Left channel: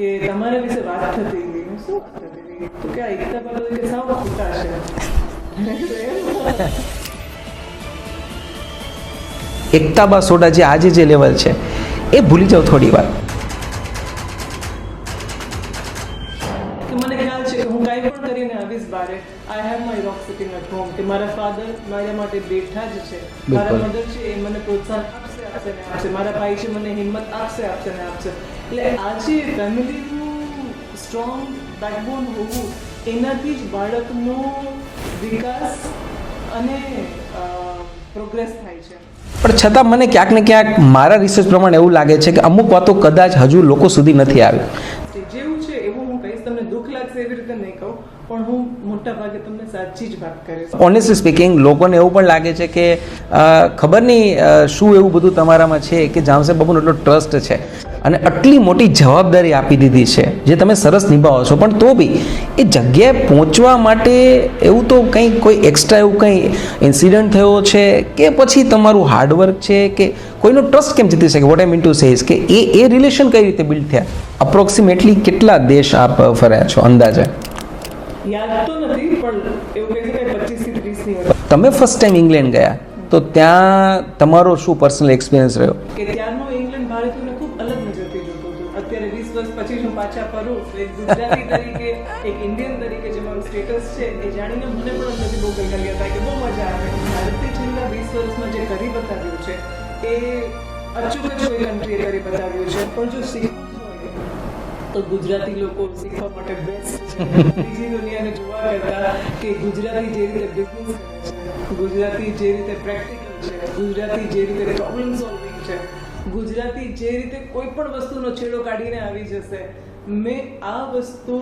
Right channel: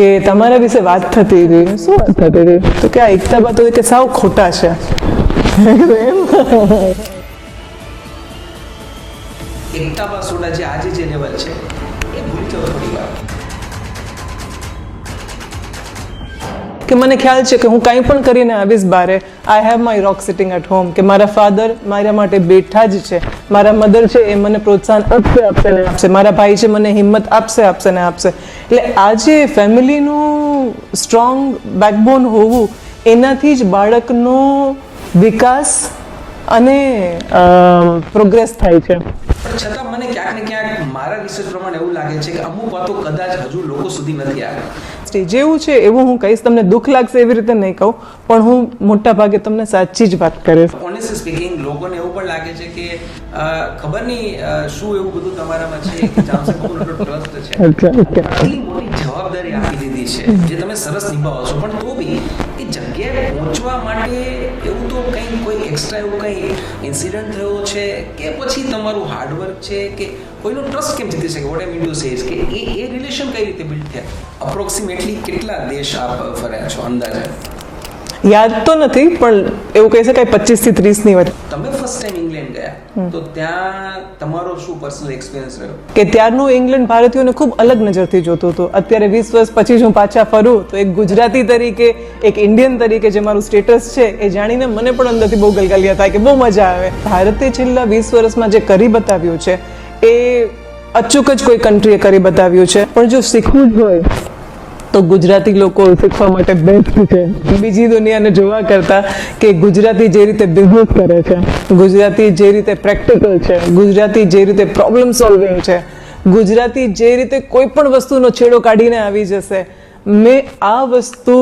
કે તમારા વિશે વાત થતી હતી. શું વાત થતી હતી? તો કે આ એકતા બાતો કે સાવ ખોટા છે. એકતા બા સોડા જે આજે જે લેવલ છે એ ભૂલી જાઓ થોડી વાર. કે મને ખ્યાલ છે કે હું કંઈ પણ કરીને આવીશ બારે, I have my rock sitting at home, કે મારા ફાધર મારા માટે બેઠા જ છે, મારા મધર છે એ મને પ્રોત્સાહન આપશે, મારા ભાઈ છે મને હિંમત આપશે ને આપશે. એટલે આજે ફેમિલીનું સ્ટ્રોંગ બેકબોન હોવું, એનાથી જ બાળકનો વિકાસ અને પ્રોગ્રેસ થાય છે. પણ છતાં મને ક્યાંક ને ક્યાંક મારા રિસર્ચ પ્રમાણે એવું લાગે છે કે અમુક વાતો કદાચ હજુ લોકો સુધી નથી આવી. જેવું છે એવું હું કહીશ. તમને દુઃખ લાગશે એવી રીતે નહીં કહું, પણ હું મોટા ભાગે તમને સાચી જ વાત કરીશ. ઓનેસ્ટલી સ્પીકિંગ, લોકોને એવું પણ લાગે છે કે ખબર નહીં શું એવું બધું તમારામાં છે કે જામશેદ બાબુનો એટલો ટ્રસ્ટ છે અને આટલી મોટી જવાબદારી આપી દીધી છે જે તમે સરસ નિભાવો છો, પણ તો બી એ જગ્યાએ પહોંચવા માટે એવું તો કંઈ કોઈ એક્સ્ટ્રા એવું કંઈ ઇન્સિડન્ટ થયો છે કે પછી તમારું હાર્ડવર્ક છે કે કોઈનો ટ્રસ્ટ કેમ જીતી શકે? What I mean to say is કે એ રિલેશન કઈ રીતે બિલ્ડ થયા? અપ્રોક્સિમેટલી કેટલા દેશ આપ ફર્યા છો અંદાજે? યાદ તો નથી, પણ એવું કહી શકાય 25 થી 30 ની વચ્ચે. તમે ફર્સ્ટ ટાઈમ ઇંગ્લેન્ડ ગયા તો ત્યાં તમારો શું પર્સનલ એક્સપિરિયન્સ રહ્યો? કે ત્યારનું ઇંગ્લેન્ડ ભારતીયોને ખૂબ અલગ નજરથી જોતું હતું. અત્યારે 20 વર્ષ પછી હું પાછા ફરું તો એક ગુજરાતી તરીકે, એક ઇન્ડિયન તરીકે જે મારું સ્ટેટસ છે એ જાણીને મને પણ અંદરથી બહુ ગલગલિયા થાય કે બહુ મજા આવે. ભારતે છેલ્લા 20 વર્ષમાં જે કરી બતાવ્યું છે એ અચૂક જ કોઈ કન્ટ્રીએ કરી બતાવ્યું છે. પણ જો શીખવું જ હોય તો ગુજરાતી લોકો શીખવા માટે બેસ્ટ છે બીજી દુનિયાને જોવા કરતા. કે ગુજરાતી જે રીતે બિઝનેસ કરે છે, ગુજરાતી જે રીતે પ્રેક્ટિકલ છે, ગુજરાતી જે રીતે પ્રોબ્લેમ સોલ્વિંગ છે, ગુજરાતી જે રીતે કોઈ પણ વસ્તુનો છેડો કાઢીને આવી જશે, મેં આ વસ્તુ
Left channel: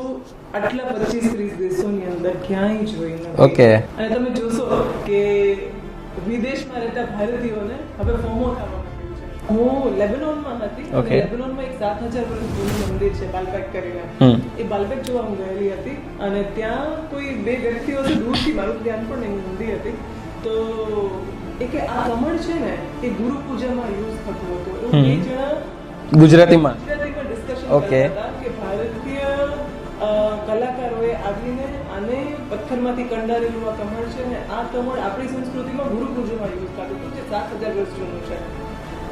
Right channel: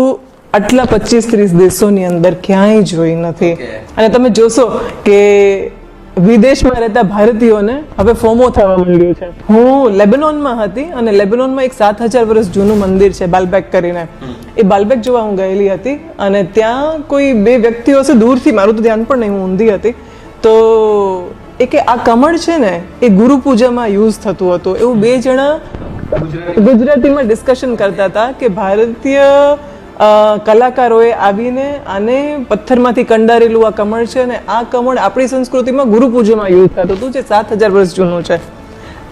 આટલા 25-30 દેશોની અંદર ક્યાંય જોઈ નથી. અને તમે જોશો કે વિદેશમાં રહેતા ભારતીયોને હવે ફોમો થવા માંડ્યો છે. હું લેબનોનમાં હતી અને લેબનોનમાં એક 7000 વર્ષ જૂનું મંદિર છે બાલબેક કરીને. એ બાલબેક જોવા હું ગયેલી હતી અને ત્યાં કોઈ બે વ્યક્તિઓ છે દૂરથી, મારું તો ધ્યાન પણ નહીં, હું ઊંધી હતી, તો એ કે આ કમળ છે ને એ ગુરુ પૂજામાં યુઝ થતું હતું. એવું બે જણા ગુજરાતીમાં ડિસ્કશન કરતા હતા કે ભારતીય કલાકારોએ આવીને આને પથ્થરમાંથી કંડારેલું આ કમળ છે અને આ કમળ આપણી સંસ્કૃતિમાં ગુરુ પૂજામાં યુઝ થતું હતું, જે 7000 વર્ષ જૂનું છે.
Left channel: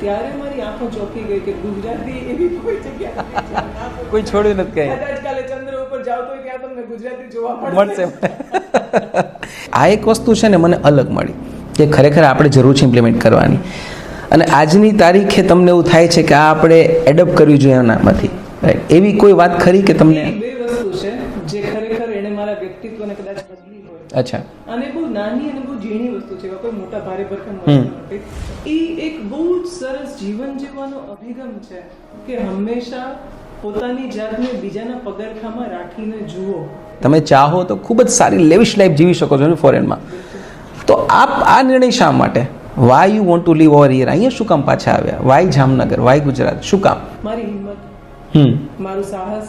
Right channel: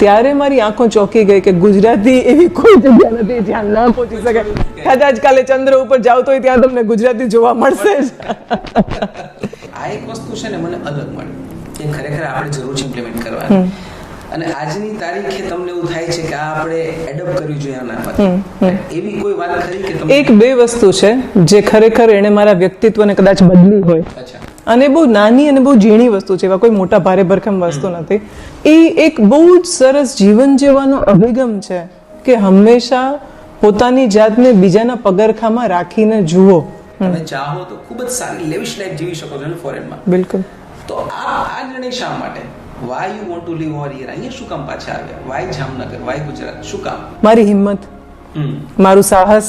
ત્યારે મારી આંખો ચોંકી ગઈ કે ગુજરાતી એવી કોઈ જગ્યા નથી જ્યાં ના પહોંચી શકે. કદાચ કાલે ચંદ્ર ઉપર જાવ તો ત્યાં તમને ગુજરાતી જોવા મળશે. આ એક વસ્તુ છે ને મને અલગ મળી જે ખરેખર આપણે જરૂર છે ઇમ્પ્લિમેન્ટ કરવાની. અને આજની તારીખે તમને એવું થાય છે કે આ આપણે એડપ્ટ કરવી જોઈએ આનામાંથી. એવી કોઈ વાત ખરી કે તમે? એક બે વસ્તુ છે જે ખરેખર એને મારા વ્યક્તિત્વને કદાચ બદલી હોય. અચ્છા. અને બહુ નાની અને બહુ ઝીણી વસ્તુ છે, એવા કોઈ મોટા ભારે ભરખમ વસ્તુ નથી. એ એક બહુ જ સરસ જીવન જીવવાનો અભિગમ છે કે હંમેશા પોતાની જાતને બીજાના પગરખામાં રાખીને જુઓ. તમે ચાહો તો ખૂબ જ સારી લેવિશ લાઈફ જીવી શકો છો ફોરેનમાં. બિલકુલ. તો આપ આ નિર્ણય શા માટે? Why you want to leave over here? અહીંયા શું કામ પાછા આવ્યા? વાય જામનગર? વાય ગુજરાત? શું કામ? મારી હિંમત, મારું સાહસ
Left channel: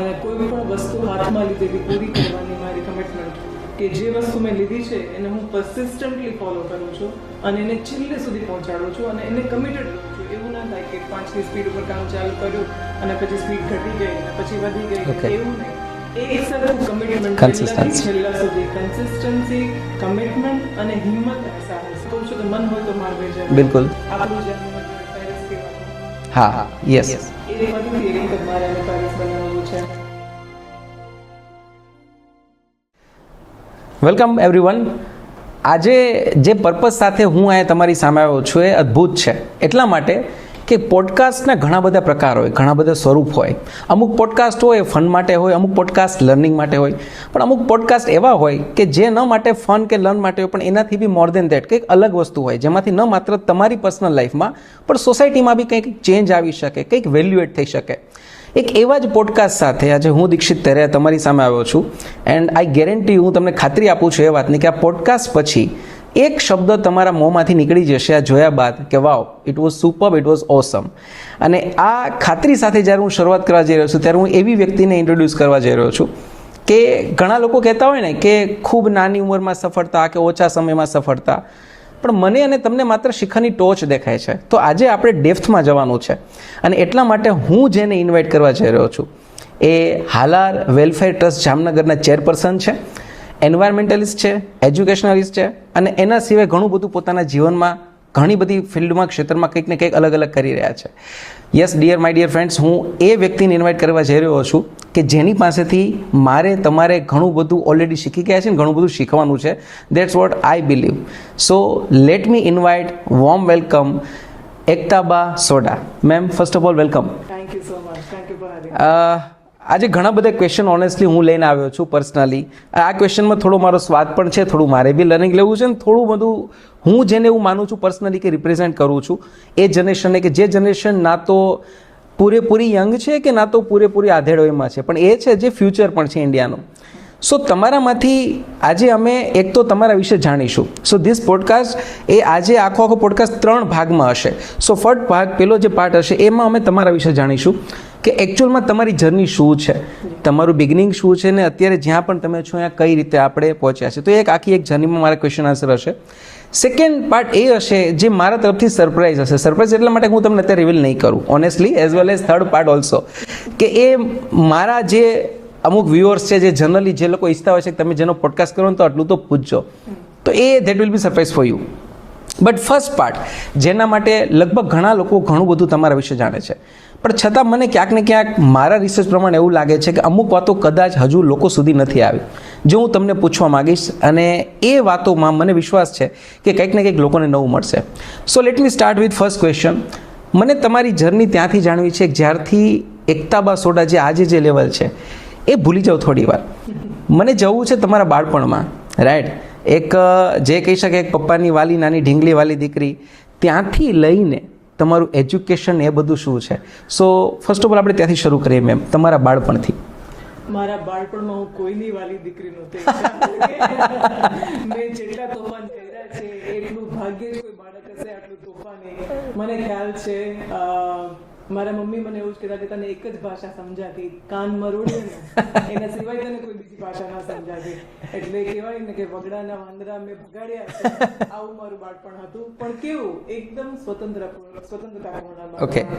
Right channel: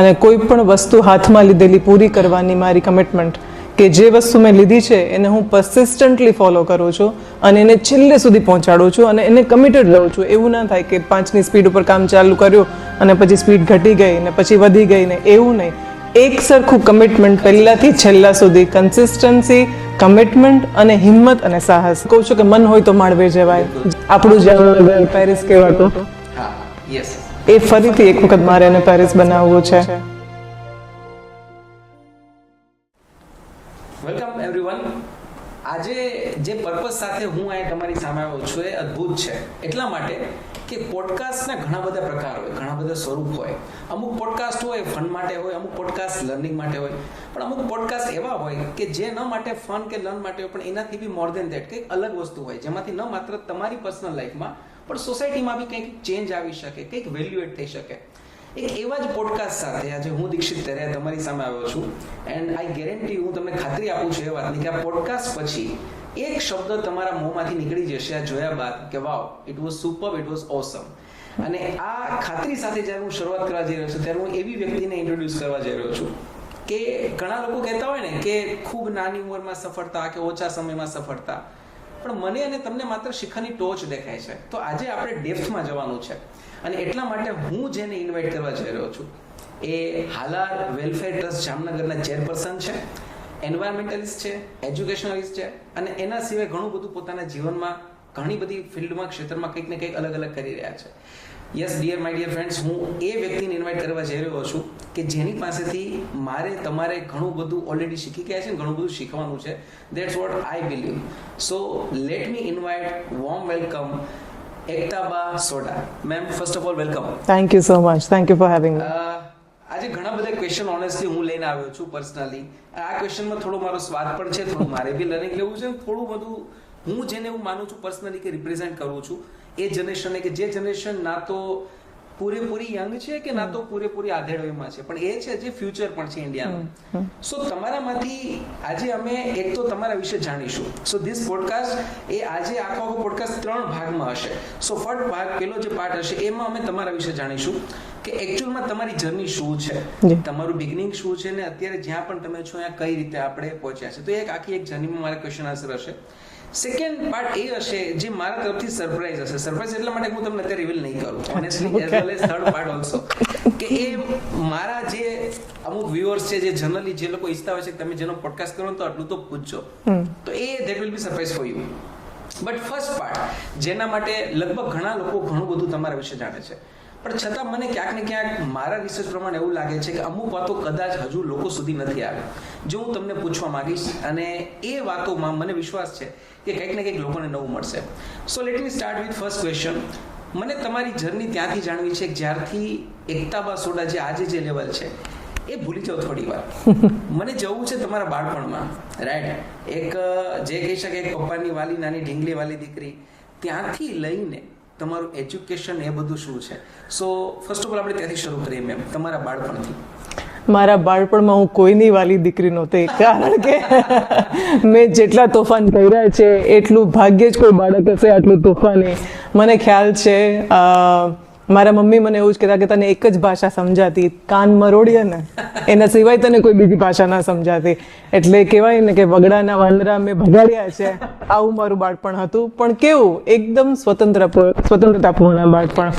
અને કોઈ પણ વસ્તુ હાથમાં લીધેલી પૂરી કરવાની મારી કમિટમેન્ટ. કે જે વસ્તુ મેં લીધી છે એને હું પરસિસ્ટન્ટલી ફોલો કરું છું અને એને છેલ્લે સુધી પહોંચાડું છું અને એને કમિટેડ રહું છું. એવું ના થાય કે 5ની સ્પીડ ઉપર કામ ચાલુ કર્યું અને પછી સ્પીડ ઘટી ગઈ ને પછી વધી ગઈ ને, એવું નહીં. એક સરખું કમિટમેન્ટ પહેલાથી છેલ્લા સુધી, કન્સિસ્ટન્સી, કમિટમેન્ટ અને હિંમત અને સાહસ. કહું છું કે મન હોય તો માળવે જવાય. આપણું જામનગર પેરિસ કહેવાતું. હા, યસ. એ ફરીથી એક વખત મારે એને પેરિસ બનાવવું છે. Welcome everyone. આજે જે પર્પઝ સાથે હું અહીંયા તમારી સામે આવ્યો છું એ અદ્ભુત છે. એટલા માટે કે પોડકાસ્ટના ઘણા બધા પ્રકાર હોય, ઘણા બધા સ્વરૂપ હોય. અમુક પોડકાસ્ટ હોય ફન માટે હોય, અમુક પોડકાસ્ટ લર્નિંગ માટે હોય, પણ અમુક પોડકાસ્ટ એવા હોય કે જે ન માટે ફન કે લર્ન માટે હોય પણ એનાથી બી મોર દેન દેટ કંઈક અલગ વસ્તુ હોય, જેમાંથી ન માત્ર તમારી પર્સનલ લાઈફમાં પણ સોસાયટીમાં બી કંઈક ચેન્જ આવી શકે, કંઈક વેલ્યુ એડ થઈ શકે. એક એવા જ પોડકાસ્ટ સાથે આજે હું દીક્ષિત તેરિયા તમારી સામે આવ્યો છું. એન્ડ આઈ ગેરંટી, હું તમને ખાતરી આપું છું એ વાતની કે આ પોડકાસ્ટ પછી એક શબ્દ તમારા મોંમાંથી નીકળી જશે આ જોયા બાદ કે wow, it was super, it was awesome. અને આ ખાતરી સાથે જ્યારે હું શરૂઆત કરવા જઈ રહ્યો છું ત્યારે હું એવી વ્યક્તિને ઇન્ટ્રોડ્યુસ કરવા જઈ રહ્યો છું કે ઘણા લોકો કહેતા હોય ને કે ખૂબ નાની ઉંમરમાં સફળતા કે ઓછા સમયમાં સફળતા, પણ મને અને તમને માત્ર શિખરની ટોચ દેખાય છે. તો આજે આપણે ડેપ્થમાં જવાનું છે અને એટલા માટે હું જેને ઇન્વાઇટ કરવા જઈ રહ્યો છું એ હાલાર વેલફેર ટ્રસ્ટ જામનગરના ચેરપર્સન છે, એન્વાયરમેન્ટલિસ્ટ છે, એજ્યુકેશનલિસ્ટ છે અને એના સિવાય ઘણું બધું પોતાના જીવનમાં ઘણી બધી ફિલ્ડમાં ક્ષેત્રમાં કંઈક ને કંઈક અલગ અલગ કરી રહ્યા છે. Yes dear my dear friends, હું એ વ્યક્તિને ઇન્વાઇટ કરવા જઈ રહ્યો છું કે જેની પાસેથી મારે તમારે ઘણું બધું ઓલરેડી શીખી ગયા છે ને ઘણું બધું શીખવાનું છે. That's what I believe. So let me invite warm welcome Ektaba Soda. Ma'am, first of all welcome. Thank you so much. Thank you for having. આજે ઘણા બધા ક્વેશ્ચન ઓનેસ્ટલી હું લઈને આવ્યો છું પર્સનલી. આ ક્વેશ્ચનમાં થોડો મારો સ્વાદ પણ છે, થોડું મારે બી લર્નિંગ લેવું છે ને થોડું બધું હું જેને એવું માનું છું પર્સનલી કે રિપ્રેઝેન્ટ કરું છું એ જનરેશનને, કે જે જનરેશન ના તો પૂરેપૂરી યંગ છે કે ના તો પૂરેપૂરી આધેડોમાં છે, પણ એ છે જે ફ્યુચર પણ છે ઇન્ડિયાનું. સો તમારામાંથી આજે અમે એક તો તમારા વિશે જાણીશું. સો ધીસ પોડકાસ્ટ એ આજે આખો પોડકાસ્ટ 3 ભાગમાં હશે. સો ફર્સ્ટ ભાગ, પેલો જે પાર્ટ હશે એમાં અમે તમારા વિશે જાણીશું કે એકચ્યુઅલમાં તમારી જર્ની શું છે, તમારું બિગિનિંગ શું છે ને અત્યારે જ્યાં પણ તમે છો ત્યાં કઈ રીતે આપણે પહોંચ્યા છે. તો એક આખી એક જર્નીમાં મારા ક્વેશ્ચન આન્સર હશે. સેકન્ડ પાર્ટ એ હશે જે મારા તરફથી સરપ્રાઈઝ હશે. સરપ્રાઈઝ એટલા માટે હું તમને અત્યારે રિવીલ નહીં કરું honestly, as well as third part also, કે એ મારા જે અમુક વ્યુઅર્સ છે જે જનરલી જે લોકો ઈચ્છતા હોય છે કે તમે જેનો પોડકાસ્ટ કરો તો આટલું તો પૂછજો, તો એ that will be surprise for you. But first part જેના માટે લગભગ ઘણા લોકો ઘણું બધું તમારા વિશે જાણે છે, પણ છતાં મને ક્યાંક ને ક્યાંક મારા રિસર્ચ પ્રમાણે એવું લાગે છે કે અમુક વાતો કદાચ હજુ લોકો સુધી નથી આવી, જો હું તમને પૂછવા માંગીશ અને એ વાતોમાં મને વિશ્વાસ છે કે કંઈક ને કંઈક લોકોને નવું મળશે. સો let me start with first question. મને તમારી જર્ની ત્યાંથી જાણવી છે જ્યારથી એકતાબા સોડા જે આજે જે લેવલ છે એ ભૂલી જાઓ થોડી વાર. મને જવું છે તમારા બાળપણમાં, રાઈટ? એક જે કહી શકે એક પપ્પાની વાલી નાની ઢીંગલી વાલી દીકરી, ત્યાંથી લઈને તમારું એજ્યુકેશન એ બધું શું છે. સો ફર્સ્ટ ઓફ ઓલ આપણે ત્યાંથી શરૂ કરીએ મેમ, તમારા બાળપણથી. મારા બાળપણમાં હું કોઈની વાલી દીકરી નહોતી, કારણ કે મેં જેટલા તોફાન કર્યા છે એટલું ભાગ્યે જ કોઈ બાળક હશે આટલું તોફાની. મને ખ્યાલ છે મારા મમ્મી મને એવું જ કહેતા કે તને એક જ ભાષા સમજાતી, કાન મરોડીએ ને એના સિવાય તને કોઈ બીજી ભાષા ના સમજાતી. એટલે કહેવાય ને કે વગડાના વાંદરા મેં ભગાડ્યા છે, આવું મારું બાળપણ હતું. પણ કેવું એકદમ સ્વતંત્રતાપૂર્ણ બાળપણ,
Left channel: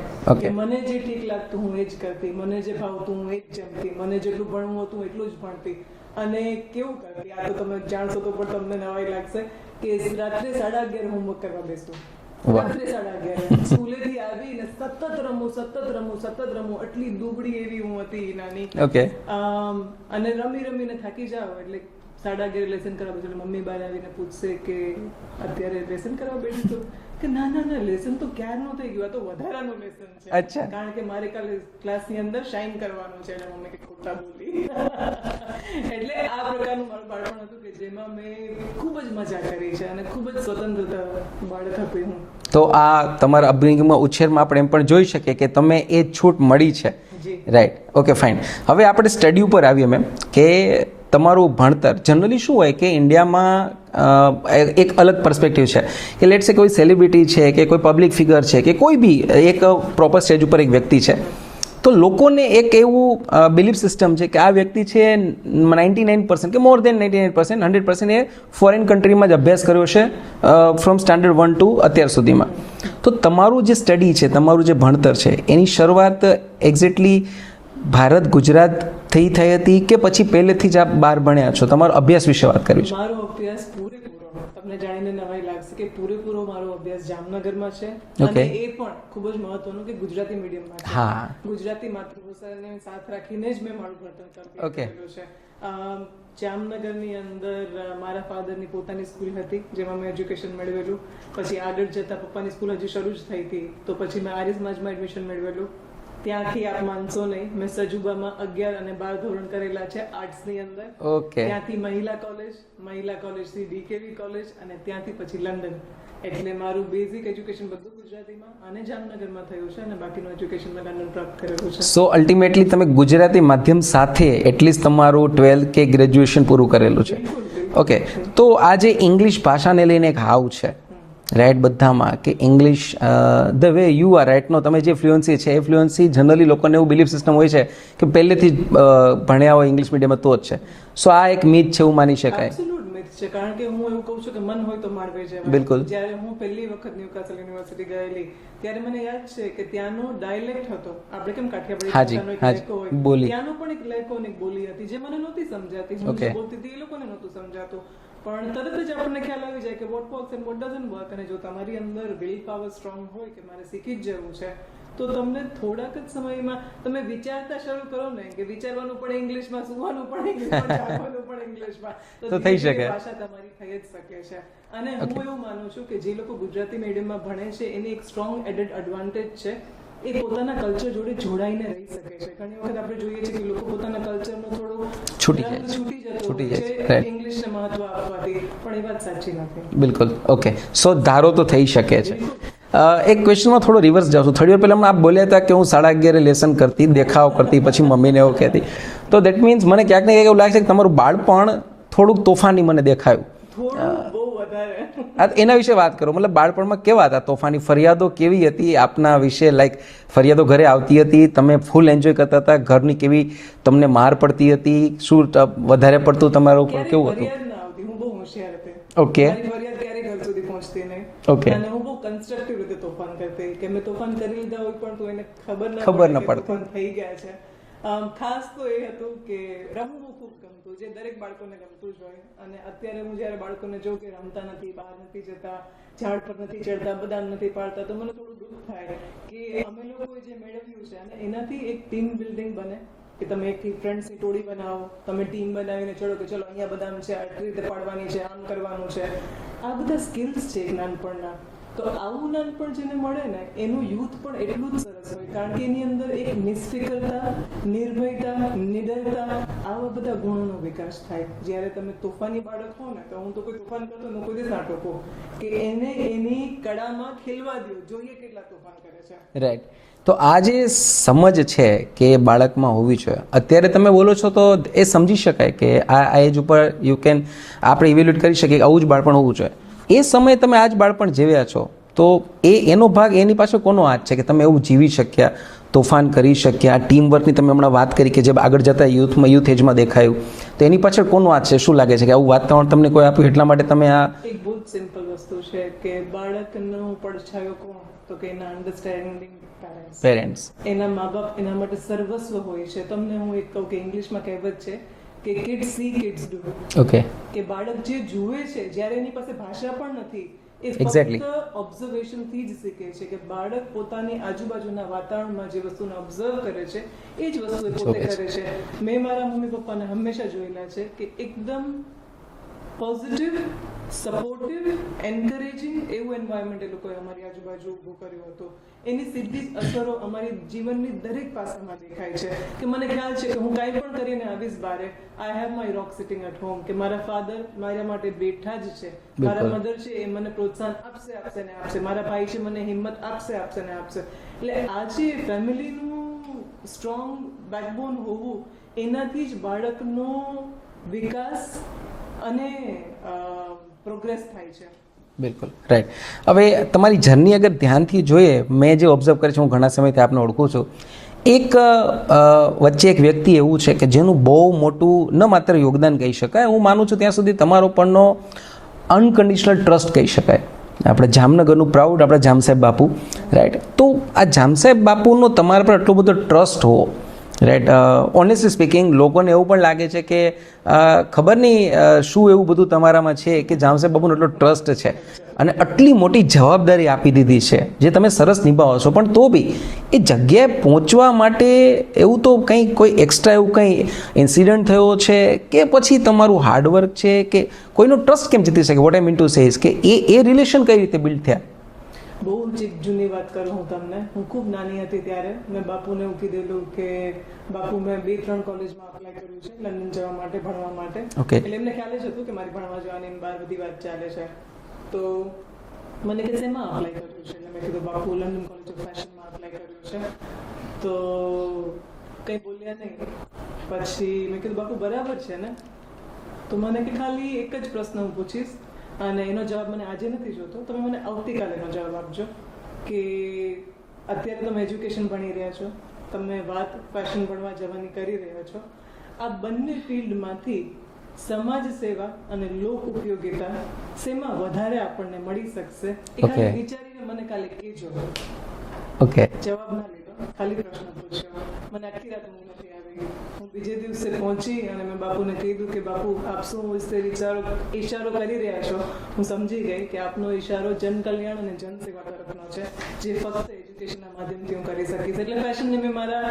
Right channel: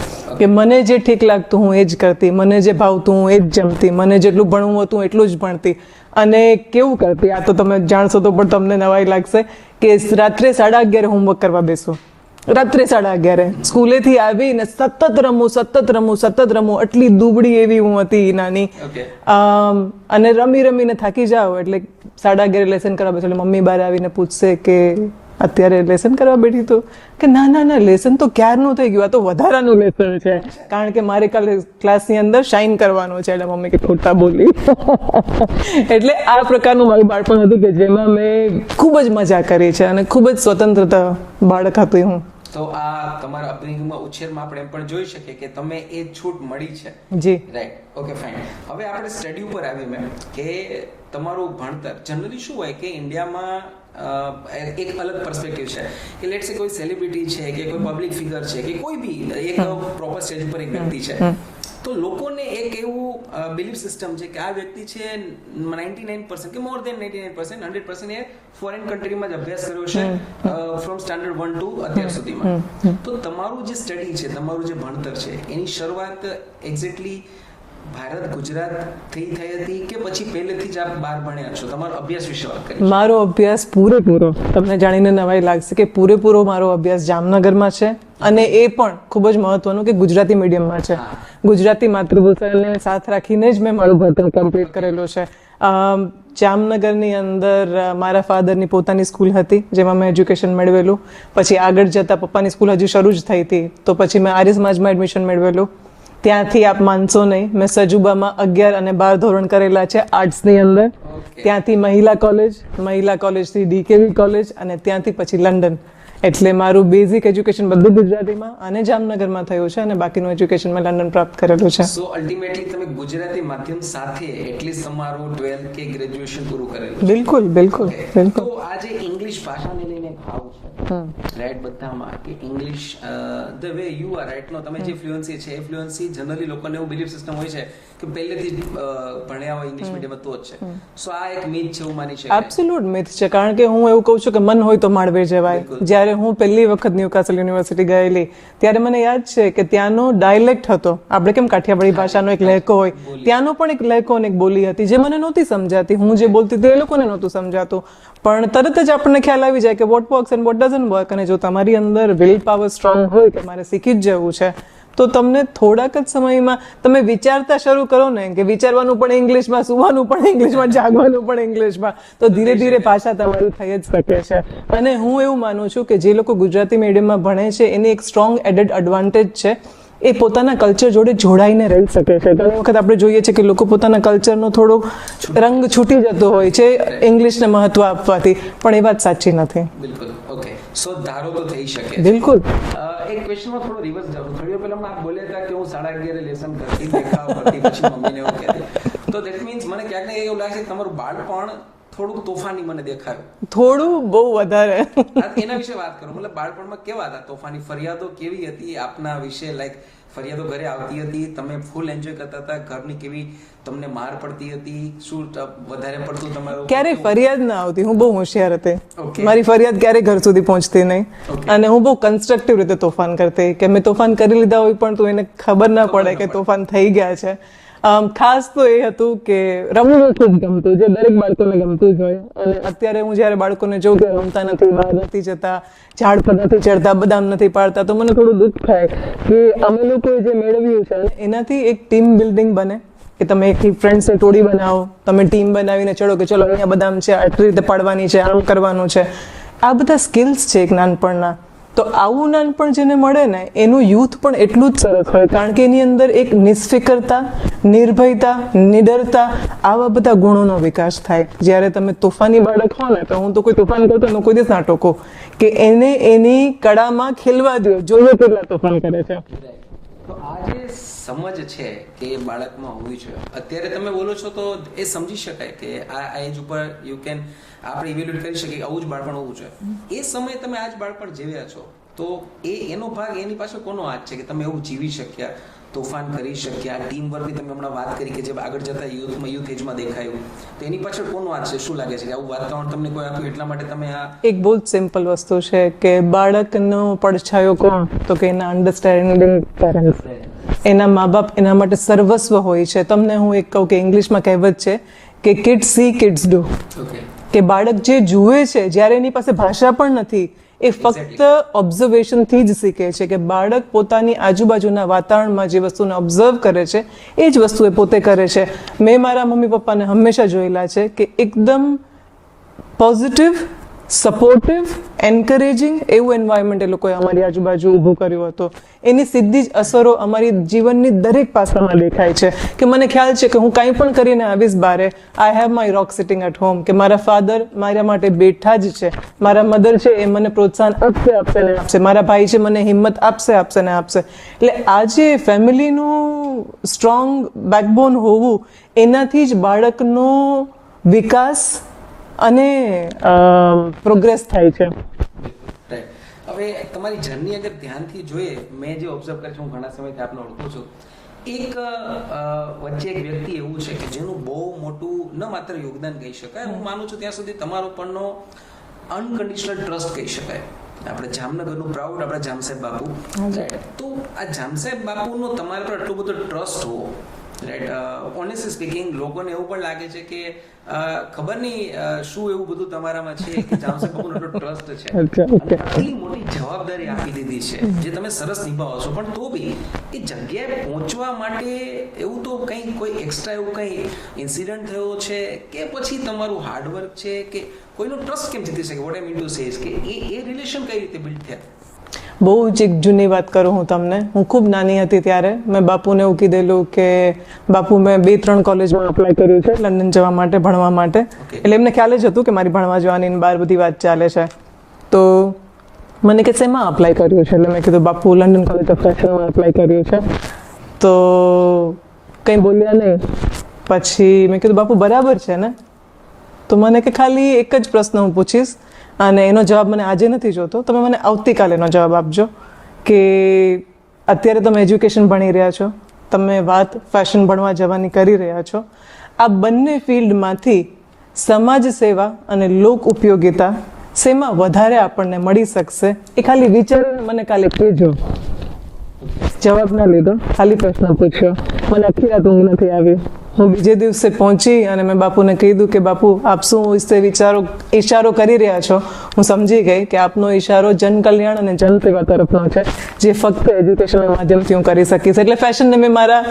કે મને જે ઠીક લાગતું હું એ જ કરતી, મને જે ભાવતું હું એ જ જમતી, મને જેટલું ભણવું હતું એટલું જ ભણતી. અને કેવું કરતી, આ તો તમે જાણશો તો પણ તમને નવાઈ લાગશે, કે રાત્રે 11:30 હોમવર્ક કરવા બેસું. રાત્રે 11:30 સ્કૂલેથી આવીને સતત રમું. આટલી દુબળી એવી હું હતી નાની. અને રમી રમીને થાકી જાવ એટલે 11:30 લેસન કરવા બેસો એટલે મમ્મી બહાર આવીને પૂછશે કે અત્યારે લેસન કરવા બેઠી તો, કે ના લેસન તો ક્યારનું થઈ ગયું, આ તો વધારાનું લેસન છે, કારણ કે મારે કાલે ક્લાસની અંદર શાઇન કરવાનું છે. એટલે મમ્મી કે ખોટા બોલી. એટલે આ પ્રકારનું મારું બાળપણ હતું કે જેમાં મેં ખૂબ જ મજા કરી છે અને ખૂબ જ સ્વતંત્રતા બાળક હતી હું. તો આ તમારા અપબ્રિંગમાં ઉછેરમાં આપણે એમ પણ જોઈ શકીએ કે તમે એ છૂટ મળી છે. જી, રાઈટ. Okay, fine. હવે આપણે સ્ટડી ઉપર આવીએ મેમ, કે તમારું ભણતર જનરલી શું હોય કે ઇન્ડિયામાં એક અલગ પર્સપેક્ટિવ છે કે લેટ્સ સે કોઈ સેલિબ્રિટી છે કે કોઈ પબ્લિક ફિગર છે કે કોઈ બી એક પ્રોપર સ્ટેજ ઉપર એક વ્યક્તિ છે, તો લોકોને એક એવું બિલીફ સિસ્ટમ છે કે આ વ્યક્તિ છે 99% કે મોર દેન 99%, 100% એ ફોરેન કન્ટ્રીમાં જ અભ્યાસ કર્યો છે ફ્રોમ સ્ટાન્ડર્ડ 1 to અત્યાર સુધીમાં. તો તમારું જે સ્ટડી છે, તમારું જે ભણતર છે, એની શરૂઆત એક્ઝેક્ટલી ભારત ગુજરાત થઈ હતી કે પછી પહેલેથી જ આપ બહાર ભણ્યા છો? તમારો અભ્યાસ વિશે વાત કરી. મારો અભ્યાસ પૂરેપૂરો, તમને જાણીને નવાઈ લાગશે કે પૂરેપૂરો મારો અભ્યાસ જામનગરમાં છે, અને એ પણ ખૂબ જ મહત્વનું કે ગુજરાતી મીડિયમમાં છે. ગુજરાતી માતૃભાષાને સાથ રાખીને જ મેં મારું ભણતર કમ્પ્લીટ કરેલું છે. જામનગરની અંદર મારા ફાધરની પોતાની સ્કૂલ હતી જેમાં મેં એજ્યુકેશન મેળવેલું. પછી આગળ જતાં પપ્પાની સ્કૂલ હજી શરૂ જ થઈ હતી, તો પછી મેં આર્ય સમાજમાં એડમિશન મેળવેલું. ત્યાંથી આપ માનશો નહીં, મેં સજુબામાં 11 અને 12 ધોરણ કરેલા છે આર્ટ્સની અંદર. ત્યાંથી મહિલા કોલેજથી DKV કોલેજ, અને ત્યાંથી પછી લંડન. એટલે મારું બેઝિક એજ્યુકેશન બધું ગુજરાતીમાં અને જામનગરમાં થયું છે અને બાકીનું એજ્યુકેશન મેં લંડન પ્રાપ્ત કરેલું છે. સો અલ્ટિમેટલી તમે ગુજરાતી માધ્યમ સાથે એટલીસ્ટ તમારું 12th કે ગ્રેજ્યુએશન પૂરું કરેલું છે. બિલકુલ બિલકુલ. ઓકે, તો આ જે ઇંગ્લિશ ભાષાને લઈને એક હાવ છે રાઈટ બધામાં કે English the way you are right no તમે જે ફ્લુઅન્સી છે એ ફ્લુઅન્સી જનરલી લોકોને એવું બિલીફ સિસ્ટમ હોય છે કે પહેલેથી જ ભણ્યા હોય ઇંગ્લિશ મીડિયમમાં તો જ છે. સો આ એક મીથ છે એવું માની શકાય. એબ્સોલ્યુટ મિથ છે, કારણ કે હું એવું કહું છું કે મન હોય તો માળવે જવાય. બિલકુલ. જ્યારે હું પહેલી વખત ન્યુકાસલ યુનિવર્સિટી ગયેલી ત્યારે મને યાદ છે કે ત્યાંનો ડાયલેક્ટ હતો, આપણે કેમ કાઠિયાવાડી ભાષાનો એક લહેકો હોય, ત્યાંનો પણ એક લહેકો અને એક બોલી હતી જે મને નહોતી સમજાતી. હું જે બોલતી હતી એ લોકોને નહોતું સમજાતું, પણ તરત જ આપણને ખ્યાલ આવી જાય કે what works and what doesn't work. અને જો તમારી અંદર વિલ પાવર સ્ટ્રોંગ હોય કે મારે શીખી જ જવું છે તો તમને થોડાક જ સમયમાં તમે વિચારતા શરૂ કરો ને કે વિચારવાનું પણ ઇંગ્લિશમાં, સુવાનું પણ ઇંગ્લિશમાં, જાગવાનું પણ ઇંગ્લિશમાં, તો ધીરે ધીરે ભાષા તમારી થઈ જ શકે છે. અને હું એવું માનું છું કે જે લોકો ગુજરાતી મીડિયમમાં ભણે છે એની એક સ્ટ્રોંગ એડેડ એડવાન્ટેજ છે, એ પોતાના કલ્ચર જોડે જોડાઈને રહી શકે છે. ઘણી વખત આપણે જોઈએ છે કે લોકો પોતાના કલ્ચરનો થોડો રંગ છૂટી જતો હોય છે ઇંગ્લિશને મહત્વ આપવાથી, પણ એ વાત સાચી નથી. બિલકુલ. ઓકે, સો ધારો તો થઈ શકે છે. બિલકુલ. એક ક્વેશ્ચનમાં થોડો રિવર્સ જાઉં છું. થોડી વાર પહેલા આપ બોલ્યા હતા કે હું 11:30 લેસન કરતી, દેખાવ કરતી, પછી મમ્મીને એવું કહેતી, તો દેટ મીન્સ મને ક્યાંક ને ક્યાંક એવું લાગે છે કે તમારું બાળપણ થોડુંક તોફાની મને દેખાયું. થોડું બહુ વધારે. એના વિશે વાત કરો, મતલબ બાળપણમાં કેવા હતા તોફાની? ફરિયાદો કેવી હતી આપના વિશે? લાઈક ફરિયાદો ઘરે આવતી હતી, તમે ફૂલ એન્જોય કરતા હતા, ઘરની કેવી તમને માર પડતી હતી, શું વધારે પડતું તમારું? ક્યારેય ફરિયાદ ના આવતી, હું બહુ હોશિયાર હતી. ઓકે. મારી ફરિયાદ ક્યારેય ઘર સુધી પહોંચતી નહીં. Okay. અને હું બહુ કન્સ્ટ્રક્ટિવ રીતે તોફાન કરતી, કે મેં તોફાન કરી લીધા હોય પણ તો એને ખબર ના પડે કે તોફાન થઈ ગયા છે. ખાસ તો એ હતું કે રમવું ખૂબ ગમતું, જે દરેક બાળકોને ગમતું જ હોય. અને અત્યારે હું જ્યારે બાળકોને જોઉં કે રમતા નથી, બહાર નથી જતા, ઝાડ પર નથી ચડતા, બદામ નથી પાડતા, તો મને થોડું દુઃખ થાય કે અમે લોકોએ જે મેળવ્યું છે એનાથી એક ટીમ બિલ્ડિંગ બને, કે તમે એક ફ્રેન્ડ્સની ટોળી બનાવો, તમે ટીમ બનાવીને ચડો કે ચલો અહીંયા બદામ છે, આટલી રીતે પાડવાની છે, આમ કરવાનું છે. આ બધા સ્કિલ્સ છે એક નાનપણના. તો આવું નાનપણ જેને મળે ને એનું યુથ પણ એટલું જ સરસ હોય, કારણ કે એની અંદર એક નિષ્ફિકરતા, નિર્ભયતા, નિડરતા, આવા બધા ગુણોનો વિકાસ થાય. જ્યારે તમે તોફાની બાળક હો ને, તો હું તો કોઈ તોફાન કરતો ને કોઈ દિવસ ના ટોકો, કે એને એની કળામાં ખેલવા દો, જોઈએ કેટલા તોફાન કરે છે. રાઈટ. તો આ જે સમજ છે કે બાળકમાં હોવી જોઈએ, અત્યારે તમે બોલો છો તો એ સમજી શકાય કે આ એજ ઉપર યુ કેન આપણે ઇવેલ્યુએટ કરી શકીએ કે આવું જ બાળપણ હોવું જોઈએ. એ સમયે તમે આ જ બાળપણ જીવ્યા છો, તો એનો ભાગ એની પાછળ કોનો હાથ છે કે તમે એવું જીવી શક્યા, તોફાન કરી શક્યા? ટીમ વર્કની તમે હમણાં વાત કરી કે જે આગળ જતા યુથ એજમાં દેખાયું, તો એની પાછળ કોનો હાથ છે? શું લાગે છે કે આવું વાતાવરણ તમને કોઈ આપ્યું એટલા માટે તમે આ? એક બહુ જ સિમ્પલ વસ્તુ છે કે બાળકનો પડછાયો કોણ, તો કે એના અન્ડરસ્ટેન્ડિંગ પેરેન્ટ્સ. એના મા બાપ એના માટે સર્વસ્વ હોય છે. તમને હું એક કહું કે ઇંગ્લિશમાં કહેવત છે કે kids C kids do. Okay. કે બાળક જે જુએ છે, જ્યારે એની પાસે ભાષા પણ નથી, એ ફક્ત ઓબ્ઝર્વેશન થી જ શીખે છે. કે બાળક પોતાની આજુબાજુના વાતાવરણમાં જે વસ્તુને ઓબ્ઝર્વ કરે છે એ જ વસ્તુ એ પોતે કરે છે. મેં મારા મમ્મી પપ્પાને હંમેશા જોયેલા છે કે એકદમ પોઝિટિવ, સપોર્ટિવ, એન્કરેજિંગ એવું એન્વાયરમેન્ટ એ લોકોએ અમારી આજુબાજુ ઊભું કર્યું હતું. એની સીધી જ અસરો અમારી જીવનની દરેક પાસામાં દેખાય છે. કે મને ખ્યાલ છે કે હું કંઈ પણ કરીને આવીશ બારે, I have my rock sitting at home, કે મારા ફાધર મારા માટે બેઠા જ છે, મારા મધર છે એ મને પ્રોત્સાહન આપશે ને આપશે, મારા ભાઈ છે મને હિંમત આપશે ને આપશે. એટલે આજે ફેમિલીનું સ્ટ્રોંગ બેકબોન હોવું, એનાથી જ બાળકનો વિકાસ અને પ્રોગ્રેસ થાય છે. બિલકુલ રાઈટ. હવે તમારી જર્ની અગર ધ્યાનથી જોઈએ, મેં જે ઓબ્ઝર્વ કરી છે, હું ઘણા સમયથી આપને ઓળખું છું, એક વચ્ચે એક વ્યક્તિ એવું છે કે જેનું બહુ મોટું ન માત્ર યોગદાન કહી શકાય, હું માનું છું ત્યાં સુધી તમારો પણનો અનકન્ડિશનલ ટ્રસ્ટ કહી શકાય. આપણે જામનગરનું પ્રાઉડ આપણા જામસાહેબ બાપુ, રાઈટ. તો આ જામસાહેબ બાપુનો તમારા પર આટલો બધો ટ્રસ્ટ હોવો, રાઈટ. ઓનેસ્ટલી સ્પીકિંગ, લોકોને એવું પણ લાગે છે કે ખબર નહીં શું એવું બધું તમારામાં છે કે જામસાહેબ બાપુનો એટલો ટ્રસ્ટ છે અને આટલી મોટી જવાબદારી આપી દીધી છે જે તમે સરસ નિભાવો છો, પણ તો બી એ જગ્યાએ પહોંચવા માટે એવું તો કંઈ કોઈ એક્સ્ટ્રા એવું કંઈ ઇન્સિડન્ટ થયો છે કે પછી તમારું હાર્ડવર્ક છે કે કોઈનો ટ્રસ્ટ કેમ જીતી શકે? What I mean to say is કે એ રિલેશન કઈ રીતે બિલ્ડ થયા? બહુ જ એક જૂની વાત કરું હું તમને. હું ખૂબ નાની હતી ત્યારે મેં બાપુને એવું કીધેલું કે બાપુ મેં 2-3 કોલેજમાં અપ્લાય કર્યું છે લંડન જવા માટે, ભણવા માટે. એટલે એમને ખ્યાલ જ હતું કે મારી ભણવા જવાની બહાર બધી વાત ચાલે છે. તો મને કે શેમાં અપ્લાય કર્યું છે, એટલે મેં કીધું બાપુ લંડન કોલેજ ઓફ ફેશનમાં અપ્લાય કર્યું છે. તો કંઈ બોલ્યા નહીં. પછી મેં કીધું બાપુ બરાબર છે ને? તો મને કે ખાલી એક જ પ્રશ્ન હું પૂછીશ અને એનો જવાબ મને આજે નથી જોતો, તમે મને આવતીકાલે એનો જવાબ આપજો કે અત્યારે તમે એજ્યુકેશન ભણી રહ્યા છો, તમે વાત ફેશન ભણવા જવાની કરી રહ્યા છો, આ બંને ફિલ્ડમાંથી સમાજ સેવા અને લોક ઉપયોગિતા શેમાં વધારે આપણને મળી શકશે એ ખાલી વિચારીને મને કાલે કહેજો. ઓકે, જવાબ ના લીધો, ખાલી પ્રશ્ન પૂછ્યો. મને આખી રાત ઊંઘ નથી આવી. હું બીજે દિવસે પહોંચી અને મેં બાપુને કીધું કે બાપુ આપ શું વિશે ઈશારો કરી રહ્યા છો. હું સમજી ગઈ કે આપનો ઈશારો જનકલ્યાણ અને જનસેવા તરફનો છે, જે ફક્ત એજ્યુકેશનના માધ્યમથી હું કરી શકીશ. એટલે ફેશનને મેં મારા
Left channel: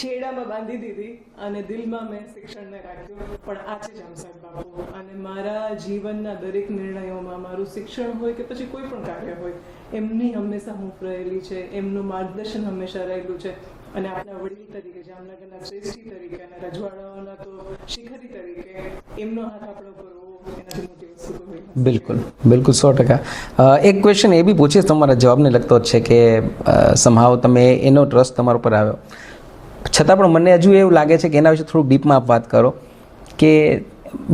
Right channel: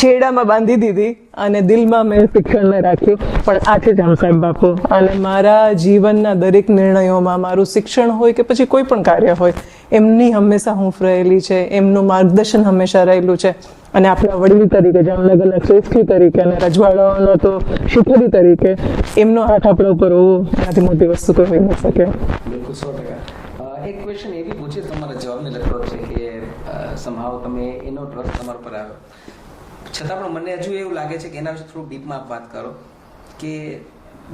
છેડામાં બાંધી દીધી અને દિલમાં મેં શિક્ષણને રાખ્યું. પણ આ છે જામ સાહેબ બાપુ, અને મારા જીવનના દરેક નિર્ણયોમાં મારું શિક્ષણ હોય કે પછી કોઈ પણ કાર્ય હોય, એમની હંમેશા હૂંફ રહેલી છે, એમનું માર્ગદર્શન હંમેશા રહેલું છે. અને આપણા વડીલ તરીકે, જામનગરના શ્રેષ્ઠી તરીકે અને રજવાડાઓનો તો શિખરી તરીકે એમનો હાથ આપણા ઉપર હોવો એનાથી મોટી વસ્તુ તો હોઈ ન શકે. બિલકુલ 100%. એક ક્વેશ્ચન એ બી પૂછીશ, તમારા જવાબને લગતો જ છે કે સમહાવ તમે એનો ટ્રસ્ટ તમારા ઉપર આવ્યો, છતાં પણ મને હજુ એવું લાગે છે કે એના વિશે થોડુંક ડીપમાં આપ વાત કરો કે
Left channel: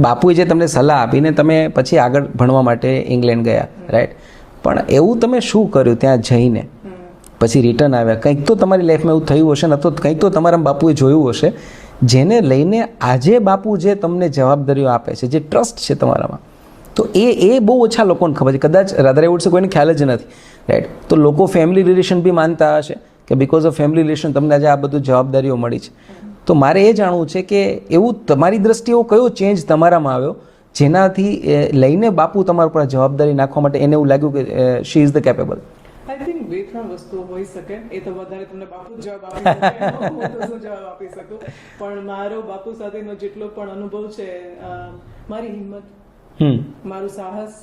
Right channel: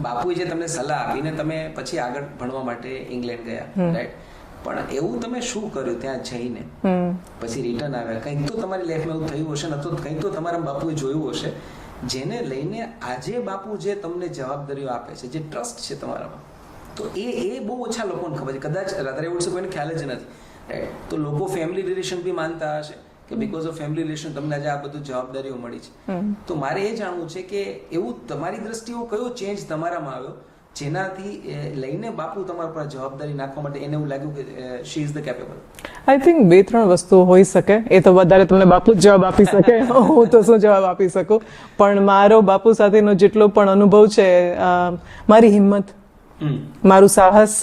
બાપુએ જે તમને સલાહ આપીને તમે પછી આગળ ભણવા માટે ઇંગ્લેન્ડ ગયા, રાઈટ? પણ એવું તમે શું કર્યું ત્યાં જઈને, પછી રિટર્ન આવ્યા? કંઈક તો તમારી લાઈફમાં એવું થયું હશે ને, તો કંઈક તો તમારા બાપુએ જોયું હશે જેને લઈને આજે બાપુ જે તમને જવાબદારીઓ આપે છે, જે ટ્રસ્ટ છે તમારામાં, તો એ બહુ ઓછા લોકોને ખબર છે. કદાચ રાધર એવું છે કોઈને ખ્યાલ જ નથી, રાઈટ? તો લોકો ફેમિલી રિલેશન બી માનતા હશે કે બીકોઝ ઓફ ફેમિલી રિલેશન તમને આજે આ બધું જવાબદારીઓ મળી છે. તો મારે એ જાણવું છે કે એવું તમારી દ્રષ્ટિએ એવો કયો ચેન્જ તમારામાં આવ્યો જેનાથી લઈને બાપુ તમારા પર જવાબદારી નાખવા માટે એને એવું લાગ્યું કે she is the capable? I think 2-3 વસ્તુઓ હોઈ શકે. એ તો વધારે તમને બાપુ જ જવાબ આપી શકે, હું તો શું જવાબ આપી શકું. પણ મારો બાપુ સાથેનો જેટલો પણ અનુભવ છે, મારી હિંમત, મારું સાહસ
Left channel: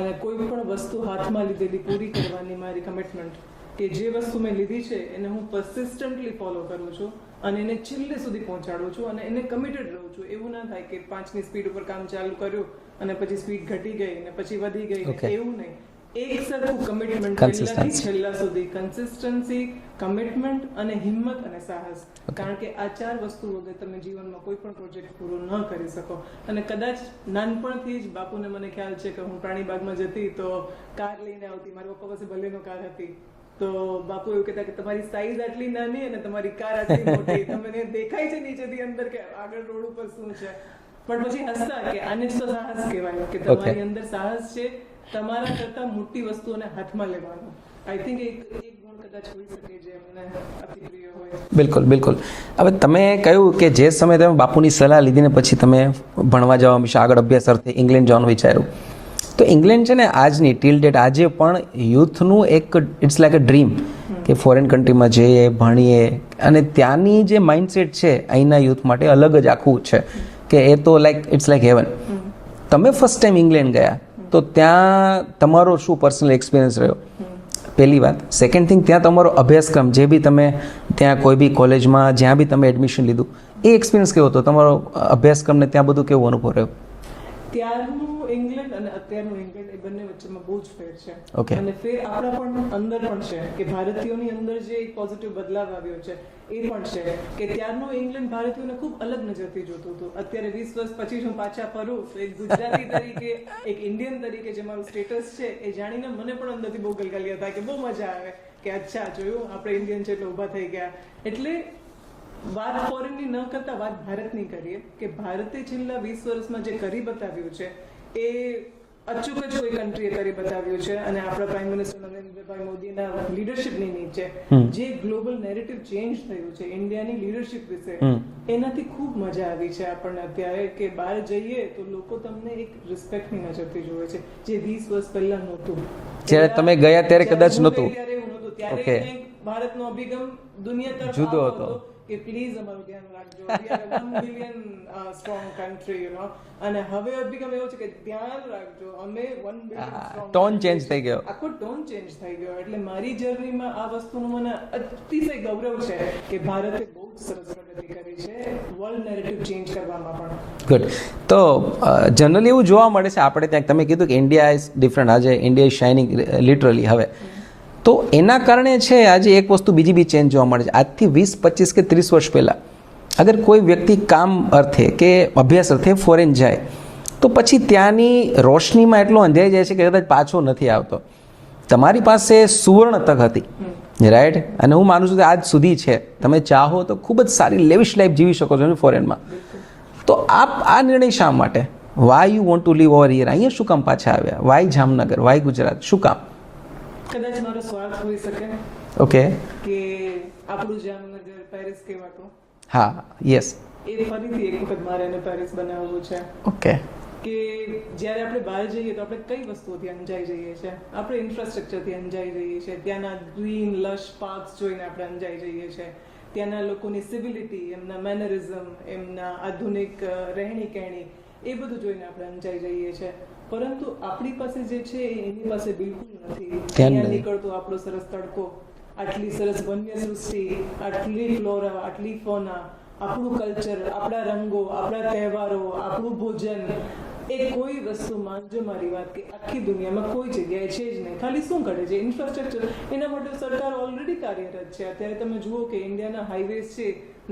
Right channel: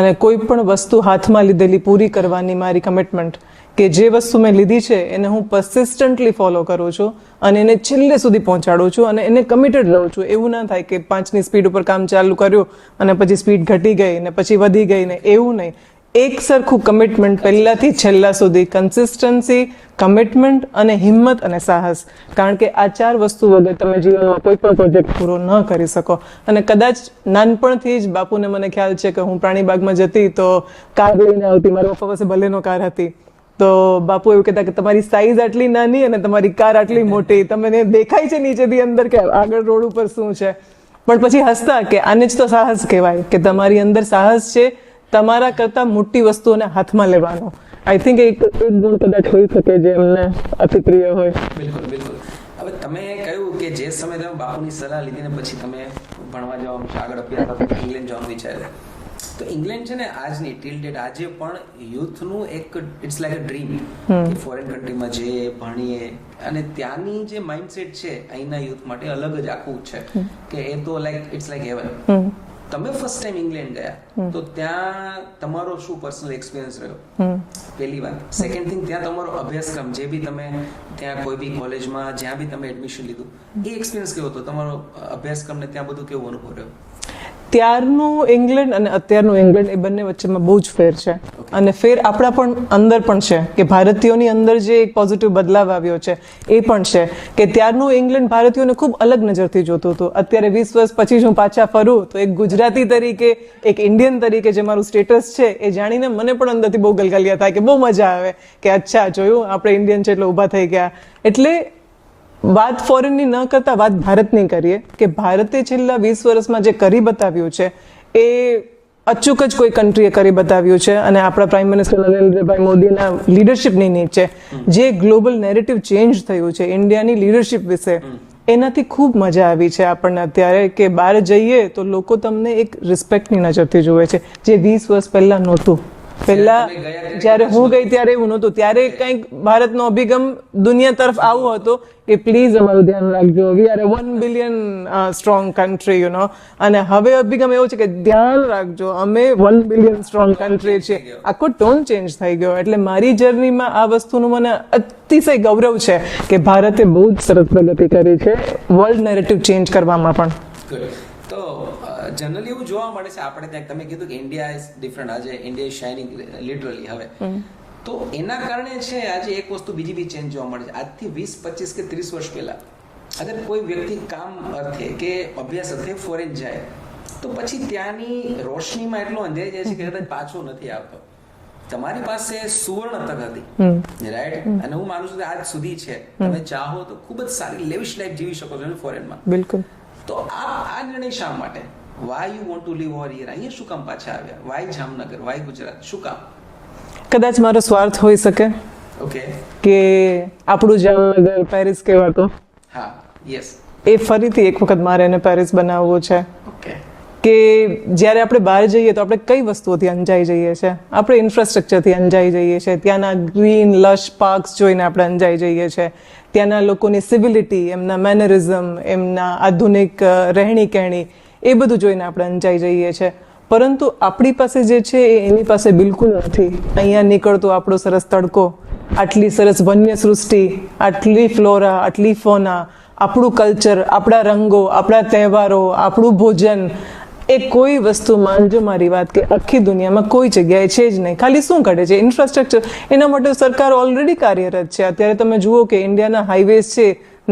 અને કોઈ પણ વસ્તુ હાથમાં લીધેલી પૂરી કરવાની મારી કમિટમેન્ટ, કે જે વસ્તુ મેં લીધી છે એને હું પરસિસ્ટન્ટલી ફોલો કરું છું અને એને છેલ્લે સુધી પહોંચાડું છું અને એને કમિટેડ રહું છું. એવું ના થાય કે 5ની સ્પીડ ઉપર કામ ચાલુ કર્યું અને પછી સ્પીડ ઘટી ગઈ ને પછી વધી ગઈ ને, એવું નહીં. એક સરખું કમિટમેન્ટ પહેલાથી છેલ્લા સુધી, કન્સિસ્ટન્સી, કમિટમેન્ટ અને હિંમત અને સાહસ. કારણ કે આ 4 વસ્તુ વગર તમે જીવનમાં કોઈ પણ પ્રોજેક્ટ પૂરો ન કરી શકો. અને કદાચ નાનપણથી જ બાપુને મને ખ્યાલ છે કે હું પ્રાણીબાગમાં જતી તો કાર લઈને આવતી, મારા પપ્પા પાસે ભલેનો કાર હતી, તો બાપુ એવું કહેતા કે તમારી સાઈઝ આટલી નાની અને તમારી કાર આટલી મોટી, તમને દેખાય છે નીચેથી અંદર કે આગળ રોડ ઉપર શું છે, પણ પછી હસતા કે આને જ તો સાહસ કહેવાય, કે તમારી અંદર સાહસ છે તમારા કરતા મોટી વસ્તુઓને હાથમાં લેવાનો. આઈ થિંક એક ગુણ કદાચ હોઈ શકે જે એમને અતિપ્રિય હોય. બિલકુલ બિલકુલ. હવે તમે કહ્યું કે જે સમયે તમે બાપુની સલાહ લીધી ને પછી તમે ભણવા જવા વિશે આગળ અભ્યાસ અર્થે ઇંગ્લેન્ડ જવાનું વિચાર્યું, તો ઇંગ્લેન્ડ છે ને આજની ટીલ ડેટ આજે પણ યુથનું એક ઇટ્સ લાઈક અ ડ્રીમ કે ફોરેન કન્ટ્રીમાં જઈએ, ભણીએ, અને ત્યાંની જે માઇન્ડસેટ છે અહીંના યુથ માટે અલગ જ આખું છે કે એ તો લાઈક ઇટ્સ લાઈક હેવન. તમે ફર્સ્ટ ટાઈમ ઇંગ્લેન્ડ ગયા તો ત્યાં તમારો શું પર્સનલ એક્સપિરિયન્સ રહ્યો? પહેલી વાત. સેકન્ડ થિંગ, ત્યાં તમારો અભ્યાસક્રમ જે બી તમે ત્યાં કોઈ બી કોલેજમાં જ્યાં બી તમે એડમિશન લીધું, એ એક્સપિરિયન્સ કેવો હતો? તમારો અભ્યાસક્રમ ને ત્યાં બધું કેવો અનુભવ રહ્યો? ત્યારનું ઇંગ્લેન્ડ અને અત્યારનું ઇંગ્લેન્ડ એ બંને વચ્ચેમાં બહુ જ ફેર છે. અને ફેર આપણા પણ અંદર પણ છે કે ભારતીયોની અંદર જે એક પોઝિટિવ બદલાવ આવ્યો છે એ પણ છે કે ત્યારનું ઇંગ્લેન્ડ ભારતીયોને ખૂબ અલગ નજરથી જોતું હતું. અત્યારે 20 વર્ષ પછી હું પાછા ફરું તો એક ગુજરાતી તરીકે, એક ઇન્ડિયન તરીકે જે મારું સ્ટેટસ છે એ જાણીને મને પણ અંદરથી બહુ ગલગલિયા થાય કે બહુ મજા આવે કે અચ્છા જોયું આપણે ઇન્ડિયન છે એટલે ઊભા થઈ ગયા. એટલે વાત ફોરેનની ન કરતા વાત ભારતની કરીએ કે ભારતે છેલ્લા 20 વર્ષમાં જે કરી બતાવ્યું છે એ અચૂક જ કોઈ કન્ટ્રીએ કરી બતાવ્યું છે. અને આપણા પ્રાઇમ મિનિસ્ટર નરેન્દ્રભાઈ મોદીના લીડરશિપની નીચે જે ગ્લોબલ નેરેટિવ ચેન્જ થયું છે ઇન્ડિયાની લીડરશિપ વિશે, એનાથી ખૂબ મજા આવી છે આપણને અત્યારે કે બહાર જઈએ તો લોકો તમને એક રિસ્પેક્ટની નજરથી જુએ છે, જે 20 વર્ષ પહેલા નહોતું. તમે ગયા ત્યારે હું ગઈ ત્યારે એવું નહોતું. ત્યારે કંઈક ભારતનો અભિગમ દુનિયા તરફ આવો હતો કે પ્લીઝ અમારું ધ્યાન રાખજો, we are 1 billion strong country, you know. અને હવે અભિગમ એવો છે કે ધ્યાન રાખજો અમે 1 બિલિયન સ્ટ્રોંગ કન્ટ્રી છે. આખો ટોન ચેન્જ થઈ ગયો. એટલે મારી જર્નીમાં આ વસ્તુનું મને અતિશય ગૌરવ છે કે ભારતે બહુ જ સરસ પ્રગતિ કરી છે વર્લ્ડ નેરેટિવ ચેન્જ કરવામાં પણ. ગુડ. તો જનરલી એવું જોવા મળે છે આપણે ત્યાં, તમે કીધું કે ઇન્ડિયા ઇઝ ડિફરન્ટ, આજે ઇન્ડિયા ઇઝ શાઇનિંગ લિટરલી હવે. તો એના કારણે છે આજે એક વસ્તુ બીજી બી ચેન્જ જોવા મળે છે. આજથી 20, 25 કે 30 વર્ષ પહેલાં અગર કોઈ વ્યક્તિ કામ અર્થે કે અભ્યાસ અર્થે ફોરેન જાય તો પછી ત્યાંની રોશનીમાં એટલો અંધાઈ જાય છે કે કદાચ પાછો નથી આવતો. તમારી પાસે સુવર્ણ તક હતી, રાઈટ? અને હું માનું છું કે આજ સુધી છે. તમે ચાહો તો ખૂબ જ સારી લેવિશ લાઈફ જીવી શકો છો ફોરેનમાં. બિલકુલ. તો આપ આ નિર્ણય શા માટે, why you want to leave over here, અહીંયા શું કામ પાછા આવ્યા? વાય જામનગર, વાય ગુજરાત, શું કામ? કદાચ મારો સ્વાર્થ હોઈ શકે. ઓકે. કે આપણું જામનગર પેરિસ કહેવાતો, હા, યસ, એ ફરીથી એક વખત મારે એને પેરિસ બનાવવું છે. ઓકે. કે જ્યારે આપણે બહાર જઈએ તો આપણે કઈ વસ્તુઓથી અંજાઈ જઈએ છીએ? આપણે ઇન્ફ્રાસ્ટ્રક્ચરથી અંજાઈ જઈએ છીએ, ત્યાંના ગ્રીન લશ પાર્ક્સ જોઈને આપણે અંજાઈ જઈએ છીએ, ત્યાંના લોકોની સિવિલિટી, એમના મેનરિઝમ, એમના આધુનિક રહેણી કહેણી, એ બધું જોઈને આપણે અંજાઈ જઈએ છીએ. પરંતુ આપણી પાસે જે છે એ એની પાસે બિલકુલ નથી. અહીંયા નીકળતો આપણો સરસ તડકો, આટલી સરસ વન્ય સૃષ્ટિ, આટલી ફ્લોરા, આટલી ફોના, આપણું કલ્ચર, આપણા રંગો, આપણા તહેવારો, આપણું ભોજન, એ કોઈ વસ્તુ, માનજો મારી વાત, કે આખી દુનિયામાં કોઈ જગ્યાએ છે જ નહીં. ખાલી શું કરે છે? ઇન્ફ્રાસ્ટ્રક્ચર. એના માટે સરકાર ઓલરેડી કાર્યરત છે. અત્યારે તમે જુઓ કે ઇન્ડિયાના હાઈવેઝ છે,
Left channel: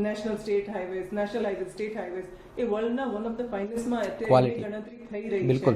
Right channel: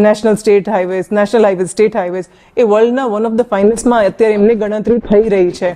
national state highways, national highways, state highways, એ વર્લ્ડના વન ઓફ ધ ફાઇનેસ્ટમાં અત્યારે એમની ગણતરી થઈ રહી છે.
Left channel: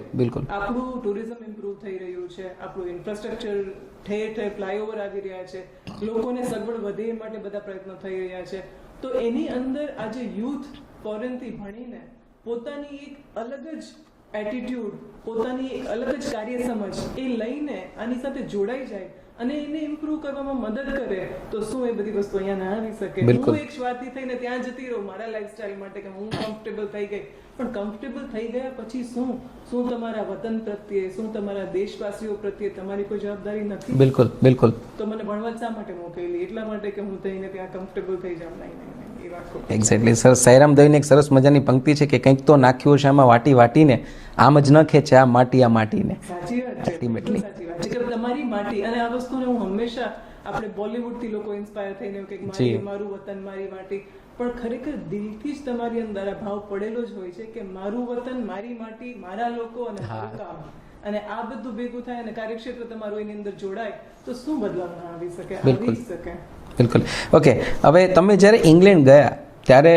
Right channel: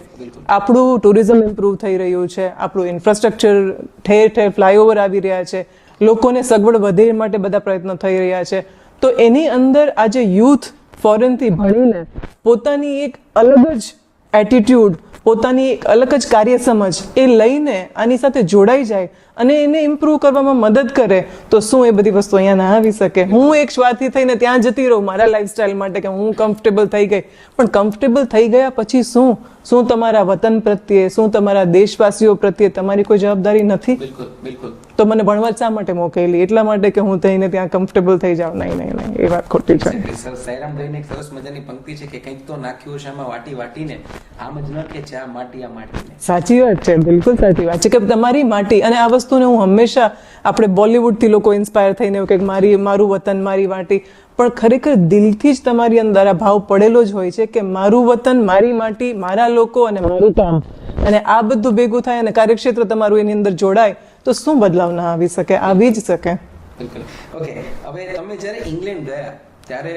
આપણું ટુરિઝમ ઇમ્પ્રૂવ થઈ રહ્યું છે, આપણું ઇન્ફ્રાસ્ટ્રક્ચર, ઠેર ઠેર ફ્લાયઓવર આવી રહ્યા છે, લોકોને સગવડ વધે એ માટે બધા પ્રયત્નો થઈ રહ્યા છે. તો એની અંદર આજે યુથ ફોરેનથી ભણીને પોતાની એક અલગ જ એટીટ્યુડ, પોતાની એક અલગ જ કાર્યસમજ એ લઈને આની સાથે જોડાઈ જાય અને એને ઇમ્પ્રૂવ કરવામાં મદદ કરે તો શું એ બધી વસ્તુ અહીંયા ના આવી શકે? હું એક સ્વાર્થી થઈને ત્યાં જતી રહું મારા લાઈફસ્ટાઈલ માટે કે હું કમ્ફર્ટેબલ થઈ ગઈ, પણ કમ્ફર્ટેબલ થઈ ગયા પછી શું? શું તમારા વતન પ્રત્યે, શું તમારા દેશવાસીઓ પ્રત્યે તમારી કોઈ જવાબદારી નથી? બિલકુલ, બિલકુલ. તો મને ભણવા શા માટે મોકલેલી? એટલા માટે કે હું થઈને ત્યાં કમ્ફર્ટેબલ થઈ જાઉં? નહીં નહીં નહીં, એ વાત ખોટી છે. Exactly sir. સાયરામ દઈને એક સરસ મજાની પંક્તિ છે કે કંઈક તો નાખ્યું છે આમાં વાટી વાટીને, આમ જ ન ખેંચે આ માટી આ માટીને. સાચી વાત છે, બિલકુલ સાચી વાત છે કે તમારી માટી. અને આ વસ્તુને હું હંમેશા, આપણે બોલિવૂડથી લોકો ઇન્સ્પાયર થઈને એવું કે મારું વતન મારી માટી, પણ ખરેખર દિલથી જ તમારી અંદર આ ભાવ પડેલો જ હોય છે કે મારું વતન, મારી માટી, મારા લોકો અને મારું કામ. અને આ બધું ભેગું થાય અને કાર્યક્ષેત્ર તમારું એની અંદર જોડાય તો શું બદલાવ ના આવી શકે? આવી જ શકે. બિલકુલ. ઓકે. હવે તમે જ્યારે ઇંગ્લેન્ડ ગયા ત્યારે,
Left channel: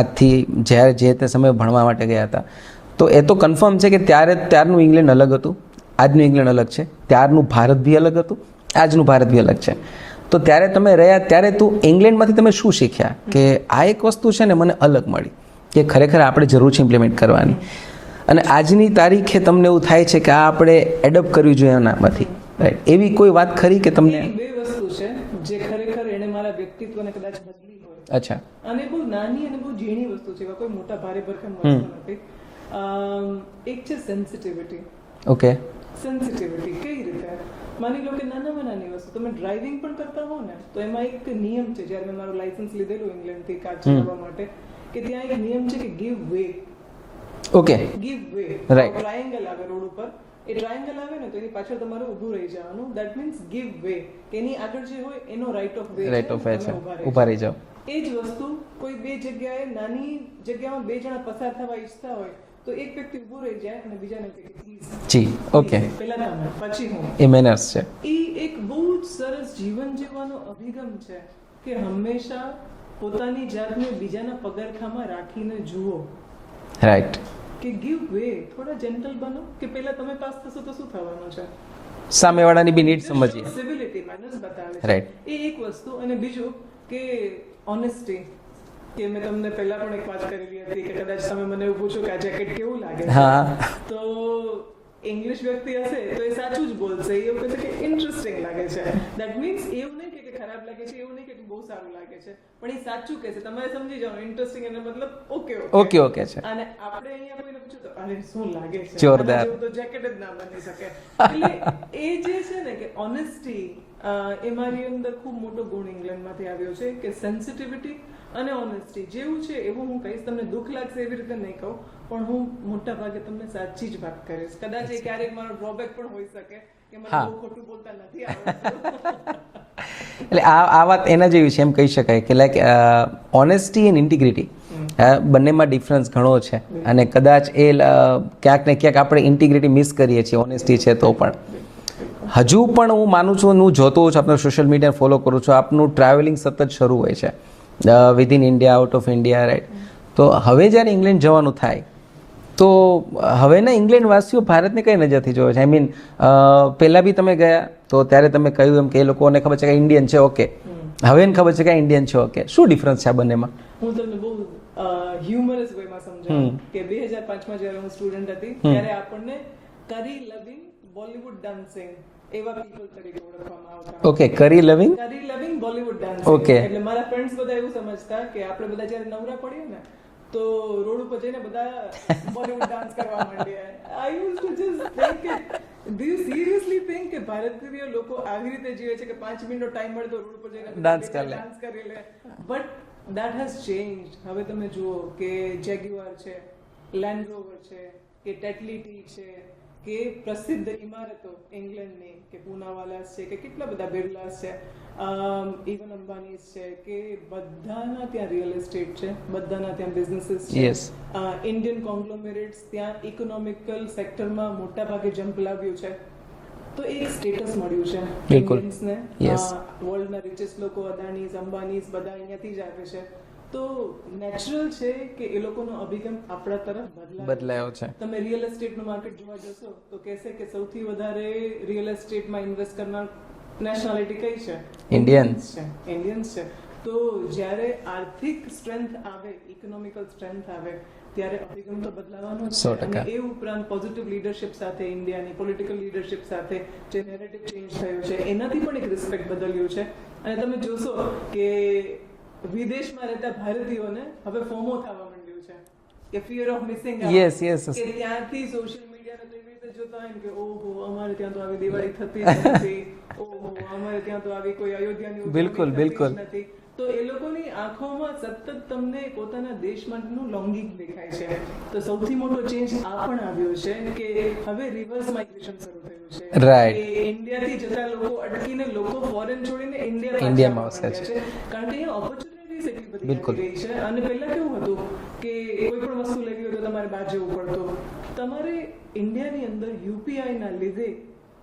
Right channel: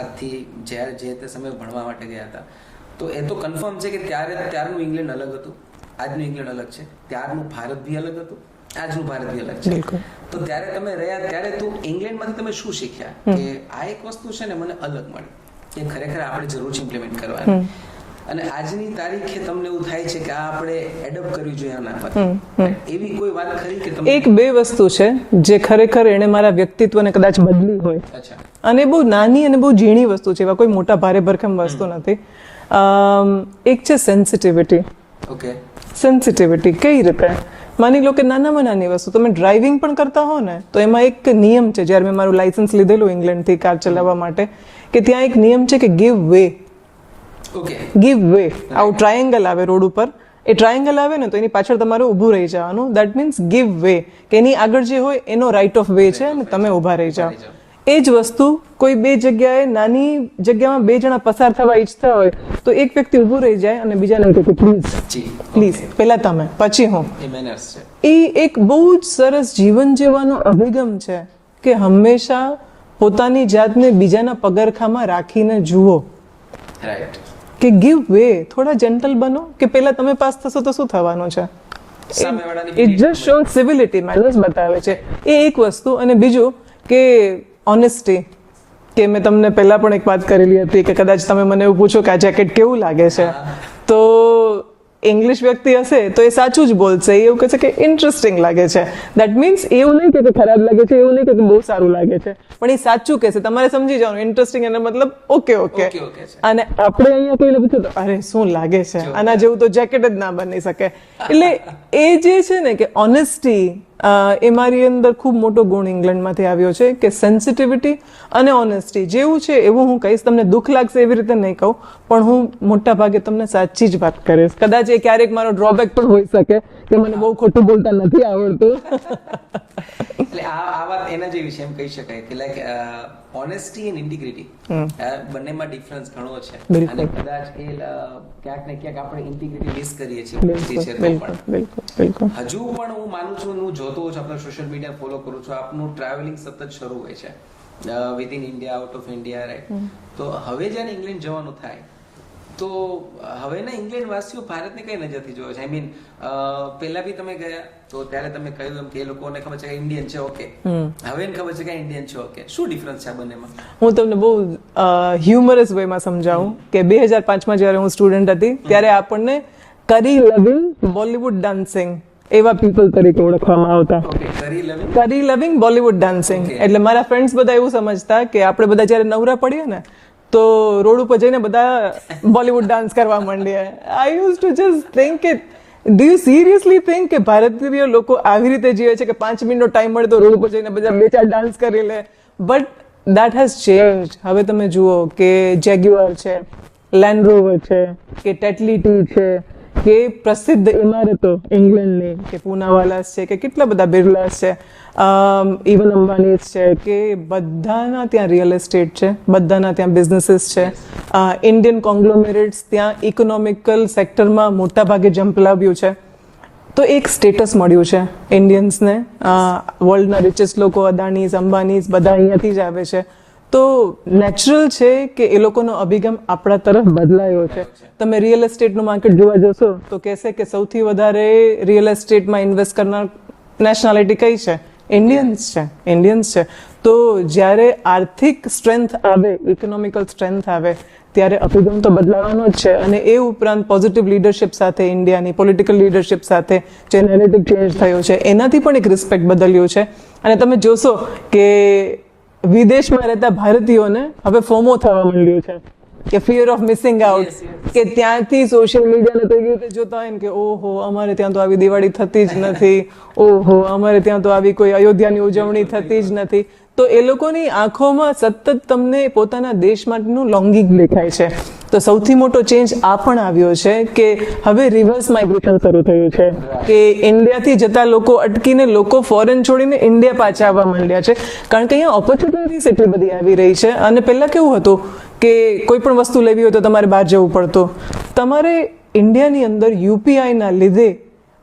આજથી જ્યારે જે તે સમયે ભણવા માટે ગયા હતા, તો એ તો કન્ફર્મ છે કે ત્યારનું ઇંગ્લેન્ડ અલગ હતું, આજનું ઇંગ્લેન્ડ અલગ છે, ત્યારનું ભારત બી અલગ હતું, આજનું ભારત બી અલગ છે. તો ત્યારે તમે રહ્યા ત્યારે તું ઇંગ્લેન્ડમાંથી તમે શું શીખ્યા કે આ એક વસ્તુ છે ને મને અલગ મળી કે ખરેખર આપણે જરૂર છે ઇમ્પ્લિમેન્ટ કરવાની, અને આજની તારીખે તમને એવું થાય છે કે આ આપણે એડપ્ટ કરવી જોઈએ એનામાંથી? એવી કોઈ વાત ખરી કે તમને? એક બે વસ્તુ છે જે ખરેખર એને મારા વ્યક્તિત્વને કદાચ બદલી હોય. અચ્છા. અને બહુ નાની અને બહુ ઝીણી વસ્તુ છે, એવા કોઈ મોટા ભારે ભરખમ વસ્તુ નથી. એક છે સેન્સિટિવિટી. ઓકે. સેન્સિટિવિટી કઈ રીતે? માની લો કે નાનામાં નાની વસ્તુ, તમે ડ્રાઇવિંગ પણ કરતા હો ને તો એમાં એક નિયમ છે. જ્યારે મેં મારું લાયસન્સ લીધેલું ઇંગ્લેન્ડથી કાર ચલાવવા માટે, કે ત્યાં એક નિયમ છે કે give way. Okay. Give way. આવું ટ્રાયેંગલ આવે રોડ ઉપર, એ ટ્રાયેંગલ આવે ને તો એની પાછળ તમારે ઊભું રહી જવાનું. દેટ મીન્સ ગીવ વે, કે એની આગળ જે હોય એનો રાઇટ ઓફ વે છે અને તમે ઊભા રહી જાઓ. એ જ વસ્તુ કોઈ બે જગ્યાએ, નાની જગ્યામાં બે જણા પસાર થવા ઈચ્છતા હોય તો એક વ્યક્તિ ઊભું રહી જાય અને બીજાને કહે કે પ્લીઝ, જી, પ્લીઝ, પહેલા તમે પછી હું. એ મેનર્સ છે. એ એક બહુ જ સરસ જીવન જીવવાનો અભિગમ છે કે હંમેશા પોતાની જાતને બીજાના પગરખામાં રાખીને જુઓ. રાઈટ. કે ગીવ વે, થોડા જેન્ટલ બનો કે પહેલા તમે પાસ થશો તો શું થવાનું છે? સામેવાળાની બી નીડ સમજવી. શો સિવિલિટી, મેનર્સ બતાવે છે. એ એક વસ્તુ. અને બીજું કે ઓનેસ્ટી, કે મેં તમને પહેલા પણ એક વાત કરેલી હતી કે કદાચ તમે મને એવું પૂછો કે આ જેકેટ કેવું લાગે છે, તો ઇંગ્લિશ વ્યક્તિ હશે તો એ સાચું જ બોલશે. એવું કહે છે કે ઇન્ટરેસ્ટિંગ લાગે છે. દેટ મીન્સ એવું નહીં કે ખરાબ લાગે છે, એવું નહીં કે બહુ સારું લાગે છે, પણ એ સાચું કહેશે. તમારે સમજી જવાનું ઇન્ટરેસ્ટિંગ એનો મતલબ ઓકે ઓકે ઓકે છે. અને આપણે અહીંયા કોઈને પૂછો તો અરે શું લાગે છે, આના જેવું તો જેકેટ જ ના બની શકે. એટલે એ જે છે ને કે ઓનેસ્ટી, એ મારી અંદર ખૂબ મોટો ગુણ ઇંગ્લેન્ડમાંથી આવ્યો છે કે સેન્સિટિવિટી અને ઓનેસ્ટી. જેવું છે એવું હું કહીશ. તમને દુઃખ લાગશે એવી રીતે નહીં કહું, પણ હું મોટા ભાગે તમને સાચી જ વાત કરીશ. કદાચ એ ક્યારેક મારો ડ્રોબેક પણ હોઈ શકે કે મને બહુ ખોટું બોલતા નથી આવડતું. એટલે આ વાત એના જેવી છે એમ કહી શકાય કે લાઈક ઓનેસ્ટી એન્ડ ઇન્ટિગ્રિટી બંનેમાં ડિફરન્સ ઘણો છે અને કદાચ એ ક્યાંક ને ક્યાંક આપણે ઇન્ટિગ્રિટી મિસ કરીએ છીએ ઓનેસ્ટી છે તો પણ. હજુ પણ હું માનું છું, હું જોતો હોઉં છું, આપનો સોશિયલ મીડિયા ફોલો કરું છું, આપનું ટ્રાવેલિંગ સતત શરૂ હોય છે within India, out of India, right. તો હવે જ્યારે ઇંગ્લેન્ડ જવાનું થાય તો હવેના ઇંગ્લેન્ડ વાસીઓ ભારતને કઈ નજરથી જોવે છે? આઈ મીન પહેલા બી તમે ગયા તો ત્યારે તમે કહ્યું એમ કે એ લોકોને ખબર છે કે ઇન્ડિયન છે, ઓકે. હવે એને ખબર છે કે ઇન્ડિયન છે, ઓકે. શું ડિફરન્સ છે આ બંનેમાં? હું તમને બહુ હ્યુમરસ વેમાં સમજાવું કે 2005માં જ્યારે હું સ્ટુડન્ટ હતી ત્યારે આપણને કરી લવિંગ બોલિવૂડ ડાન્સિંગ એવા પીપલ તરીકે ઓળખવામાં આવતા. ઓકે, કરી લવિંગ બોલિવૂડ ડાન્સિંગ. એટલે મારા ફ્રેન્ડ્સ બધા એવું સમજતા કે આપણે બધા જ્યારે નવરા પડીએ ને તો રોડ ઉપર જઈને બધા બોલિવૂડ ડાન્સ કરવા માંડીએ. I use to just think કે ડુ યુ સિરિયસલી થિંક કે ભારતીય લોકો આવી રીતે જીવે છે કે 5 મિનિટનો ટાઈમ મળે તો રોડ ઉપર જઈને બધા 2-4 ડાન્સ કરી લે? But that has change. હવે તમે જુઓ કે જેગ્યુઆર છે, લેન્ડ રોવર છે, કે ટેટલી ટી છે, કે પ્રસિદ્ધ ઇમારતો ઇંગ્લેન્ડની કે પૂનાવાલાસ છે, કે કેટલા બધા બિરલાસ છે, ઇવન અંબાનીઝ છે, કે બધાના ત્યાં રિયલ એસ્ટેટ છે, બધાના ત્યાં બિઝનેસીસ છે. ઇન્ડિયન કોંગ્લોમેરેટ્સ ત્યાં ઇકોનોમિકલ સેક્ટરમાં મોટા ભાગે જમ્પ લાવ્યું છે. તો એક સ્ટેટસ મળ્યું છે ઇન્ડિયન્સને. વર્લ્ડના રિચેસ્ટ લોકો અદાણીઝ, અંબાનીઝ બધા અહીંયાથી જ આવે છે. તો નેચરલ છે કે એ લોકોનો અભિગમ આપણા તરફ બદલાયો છે. તમે રિયલ એસ્ટેટનું માર્કેટ જોવા જશો તો કહેશે કે સૌથી વધારે રિયલ એસ્ટેટમાં ઇન્વેસ્ટ કરનાર નેશનાલિટી કઈ છે? ઇન્ડિયન્સ છે. તો જ્યારે આર્થિક સ્ટ્રેન્થ આવે, ઇકોનોમિકલ સ્ટ્રેન્થ આવે ત્યારે અભિગમ તો બદલાવાનો જ છે. અને એ ઉપરાંત પોઝિટિવ લીડરશિપ સાથે, ઇન્ડિયાની પોલિટિકલ લીડરશિપ સાથે જે નેરેટિવ ચેન્જ થયો છે એનાથી પણ એક રિસ્પેક્ટ બદલ્યો છે. અને તમે જોશો કે વિદેશમાં રહેતા ભારતીયોને હવે ફોમો થવા માંડ્યું છે કે ફિયર ઓફ મિસિંગ આઉટ. કે ત્યાંથી સોશિયલ મીડિયાને તો એવી રીતે જોતા હોય ને કે ઓહો અમારે ત્યાં તો આવી દિવાળી થતી જ નથી, ઓહો અમારે ત્યાં તો આવી કોઈ અયોધ્યાની ઉજવણી થતી જ નથી. તો એ લોકોની આંખોમાં સતત તમને પોતાના દેશ માટેનું લોંગિંગ દેખાય છે. તો સૌથી મોટો ચેન્જ આ પણ આવ્યો છે કે હવે રિવર્સ માઇગ્રેશન શરૂ થયું છે કે ઇન્ડિયાથી જતા લોકો અટકીને લોકો ફોરેન છોડીને ઇન્ડિયા પાછા આવવા માંડ્યા છે. કારણ કે અહીંયા ઓપોર્ચ્યુનિટીઝ એટલી બધી આવી રહી છે. અને પહેલા કેવું હતું કે કોઈ પણ વસ્તુ લેવી હોય તો તમારે બહાર જવું પડતું. તમારે ઇન્ડિયાની અંદર યુપીઆઈના લીધે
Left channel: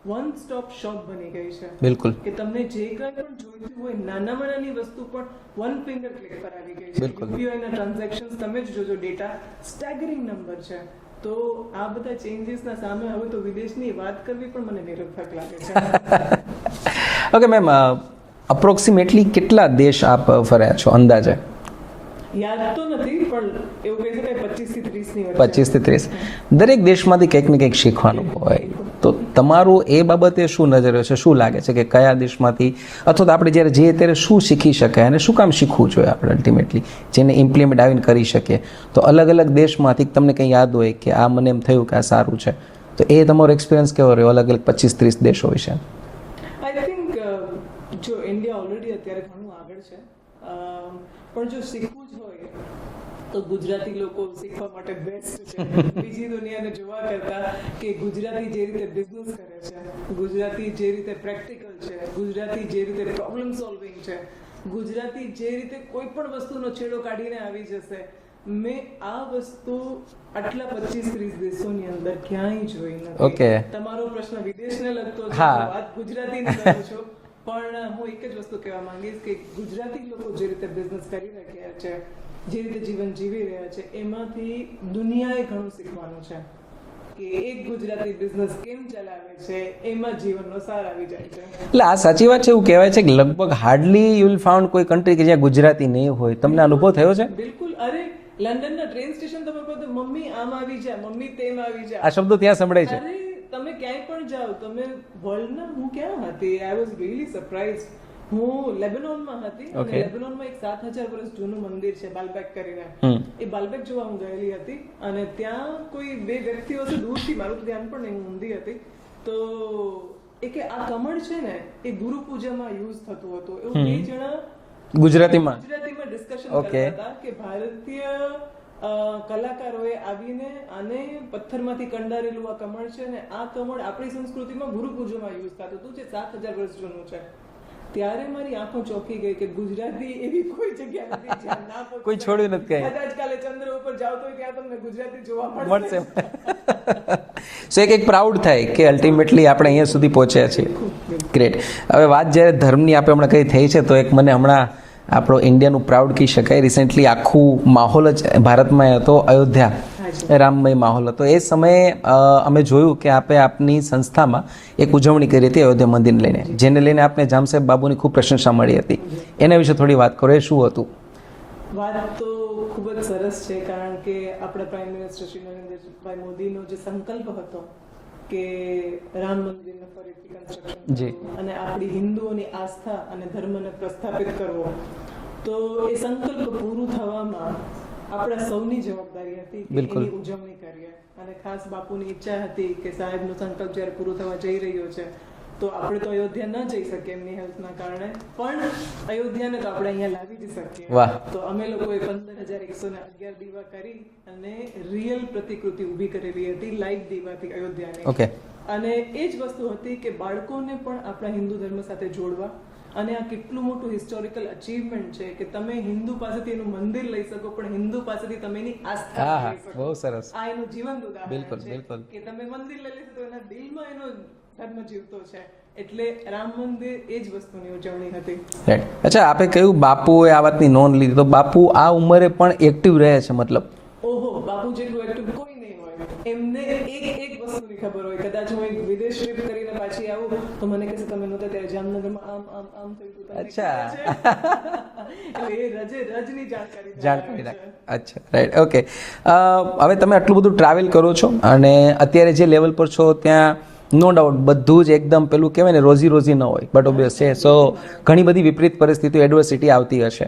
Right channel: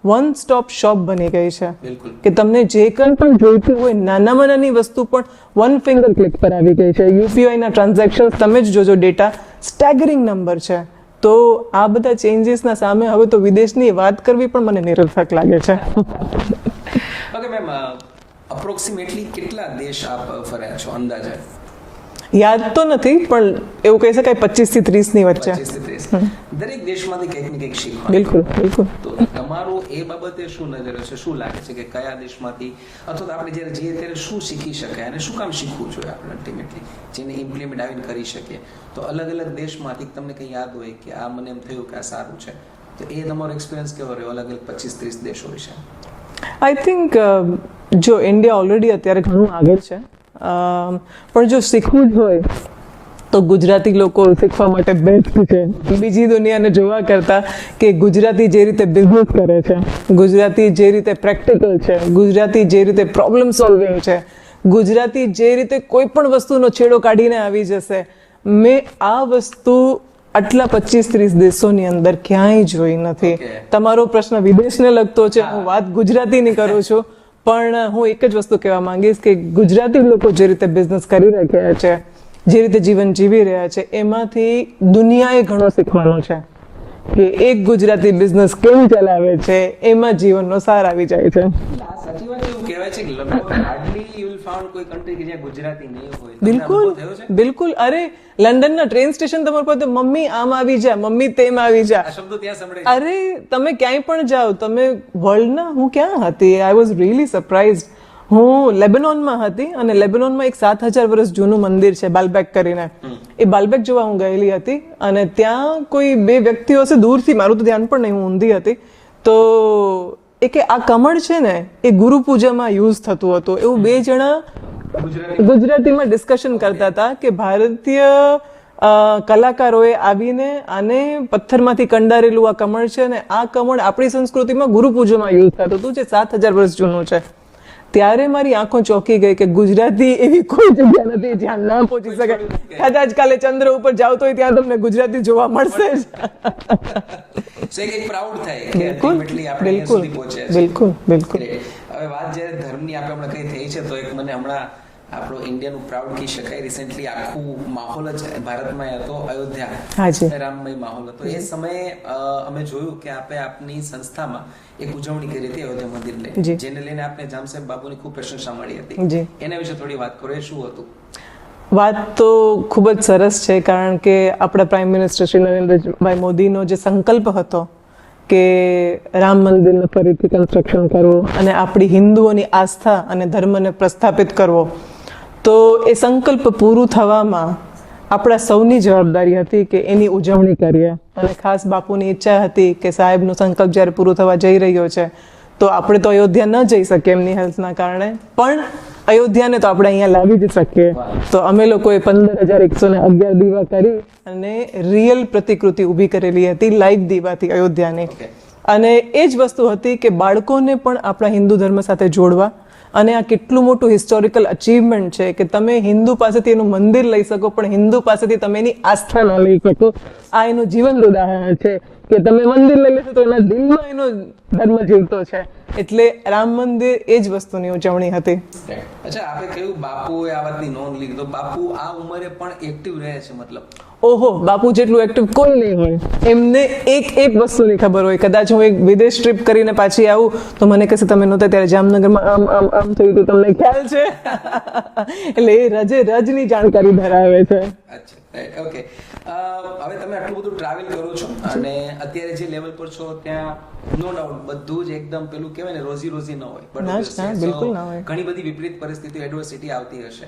વન સ્ટોપ શોપ બની ગઈ છે. બિલકુલ. કે તમને જે કંઈ પણ જોઈતું હોય નાનામાં નાની વસ્તુ પણ વન ફિંગર ક્લિક પર આવી ગઈ છે. યુપીઆઈના ટ્રાન્ઝેક્શન તમે જ જોજો, ડેટા સ્ટેગરિંગ નંબર છે. તો આ બધા ચેન્જીસના સામે હવે તો વિદેશની વાત કરવી પણ મને નિરર્થક લાગે છે. ઓકે મેમ, અપ્રોક્સિમેટલી કેટલા દેશ આપ ફર્યા છો અંદાજે? યાદ તો નથી પણ એવું કહી શકાય 25 થી 30 ની વચ્ચે. 25 થી 30. દરેક દેશમાંથી કંઈક ને કંઈક શીખવાનું હોય. તો તમારું એ બાબતે શું નજર છે? શું લાગે છે કે કયા દેશમાંથી અથવા તો આપણે જ્યારે જઈએ ત્યારે શું શીખી શકાય અને શું કામ શીખવું જોઈએ આપણે અલ્ટિમેટલી, જેને ઇમ્પ્લિમેન્ટ આવીને કરી શકીએ? તો અલગ અલગ દેશમાંથી તમને કંઈ યાદ હોય કે આ મને એમ થયું કે આ સારું છે, તો એ તમારો એક્સપિરિયન્સ કેવો રહ્યો અલગ અલગ 25-30 દેશો વિશે? આઈ થિંક જો ઇન્ડિયા ઓલરેડી અત્યારે ઘણું આગળ છે, પણ જો શીખવું જ હોય તો ગુજરાતી લોકો શીખવા માટે બેસ્ટ છે બીજી દુનિયાને જોવા કરતા. કે ગુજરાતી જે રીતે બિઝનેસ કરે છે, ગુજરાતી જે રીતે પ્રેક્ટિકલ છે, ગુજરાતી જે રીતે પ્રોબ્લેમ સોલ્વિંગ છે, ગુજરાતી જે રીતે કોઈ પણ વસ્તુનો છેડો કાઢીને આવી જશે, મેં આ વસ્તુ આટલા 25-30 દેશોની અંદર ક્યાંય જોઈ નથી. તમારો પ્રશ્ન વિદેશને લગતો છે, હું વાત ગુજરાતીની કરું છું. પણ હું એક જ વસ્તુ કહેવા માંગીશ કે ગુજરાતી લોકો જે રીતે બિઝનેસ કરી રહ્યા છે, જે રીતે જીવન જીવી રહ્યા છે, એમાંથી દુનિયાએ ઘણો શીખવાનું છે. કે એક ગુજરાતી બિઝનેસ કેમ ચલાવે છે એમાં જીવનનો સાર આવી જાય છે. એટલે આ સાચી વાત છે. એવું કહેવાય છે કે લગભગ હાર્ડલી યુ વિલ ફાઉન્ડ કોઈ કન્ટ્રી કે જ્યાં ગુજરાતી નહીં હોય. તમને અનુભવ થયો છે? બિલકુલ. અરે લંડનના ટ્રેન સ્ટેશન તમારે પાસે મમ્મી આમ આવી જા, મમ્મી તેમ આવી જા, આ શબ્દો ત્યાં સંભળાય છે. અરે તમે ક્યાંય પણ જાઓ, તમે વર્લ્ડના, હું ક્યાં હતી, આઈ વોઝ રિયલી સરપ્રાઇઝડ. હું લેબનોનમાં હતી અને લેબનોનમાં એક 7000 વર્ષ જૂનું મંદિર છે બાલબેક કરીને. એ બાલબેક જોવા હું ગયેલી હતી અને ત્યાં કોઈ બે વ્યક્તિઓ છે દૂરથી, મારું તો ધ્યાન પણ નહીં, હું ઊંધી હતી. તો એ કે આ કમળ છે ને એ ગુરુ પૂજામાં યુઝ થતું હતું. એવું બે જણા ગુજરાતીમાં ડિસ્કશન કરતા હતા કે ભારતીય કલાકારોએ આવીને આને પથ્થરમાંથી કંડારેલું આ કમળ છે ને આ કમળ આપણી સંસ્કૃતિમાં ગુરુ પૂજામાં યુઝ થતું હતું જે 7000 વર્ષ જૂનું છે. ત્યારે મારી આંખો ચોંકી ગઈ કે ગુજરાતી એવી કોઈ જગ્યા નથી જ્યાં ના પહોંચી શકે. કદાચ કાલે ચંદ્ર ઉપર જાવ તો ત્યાં તમને ગુજરાતી જોવા મળશે. સો એક પ્રાઉડ થાય કે અલ્ટિમેટલી આપણે અહીંયા સુધી પહોંચ્યા છીએ. બિલકુલ બિલકુલ. ગ્રેટ. હવે વાત જ્યારે ધર્મની આપણે હમણાં કઈ થઈ છે તો એક મને હમણાં આપણો ઇન્ડિયાનું પ્રાઉડ કહી શકાય. રિસેન્ટલી આખું માહોલ જ ભારતમાં હતો, અયોધ્યા રામમય માહોલ હતો. એ સમયે અમે જોયું કે આપે આપની સંસ્થામાં એક ઉજવણી કરી હતી અયોધ્યા મંદિરને લઈને, જેને લઈને આપને જામ સાહેબ બાબુની ખૂબ પ્રશંસા મળી હતી. એના વિશે થોડી વાત કરો. એ શું હતું? વાત તો ખૂબ જ સરસ છે, કારણ કે આપણા પ્રાઇમ મિનિસ્ટર શ્રી નરેન્દ્રભાઈ મોદીનો જે સંકલ્પ હતો કે રામ મંદિરને ફરીથી કન્સ્ટ્રક્શન કરવું અને આપણી હિન્દુઓની આસ્થા અને ધર્મને પ્રસ્થાપિત કરવો, તો એ સંકલ્પ પૂરું થવામાં આપણા સૌની જવાબદારી હતી કે એની ઉજવણી કરીએ. અને ખાસ બાપુની ઈચ્છા હતી કે સાહેબનો સંકલ્પ જ્યારે પૂરો થવા જઈ રહ્યો છે તો આપણે તો અયોધ્યા ન જઈ શકીએ એમની હેલ્થના કારણે, પણ અયોધ્યાને તો આપણે અહીંયા લાવી જ શકીએ. તો અમે લોકોએ 15,111 દીવા કરી અને રિયલ પ્રતિકૃતિ ઊભી કરેલી હતી, લાઈવ દીવાથી અયોધ્યાની. અને એ જ વસ્તુ હતી કે બાળકોને પણ આપણા હિન્દુ ધર્મ સાથે જોડવા. અને આ કેટલું મોટું હિસ્ટોરિકલ અચીવમેન્ટ છે કે તમે હિન્દુ પાસેથી એનું મંદિર લઈ શકો પણ હિન્દુ પાસેથી તમે એની આસ્થા ના લઈ શકો. આ એનું જીવંત ઉદાહરણ છે કે તમે મંદિર લઈ લેશો તો એના દિલમાં એનો ધર્મ જીવતો છે. એટલે રામ મંદિર એ જ વસ્તુની ઉજવણી હતી. અચ્છા, આપે કહ્યું બાપુએ આ વાતની નોંધ લીધી, તો બાપુ આ ઉંમરે પણ એક્ટિવ રહે છે? મતલબ ઓહો, બાપુ જેટલું એક્ટિવ કોઈ નહીં હોય. એમને એક વસ્તુની ખબર હોય. કદાચ હું એક વિદેશ ટ્રીપ કરીને પાછી આવું તો મને કહેશે તમે નહોતા ત્યારે જામનગરમાં આમ આમ આમ થયું હતું, તમને ખ્યાલ છે? એટલે એ રજે રજની જાણકારી ધરાવે છે. અચ્છા, રાઈટ, ઓકે. હવે તમે આટલું બધું ટ્રાવેલ કરો છો અને અત્યારે જે લેવલ પર છો ત્યાં નો ડાઉટ બધું જ એકદમ પેલું કહેવાય ને રોજી રોજી ન હોય, બટ ઓબ્વિયસ છે. સો ઘણી બધી વિપરીત પરિસ્થિતિઓ, એડવર્સિટી આવતી હશે.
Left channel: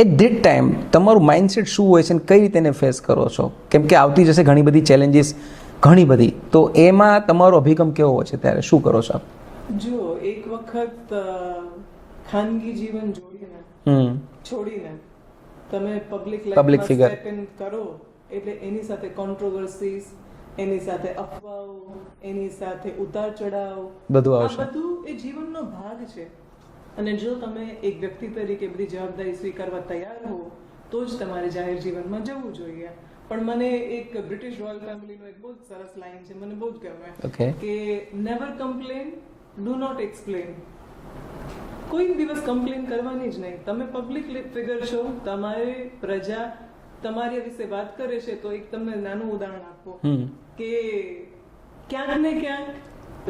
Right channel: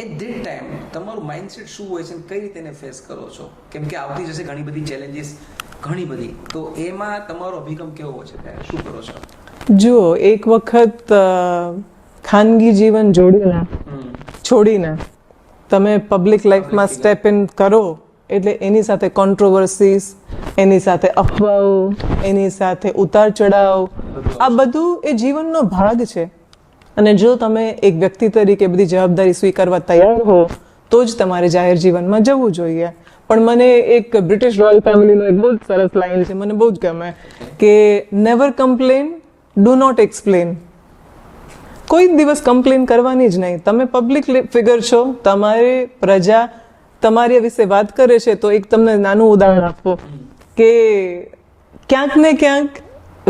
એટ ધીટ ટાઈમ તમારું માઇન્ડસેટ શું હોય છે અને કઈ રીતે એને ફેસ કરો છો? કેમ કે આવતી જશે ઘણી બધી ચેલેન્જીસ, ઘણી બધી, તો એમાં તમારો અભિગમ કેવો હોય છે? ત્યારે શું કરો છો? જુઓ, એક વખત ખાનગી જીવન છોડીને તમે પબ્લિક લાઈફમાં સ્ટેપ ઇન કરો એટલે એની સાથે કોન્ટ્રોવર્સીસ, એની સાથે અફવાઓ, એની સાથે ઉતાર ચઢાવ, આ બધું એ જીવનનો ભાગ છે. અને જો તમે એક વ્યક્તિ તરીકે બધી જવાબદારી સ્વીકારવા તૈયાર હો તો જ તમારે જાહેર જીવનમાં જવું જોઈએ. પણ મને એક બ્રિટિશ રોયલ ફેમિલીનો એક બહુ સરસ લાઈન છે, મને બહુ જ ગમે કે never complain, do not explain. કોઈ દિવસ કમ્પ્લેન કરવાની જ નહીં. તમે પબ્લિક ફિગર છો, તમારે પ્રજા તમારી વિશે વાત કરે છે તો એક તમને નાનું ઉદાહરણ આપો કે ક્યાંક ને ક્યાંક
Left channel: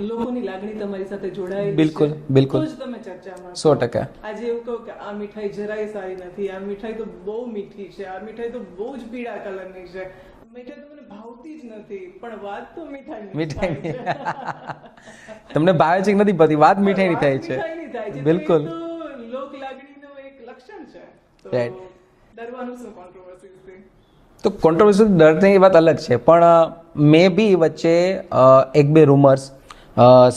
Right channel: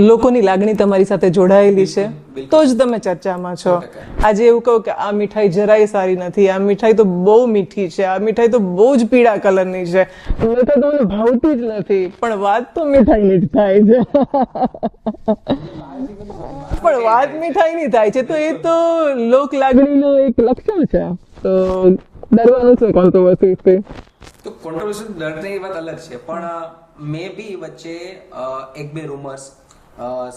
લોકોની લાગણી તમારી સાથે જોડાયેલી છે તો જ તમે ચર્ચામાં છો. આજે એવું કહો કે આ મીઠાઈ જરાય સારી નથી, આ મીઠાઈ તો બહુ મીઠી છે, આ મીઠાઈ તો બહુ જ પીળા કલરની છે, મીઠાઈ તો મને ભાવતી જ નથી, પણ વાત તો મીઠાઈની થાય છે. તમને ભાવે છે કે નથી ભાવતી, વાત મીઠાઈની થાય છે. તો એ તો લોક લાગણીનો એક લક્ષણ છે. તો ડરવાનું છે કોન્ટ્રોવર્સીથી. તો કોન્ટ્રોવર્સી ડરની વાત અલગ છે, પણ મે બી વચ્ચે એક બે રૂમર્સ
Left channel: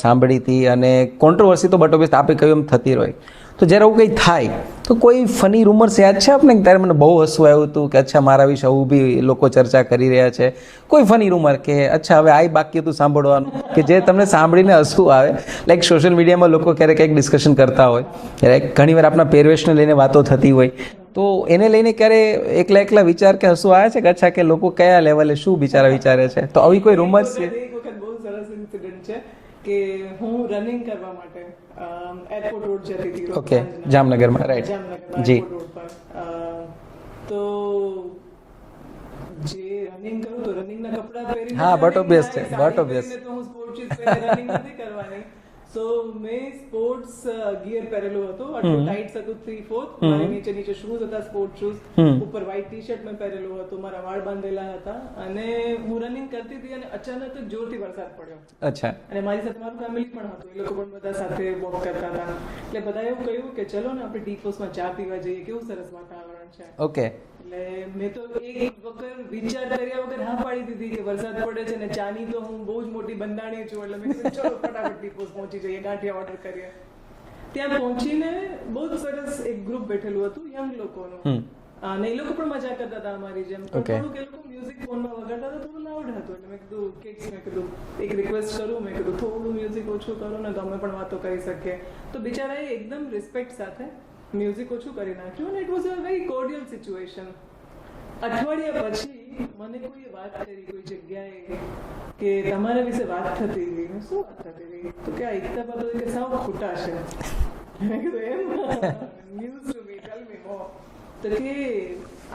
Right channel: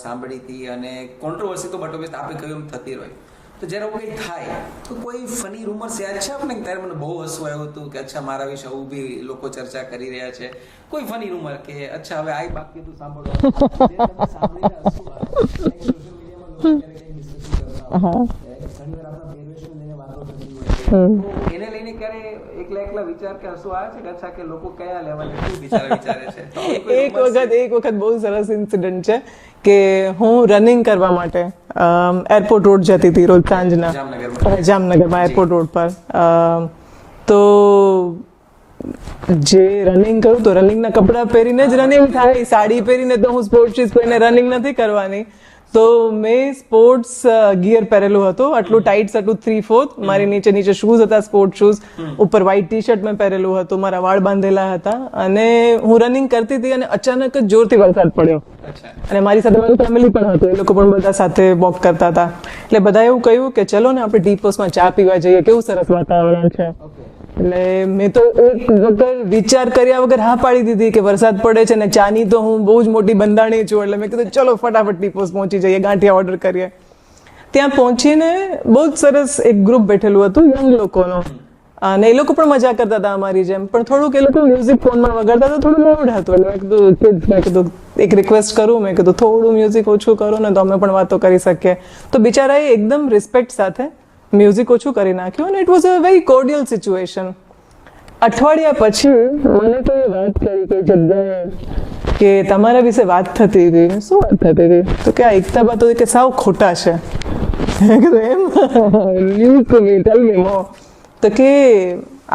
સાંભળી હતી અને કોન્ટ્રોવર્સી તો બટ ઓબ્વિયસ આપે કહ્યું એમ થતી રહી. તો જ્યારે આવું કંઈ થાય તો કોઈ ફની રૂમર્સ યાદ છે આપણે? ત્યારે મને બહુ હસવું આવ્યું હતું કે અચ્છા મારા વિશે આવું બી લોકો ચર્ચા કરી રહ્યા છે. કોઈ ફની રૂમર કે અચ્છા હવે આ બાકી હતું સાંભળવાનું કે જે તમને સાંભળીને હસવું આવે? લાઈક સોશિયલ મીડિયામાં લોકો ક્યારેક કંઈક ડિસ્કશન કરતા હોય, ક્યારેક ઘણીવાર આપણા પહેરવેશને લઈને વાતો થતી હોય, તો એને લઈને ક્યારે એકલા વિચાર કે હસવું આવે છે કે અચ્છા કે લોકો કયા લેવલે શું બિચારા વિચારે છે? તો આવી કોઈ રૂમર્સ? એક વખત બહુ સરસ ઇન્સિડન્ટ છે કે હું રનિંગ કરવા માટે એરપોર્ટ રોડ જતી હતી રોજ સાંજના, જામનગરમાં એરપોર્ટ રોડ પર. તો જે રનિંગ કરું તો રનિંગના કપડા પહેરીને જ રનિંગ થાય, સાડી પહેરીને તો હું સ્પોર્ટ્સ શૂઝ પહેરીને રનિંગ નથી કરવાની. તો મેં સ્પોર્ટ્સ ગિયર પહેરેલું હતું, આટલું ટાઈટ હતું 3/4, મારી નીચે શૂઝ હતા સ્પોર્ટ્સ શૂઝ, ઉપર વ્હાઈટ ટી શર્ટ મેં પહેરેલું હતું, મારા વાળ બાંધેલા હતા અને હું રનિંગ કરતી હતી અને અચાનક જ જોરથી વરસાદ પડ્યો. અને મારી સાથે મારું ફેમિલી પણ હતું, એ લોકો પણ બધા સાથે વોક કરતા હતા. એટલે બધા એવું કહ્યું કે ચલો ને આપણે ટી પોસ્ટમાં ચા પીવા જઈએ, કેવું સરસ વાતાવરણ છે. એટલે મેં તો એક વગર વિચાર કર્યા વગર હા પાડી દીધી કે વરસાદ પડે છે ને ચાની તો હું બહુ જ મોટી બંધાણી છું, એટલે મેં કીધું ચલો ફટાફટ ટી પોસ્ટ પહોંચી જઈએ, ગાંઠિયા ઓર્ડર કરીએ. ત્યાં પહોંચીને બહુ જ સરસ એક ગ્રુપ બેઠેલું હતું યંગ લોકોનો, અને એ લોકો પણ મજા કરતા હતા અમારી જેમ, પણ થોડુંક એ લોકો મ્યુઝિક ફોનમાં વગાડતા તો થોડું લોડ હતું. એટલે મેં કીધું કિડ્સ, મેં કીધું એક રિક્વેસ્ટ કરું, મેં કીધું થોડું મ્યુઝિક ઓછું કરો ને તો અમે પણ વાતો કરી શકીએ. તો બિચારાએ એકદમ રિસ્પેક્ટ સાથે મ્યુઝિક ઓછું કરી નાખ્યું અને it was a very કોર્ડિયલ situation. અઠવાડિયા પછી મને તો એ વાત કરી કે જગ્યાએ કે તમારા વિશે વાત થતી હતી. શું વાત થતી હતી? તો કે આ એકતા બા તો કે સાવ ખોટા છે. મેં કીધું એમ? ન્યૂઝ ટુ મી, ટેલ મી મોર. તો કે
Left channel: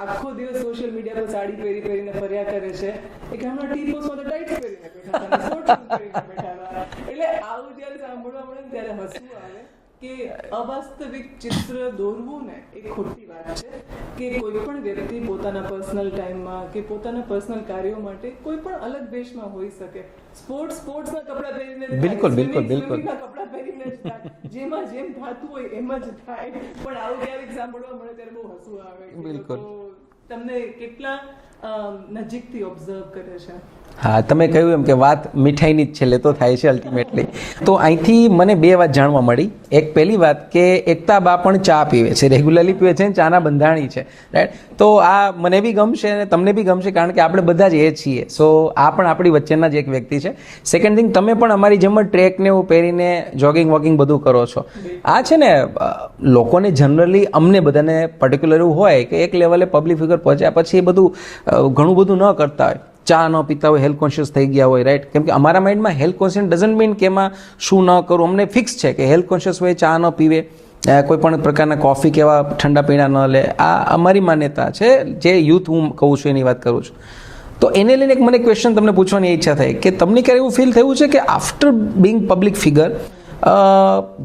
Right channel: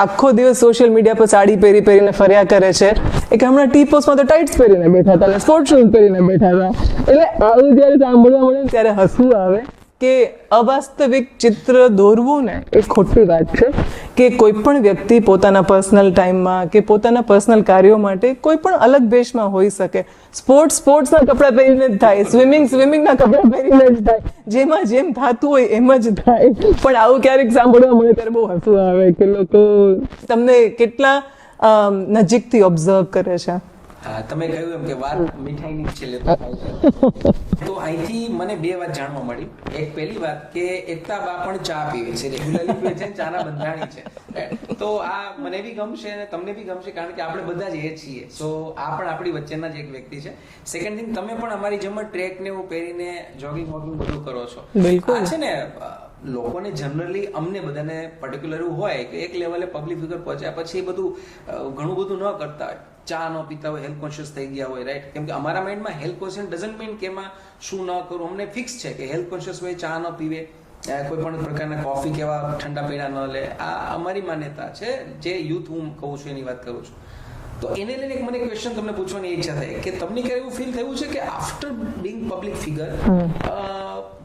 આખો દિવસ સોશિયલ મીડિયા પર સાડી પહેરીને ફર્યા કરે છે. એ કે હમણાં ટી પોસ્ટમાં તો ટાઇટ્સ પહેરીને બેઠા હતા, સ્પોર્ટ શૂઝ પહેરીને બેઠા હતા. એટલે આવું જ્યારે સાંભળવા મળે ત્યારે હસવું આવે કે અવાસ્તવિક ચિત્ર દોરવું ને એ ખોટી વાત છે. કે કોઈ પણ વ્યક્તિ પોતાના પર્સનલ ટાઈમમાં કે પોતાના પર્સનલ કાર્યો માટે કોઈ પણ અલગ વેશમાં હોઈ શકે. સ્પોર્ટ્સના કપડાં પહેરીને જ થાય, સ્વિમિંગના કપડાં પહેરીને જ થાય, જેમાં જેમ થતું હોય એમ જ થાય. પણ આવું ક્યારેક સાંભળવા મળે ત્યારે બહુ હસવું આવે કે લોકો તમને કેટલા નજીકથી ઓબ્ઝર્વ કરે છે. હા, તમે કહ્યું એમ કે વાત મીઠાઈની જ છેલ્લે તો થાય છે અલ્ટિમેટલી. તો અહીંથી મને બે વાત જાણવા મળી. એક પહેલી વાત કે એકતા બા પણ ચા પીવે છે, રેગ્યુલરલી પીવે છે, ચાના બંધાણી છે, રાઈટ. તો આ મને બી ગમશે અને તમને બી ગમશે, કારણ કે આપણે બધા જ એ છીએ. સો આ પણ આપણી વચ્ચેના જ એક વ્યક્તિ છે. સેકન્ડ થિંગ, તમે પણ અમારી જેમ જ ટ્રેક ને એવું પહેરીને જોગિંગ વોકિંગ બધું કરો છો. આ છે ને લોકોને જનરલી, અમને બધાને પર્ટિક્યુલર એવું હોય કે એક લેવલે પબ્લિક ફિગર પહોંચ્યા પછી એ બધું ઘણું બધું ન કરતા હોય, ચા ન પીતા હોય, હેલ્થ કોન્શિયસ થઈ ગયા હોય, રાઈટ. કેમ કે અમારા માઇન્ડમાં હેલ્થ કોન્શિયસ ડઝન્ટ મીન કે એમાં શું ન કરવું. અમને ફિક્સ છે કે હેલ્થ કોન્શિયસ હોય, ચા ન પીવે, કોઈ પણ પ્રકારના કોફી કે એવા ઠંડા પીણા ન લે. આ અમારી માન્યતા છે, જે યુથ હું કહું છું એની વાત કરું છું. તો એને લઈને એક મને ક્વેશ્ચન તમને પૂછવાની ઈચ્છા થઈ કે તમને ક્યારે એવું ફીલ થયું છે કે આફ્ટર બિંગ પબ્લિક ફિગર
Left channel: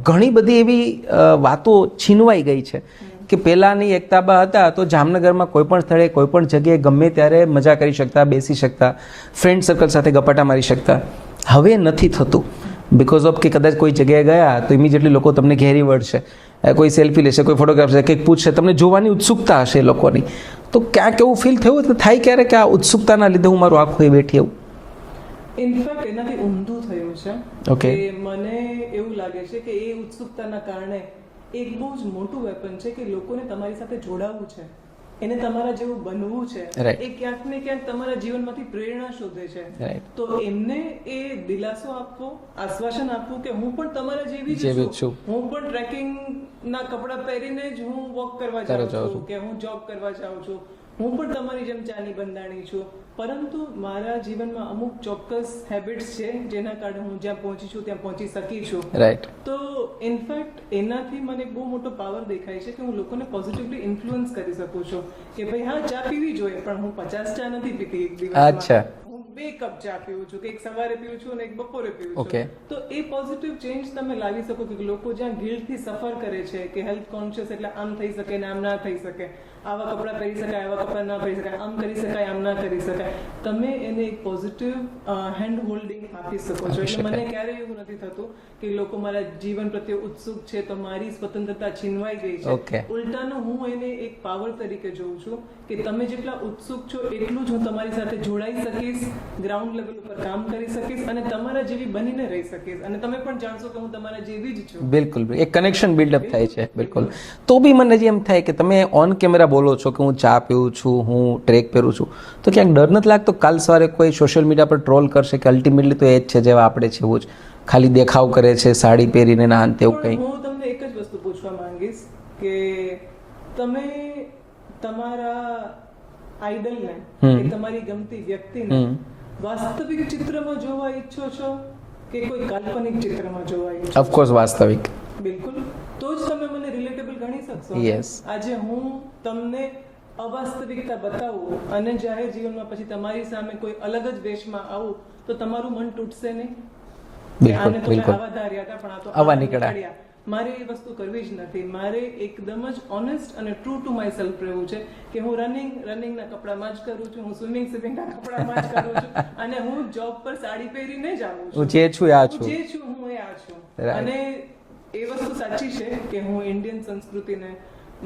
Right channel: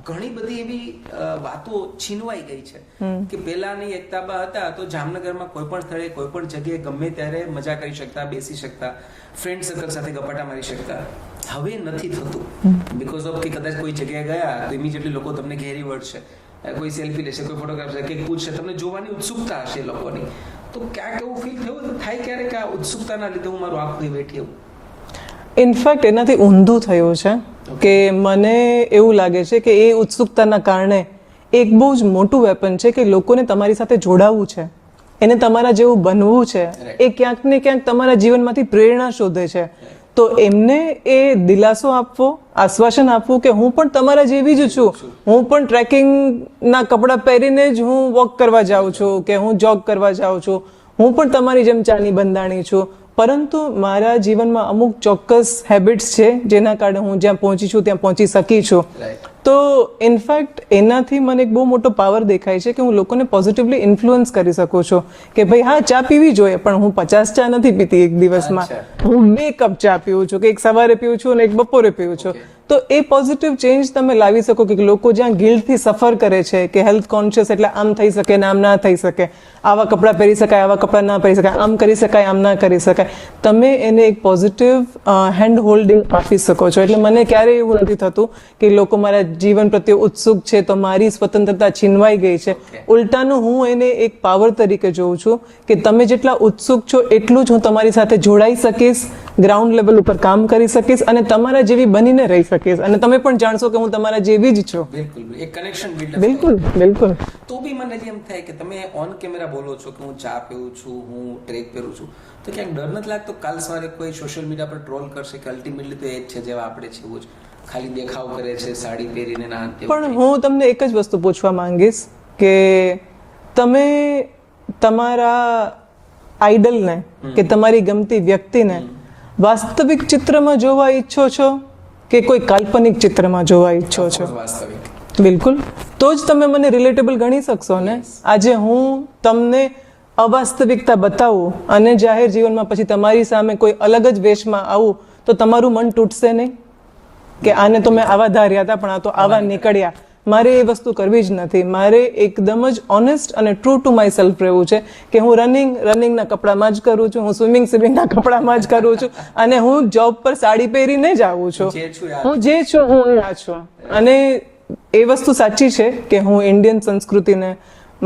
ઘણી બધી એવી વાતો છીનવાઈ ગઈ છે કે પહેલાની એકતાબા હતા તો જામનગરમાં કોઈ પણ સ્થળે કોઈ પણ જગ્યાએ ગમે ત્યારે મજા કરી શકતા, બેસી શકતા, ફ્રેન્ડ સર્કલ સાથે ગપાટા મારી શકતા. હવે નથી થતું બિકોઝ ઓફ કે કદાચ કોઈ જગ્યાએ ગયા તો ઇમિડિયેટલી લોકો તમને ઘેરી વળશે, કોઈ સેલ્ફી લેશે, કોઈ ફોટોગ્રાફ છે, કંઈક પૂછશે, તમને જોવાની ઉત્સુકતા હશે લોકોની. તો ક્યાંક એવું ફીલ થયું તો થાય ક્યારે કે આ ઉત્સુકતાના લીધે હું મારું આખું એ બેઠી આવું? ઇનફેક્ટ એનાથી ઊંધું થયું છે કે મને એવું લાગે છે કે એ ઉત્સુકતાના કારણે એક બહુ જ મોટું વેપન છે કે લોકોને તમારી સાથે જોડાવવું છે, એને તમારા જેવું બનવું છે, એ ક્યાંક ને ક્યાંક તમારા જીવનમાંથી પ્રેરણા શોધે છે. તો એમને એ દિલાસો આપવો, આશ્વાસન આપવું કે હું પણ તમારા જેવી જ છું, હું પણ ટ્રેકિંગના કપડાં પહેરીને જ હું વોક કરવા જાઉં છું કે હું જોગ કરવા જાઉં છું, હું પણ તમારી જેમ ચાની બંધાણી છું, પરંતુ મારા જીવનમાં અમુક ચોક્કસ હેબિટ્સ છે જેના કારણે હું જ્યાં પહોંચી છું ત્યાં પહોંચી શકી છું. તો ઇનફેક્ટ એનાથી મને એક બહુ મોટો પાવર દેખાય છે કે હું લોકોને પોઝિટિવલી ઇન્ફ્લુઅન્સ કરી શકું છું કે ભાઈ હા, ચા પીવી જોઈએ, પણ હું 50 ચા નથી પીતી એક દિવસમાં, હું 2 કપ ચા પીવું છું, કે એક સવારે પીવું છું અને એક બપોરે પીવું છું. તો એ પોઝિટિવ ચેન્જ તમે લાવી શકો કે લોકો જ્યાં ગિલ્ટથી સફર કરે છે કે હેલ્થ કોન્શિયસ એટલે આમ થઈ શકે ને આમ ના થઈ શકે, આવા કપડાં પહેરી શકાય, આવા કપડાં ના પહેરી શકાય, આમ કરી શકાય, આમ ના કરી શકાય, તમે એને એક પોઝિટિવ હેન્ડ હોલ્ડિંગ આપી શકો છો. એટલે મને ક્યારેય એવું નથી થતું કે લોકો મારા જીવન પ્રત્યે ઉત્સુક છે તો મારી સ્વતંત્રતા છીનવાઈ ગઈ છે. ઉલટાનું હું એને એક પાવર તરીકે જોઉં છું કે તમે જેટલા ઉત્સુક છો એટલું જ હું તમારી સાથે જોડાઈ શકીશ, ગ્રાઉન્ડ લેવલ ઉપર કામ કરી શકીશ અને તમારા જેવી બનીને રહી શકીશ, અને તમે પણ જાણશો કે હું તમારા જેવી જ છું. બિલકુલ, એક કનેક્શન બિલ્ડઅપ થાય છે. બિલકુલ. તો બી મને એમ થાય કે તમે ઓન કેમેરા બોલો છો કે હું ચા પીવું છું, હું ટ્રેક પહેરું છું, તો ક્યાંક ડર નથી લાગતો કાલ સવારે કોઈ સોશિયલ મીડિયા પર ટ્રોલ કરશે કે અલ્ટિમેટલી તો એ જ છે જેવા આપણે છે એવું જ, ખાલી દેખાવ કરે છે સાડી પહેરીને ના અંતે? પણ હું તમને એક જ વસ્તુ પૂછવા માંગીશ કે તમે તમારા આઈડલને કે તમારી ગમતી વ્યક્તિને વાસ્તવિક ચિત્રમાં જોવા ઈચ્છો છો કે કોઈ કાલ્પનિક ચિત્રમાં જોવા ઈચ્છો છો? ઓફકોર્સ વાસ્તવિક. બિલકુલ. તો જ તમે મને રિલેટેબલ ગણી શકશો ને. આજે હું તમને અવાસ્તવિકતા બતાવું અને જાહેર જીવનમાં પછી તમારી સામે કોઈ અલગ જ વેશમાં આવું તો તમારું મન તૂટશે નહીં કે આને તો મેં આવા ધાર્યા હતા પણ આ તો આવા નીકળ્યા. મારે એ વસ્તુ કરવી જ નથી. મારે એકદમ જ ઓનેસ્ટ અને ટ્રુ ટુ માય સેલ્ફ રહેવું છે કે હું રનિંગના કપડામાં જ કરું છું, હું સ્વિમિંગના કપડામાં જ કરું છું, અને હું જોબ પર સાડી પહેરીને જ આવું છું. હું જે છું હું આ છું. અને એ વસ્તુ સાચી છે કે હું ઇન્ડિયન સંસ્કૃતિને,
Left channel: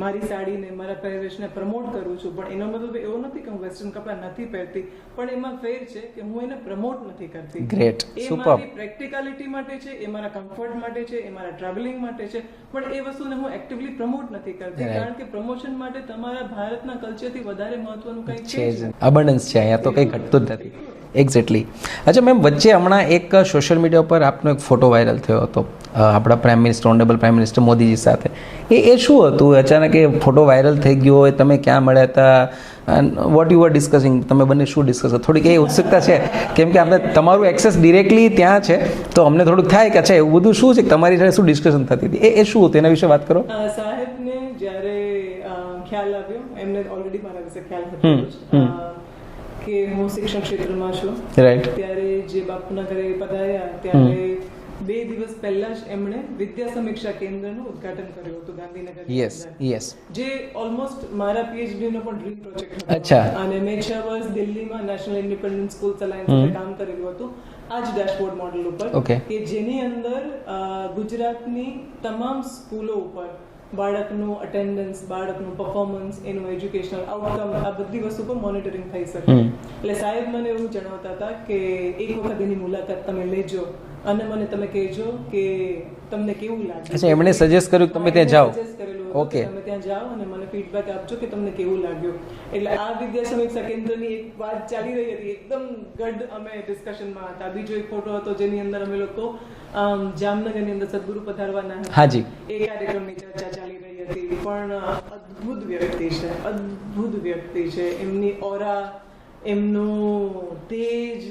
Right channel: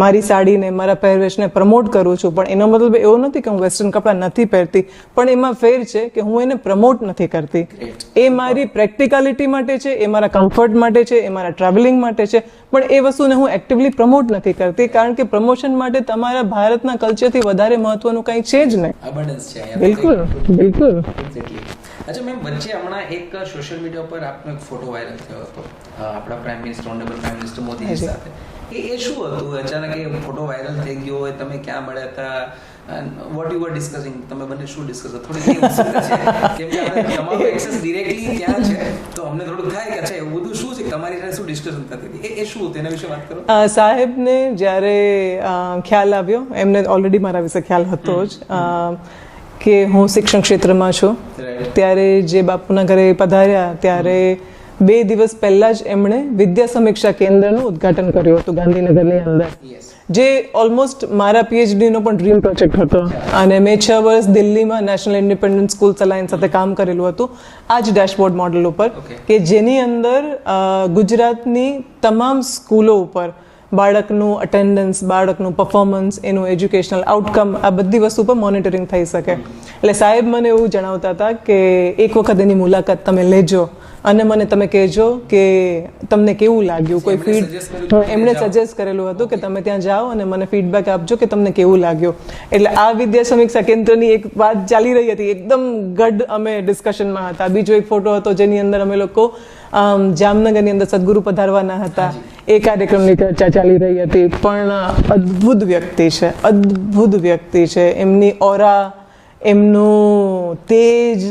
મારી સાડીને, મારા પહેરવેશને પ્રમોટ કરું છું, પણ એનો મતલબ એવો નથી કે હું વેસ્ટર્ન કપડાં નથી પહેરતી, પણ એમાં ફેર છે કે હું એને પ્રમોટ નથી કરતી. એ મારી પ્રેક્ટિકાલિટી માટે છે, એ મારા કમ્ફર્ટ માટે છે, એ મારા ટ્રાવેલિંગ માટે છે, પણ એ વસ્તુને હું એક્ટિવલી પ્રમોટ નથી કરતી, કારણ કે પ્રમોશન માટે તમારા ભારતના કલ્ચરથી વધારે મહત્વનું કંઈ છે જ નહીં. અબન્ડન્સ છે અહીંયા તો કંઈક એક્ઝેક્ટલી. અચ્છા મેમ, વચ્ચે હમણાં એક સોશિયલ મીડિયા પર આપનો એક ફોટો વાયરલ થયો હતો આપણા prime minister, honourable prime minister Modiji સાથે. એ શું હતું? અચાનક એ ફોટો વાયરલ થઈ ગયો હોય, તમે ક્યાં મળ્યા હતા, વોટ યુ આર ડિસ્કસિંગ, તમે બંને શું ડિસ્કસ? થોડીક એ ઉત્સુકતા છે કેમ કે આપણે તમારું એક્સેસ ડિરેક્ટલી ત્યાં છે, તો અમને થોડુંક થાય કે અચ્છા એવું બધું શું છે, તમારી સાથે શું ડિસ્કશન થતી હતી, એ શું હતું, એના વિશે વાત કરો. સાહેબને જ્યારે ખ્યાલ આવ્યો, એમને ઓલરેડી મારા વિશે ખ્યાલ હતો જ કે હું શિક્ષણ ક્ષેત્રમાં છું, ત્યારે જે બાપુના ઘરે પધાર્યા ત્યારે 2 દિવસ પહેલા જ એમણે વિદ્યા સમીક્ષા કેન્દ્રનું ઉદ્ઘાટન કર્યું હતું ગાંધીનગરની અંદર, જે ઓલમોસ્ટ મારા પીએચડી નો પણ ડ્રીમ પ્રોજેક્ટ હતો. અને મેં 6 વર્ષ દિલ્હીમાં નેશનલ ઇન્ડિપેન્ડન્ટ સ્કૂલ અલાયન્સ સાથે કામ કરેલું હતું આ જ ડેશબોર્ડ મોડલ ઉપર, કે જેની અંદર ગુજરાતની તમામ સ્કૂલો ઉપર બાળકનું અટેન્ડન્સ, બાળકનું પરફોર્મન્સ, એનું એજ્યુકેશનલ આઉટકમ, આ બધી વસ્તુ પર મોનિટરિંગ થઈ શકે. એટલે સાહેબ મને એવું જણાવતા હતા કે એક વખત એની મુલાકાત તમે લેજો અને મને તમે કહેજો કે તમને કેવું લાગ્યું. એમણે સજેસ્ટ કરેલું હતું કે તમે ત્યાં જાઓ અને મને ફીડબેક આપજો કે તમને કેવું લાગ્યું. એટલે આ વિદ્યા સમીક્ષા કેન્દ્રની એક વાત ચાલી રહી હતી, એકદમ ગઢ અમે ડિસ્કશનમાં હતા. બીજો એક ફોટો હતો જેની અંદર અમે લોકો જામનગરની અંદર સદગુરુ પધારવાના હતા, એ કાર્યક્રમની ચર્ચા ચાલી રહી હતી. પણ અદ્ભુત વ્યક્તિ છે, અદ્ભુત વ્યક્તિ છે. એમની ઓરા, એમનું તેજ,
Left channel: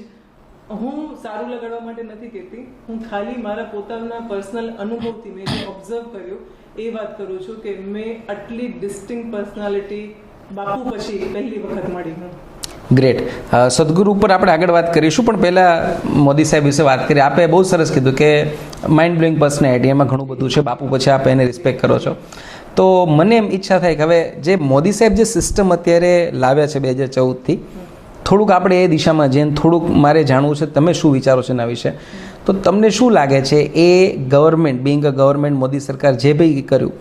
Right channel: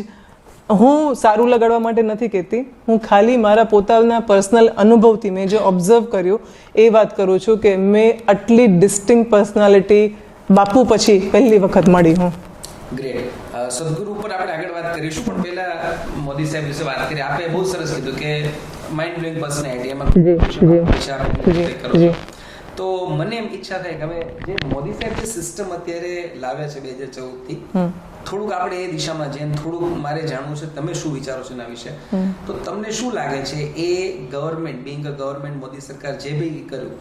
હું સારું લગાડવા માટે નથી કહેતી, હું ખાલી મારા પોતાના પર્સનલ અનુભવથી મેં જે ઓબ્ઝર્વ કર્યું એ વાત કરું છું કે મેં આટલી ડિસ્ટિંક્ટ પર્સનાલિટી બાપુ પછી પહેલી વખત મળી હું. ગ્રેટ. સદગુરુ ઉપર આપણે આગળ વાત કરીશું, પણ પહેલા મોદી સાહેબ વિશે વાત કરીએ. આપે બહુ સરસ કીધું કે માઇન્ડ બ્લોઈંગ પર્સનાલિટી, એમાં ઘણું બધું છે. બાપુ પછી આપ એને રિસ્પેક્ટ કરો છો, તો મને એમ ઈચ્છા થાય કે હવે જે મોદી સાહેબ જે સિસ્ટમ અત્યારે લાવ્યા છે 2014 થી, થોડુંક આપણે એ દિશામાં જઈને થોડુંક મારે જાણવું છે તમે શું વિચારો છો એના વિશે. તો તમને શું લાગે છે એ government, being a government, Modi સરકાર જે બી કર્યું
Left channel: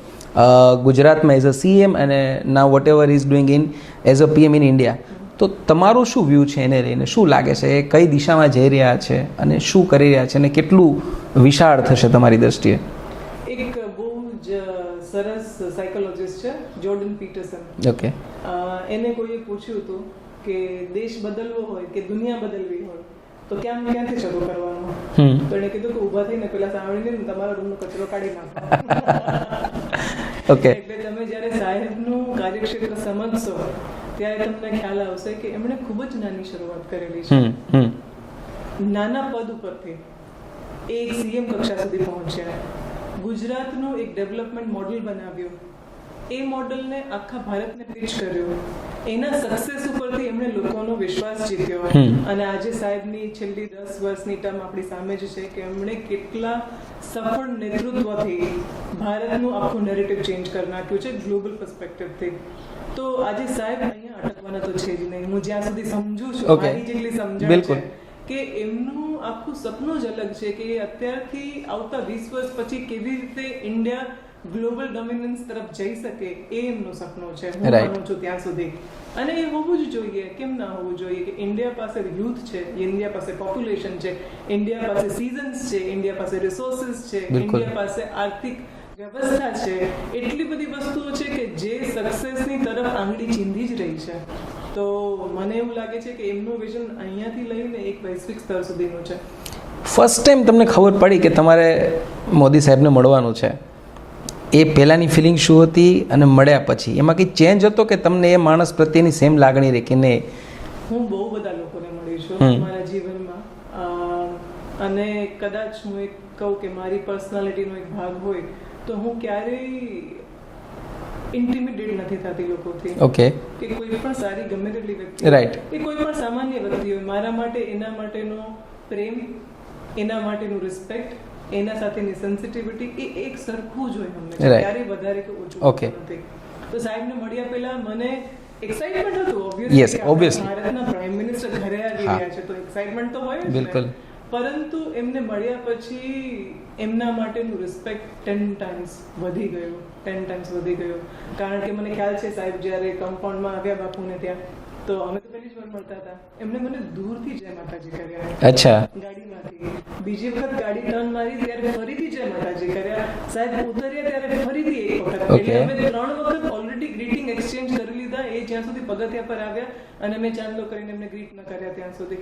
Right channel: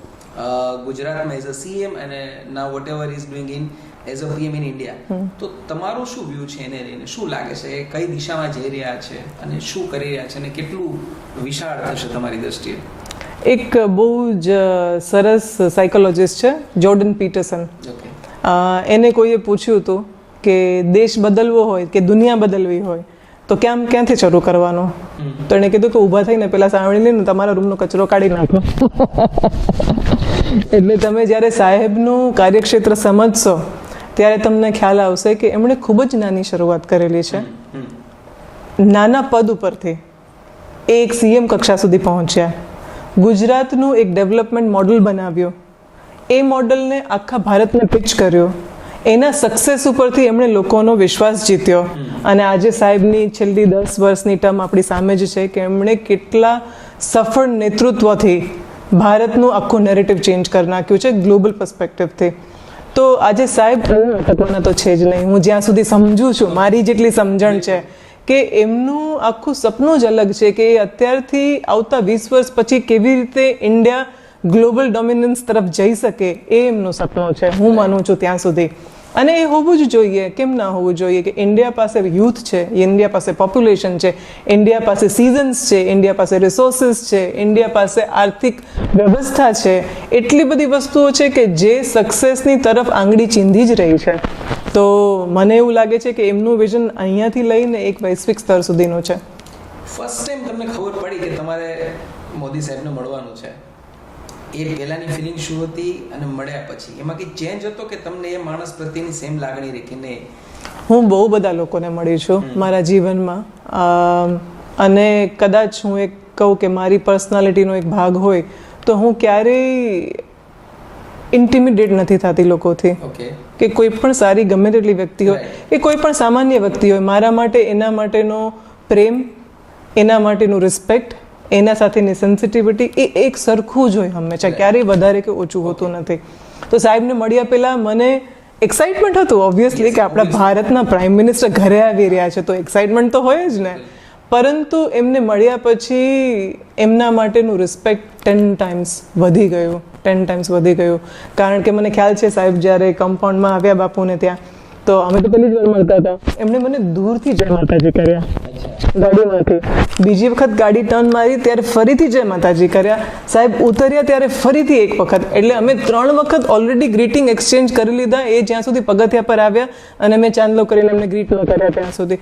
ગુજરાતમાં એઝ અ સીએમ અને now whatever is doing in as a PM in India, તો તમારું શું વ્યૂ છે એને લઈને? શું લાગે છે એ કઈ દિશામાં જઈ રહ્યા છે અને શું કરી રહ્યા છે અને કેટલું વિશાળ થશે તમારી દ્રષ્ટિએ? એક બહુ જ સરસ સાયકોલોજીસ્ટ છે જોર્ડન પીટરસન. ઓકે. એને કોઈએ પૂછ્યું હતું કે દેશ બદલવો હોય કે દુનિયા બદલવી હોય તો ક્યાંથી શરૂ કરવાનો? તો એને કીધું કે ઊભા થઈને પેલા સાવણી લઈને તમારા રૂમનો કચરો કાઢી નાખો. એટલે તમે જ્યારે સાહેબનું કાર્યક્ષેત્ર સમજશો ત્યારે તમને ખ્યાલ આવશે કે એમણે ખૂબ જ નાની શરૂઆત કરેલી છે. નાના પદ ઉપરથી એ એક સીએમ કક્ષા સુધી પહોંચ્યા. ગુજરાતનું એક ડેવલપમેન્ટ મોડલ બનાવ્યો, એ મોડલને આખા ભારતને પિચ કર્યો. એના સક્સેસ ઉપરથી એમણે લોકોનો વિશ્વાસ જીત્યો. અને આજે સાહેબની છેલ્લી 10 વર્ષની ટર્મ આપણી સામે જ છે કે એમણે કેટલા સફળ નેતૃત્વથી ભારતનું આખું નેરેટિવ ચેન્જ કરી નાખ્યું છે ગ્લોબલ પર્સપેક્ટિવથી. તો આજે સાહેબ અટકવાના તો છે જ નહીં. હું જ્યાં સુધી સમજુ છું, મારી જેટલી સમજણ છે કે એમનું આખું સપનું જ અલગ છે કે અત્યારથી આવતા 20 વર્ષ પછી કેવી રીતે ઇન્ડિયા ગ્લોબલ ડોમિનન્સ તરફ જઈ શકે, એ એમનું સપનું છે. હું માનું છું ત્યાં સુધી. અને એ હોવું જ જોઈએ, કેમ ના હોવું જોઈએ કે ઇન્ડિયા પાસે યુથ છે, ઇન્ડિયા પાસે પોપ્યુલેશન છે, ઇન્ડિયા પાસે સિઝન્સ છે, ઇન્ડિયા પાસે રિસોર્સિસ છે, ઇન્ડિયા પાસે આર્થિક વ્યવસ્થા છે, એટલી બધી વસ્તુઓ છે કે જે સક્સેસની તરફ આંગળી ચીંધી જ રહી છે. તો મને એવું લાગે છે કે એમનું વિઝન અહીંયાથી લઈને એક વૈશ્વિક સ્તર સુધીનું છે. ફર્સ્ટ ટાઈમ તમને ખબર પડી કે તમારે મોદી સાહેબને મળવાનું છે, એ પહેલાંની ફિલિંગ શું હતી અને મળ્યા પછી એમાં કંઈ ચેન્જ હતો કે તમને એ માણસ પ્રત્યેની સેમ લાગણી રહી કે નહીં? હું બહુ બધા લોકોને મળી છું મારા જીવનમાં, અને કદાચ હું એક કહું કે મારી પર્સનાલિટીનો એક ભાગ હોય તો હું ક્યારેય ઇન્ટિમિડેટ નથી થતી લોકોથી. ઓકે. કે કોઈ પણ સારી ગમે તેટલી વ્યક્તિ હોય, એ કોઈ પણ સામાન્ય વ્યક્તિ હોય, મારા માટે એના માટેનો પ્રેમ, એના માટેનું રિસ્પેક્ટ, એના સાથેની સેન્સિટિવિટી એ એક સરખું જ હોય હંમેશા, ક્યારેય વધારે કે ઓછું હોતું નથી. તો સાહેબને મળ્યા પહેલા મને એક્સાઇટમેન્ટ હતું ઓબ્વિયસલી કે આપણા ભારતના પ્રાઇમ મિનિસ્ટર ઘરે આવી રહ્યા છે, તો એક્સાઇટમેન્ટ તો હોય જ ને. પરંતુ એમને મળ્યા પછી એમના માટેનું રિસ્પેક્ટ 10 ટાઈમ્સ વધી ગયું, 10 ટાઈમ્સ વધી ગયું. કારણ કે મને ખ્યાલ છે સાહેબ જ્યારે કમ્પાઉન્ડમાં આવ્યા બાપુને ત્યાં, તો અમે તો પહેલી જ વાર મળતા હતા, એમણે મને દૂરથી જય માતાજી કર્યા અચ્છા. ગાડીમાંથી. બીજી વખત ગાડી ટર્ન મારી ત્યારે ફરીથી જય માતાજી કર્યા. સાહેબ ઉતર્યા ત્યારે ફરીથી એક વખત. એટલે અમે 3 વખત ઓલરેડી ગ્રીટિંગ એક્સચેન્જ કરી લીધા એ જ્યાં સુધી પગથિયા પર આવ્યા અને મેં ચાંદલો કરીને એમને ગ્રીટ ન કર્યા ત્યાં સુધી.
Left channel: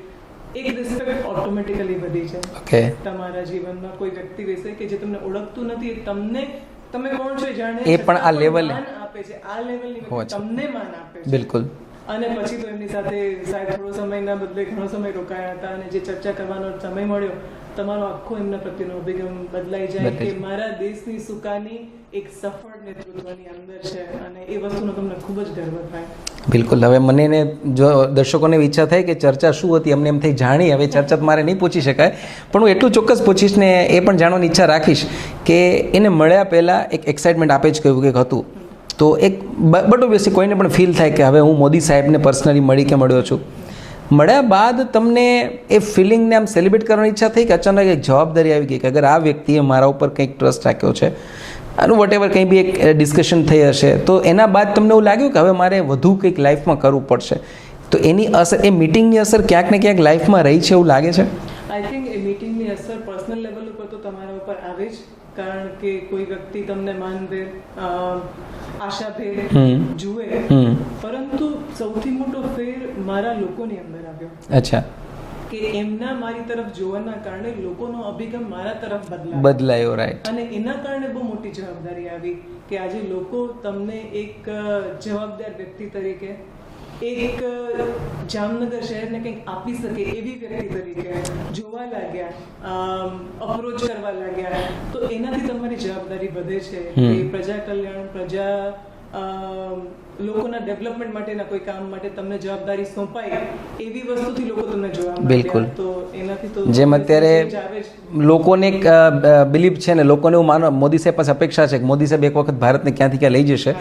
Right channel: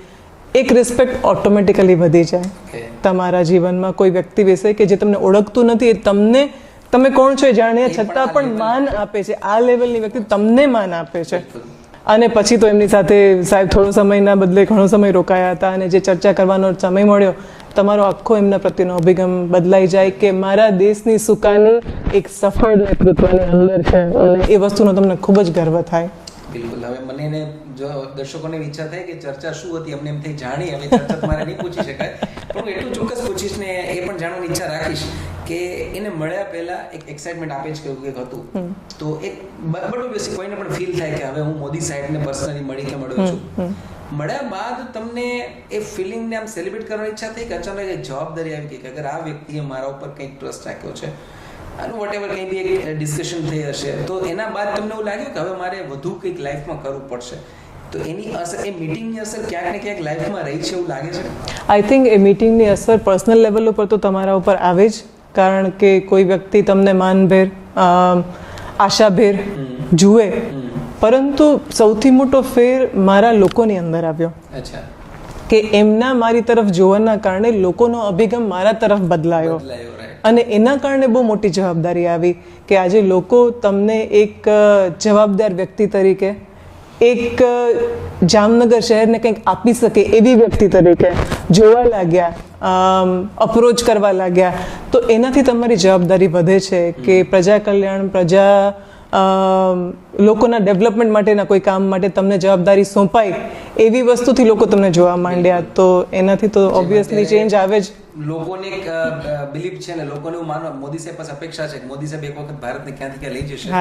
એક રિસ્પેક્ટ ઓટોમેટિકલી વધી જાય ઓકે. તમારા જીવનમાં કોઈ વ્યક્તિ વિશે કે જે તમને ઓળખતું નથી, એ તમને તમે કોણ છો એ જાણે છતાં પણ માન આપે છે. આ લેવલની વ્યક્તિ તમને માન આપે છે. બિલકુલ. અને પછી તો એમની સાથે સાહેબ થોડો સમયના બદલે ઘણો સમય રોકાયા હતા અને જે ચર્ચા કરવાનો સમય મળ્યો, તમારો આખો એમના પ્રત્યેનો અભિગમ બદલાઈ જાય કે મારા દેશની સુકાની એક સફળ નેતૃત્વની અંદર છે અને એ વસ્તુનો તમને ખૂબ જ ગર્વ થાય. બિલકુલ. હવે મને ને જો દર્શકોને ઈચ્છા થાય કે ચર્ચા શું હતી, અમને એમ થઈ જાણી. હવે ચર્ચા તો મારે નહીં પૂછી શકાય, પણ હું એટલું ચોક્કસ પૂછીશ ને એ પણ જાણવાની ઈચ્છા રાખીશ કે એને મળ્યા પહેલા એક એક્સાઇટમેન્ટ આપે જ કહ્યું કે હતું, તો એક બટ ઓબ્વિયસલી કોઈને પણ ફીલ થાય કે હવે હું મોદી સાહેબને પર્સનલી મળી કે મળ્યો છું. મળ્યા બાદ તમને એ ફિલિંગને આમ સેલિબ્રેટ કરવાની ઈચ્છા થઈ કે અચાનક એક જવાબદારી આવી ગઈ કે અગર આ વ્યક્તિએ મારા ઉપર કંઈક ટ્રસ્ટ રાખ્યો છે, આનું વોટ એવર કંઈ બી એક ડિસ્કશન થઈ હશે, તો એના બાદ તમને એવું લાગ્યું કે હવે મારે વધુ કંઈક લાઈફમાં કરવું પડશે, તો એની અસર, એ મીટિંગની અસર ક્યાંક ને ક્યાંક લાઈફમાં રહી છે એવું લાગે છે? આઈ થિંક એ મીટિંગની અસર પર્સનલ લેવલ ઉપર તો તમારા ઉપર આવે જ, કારણ કે કોઈ વ્યક્તિ તમને માનભેર આશાભેર જુએ, પરંતુ સૌથી મોટો ફેર મારા લોકોની અંદર આવ્યો. અચ્છા. કે એમના મારી તરફ જોવાના કારણે લોકોનો અભિગમ મારા તરફ બદલાયો. રાઈટ. અને એના કારણે બહુ મોટી જવાબદારી આવી કે આજે લોકો તમને એક જવાબદાર વ્યક્તિ તરીકે, એક જામનગર શહેરને કંઈક આપી શકે એવી વ્યક્તિ તરીકે જોવા લાગ્યા, અપ્રોચ કરવા લાગ્યા. તો એનાથી તમારી જવાબદારી વધે છે કે પ્રજા કલ્યાણ, લોકોના ડેવલપમેન્ટ માટેના કોઈ કામ માટે તમને જવાબદારી સોંપાય એવી વસ્તુથી લોકો તમને જોવા માંડ્યા. તો એનાથી તો ઓબ્વિયસલી ચેન્જ આવે જ. લોકોને એક બિલીફ છે ને, લોકોને એવું માનો મોદી સાહેબ પાસે અપેક્ષા છે કે મોદી સાહેબ એક વખત ભારતને ક્યાંથી ક્યાં લઈ જશે.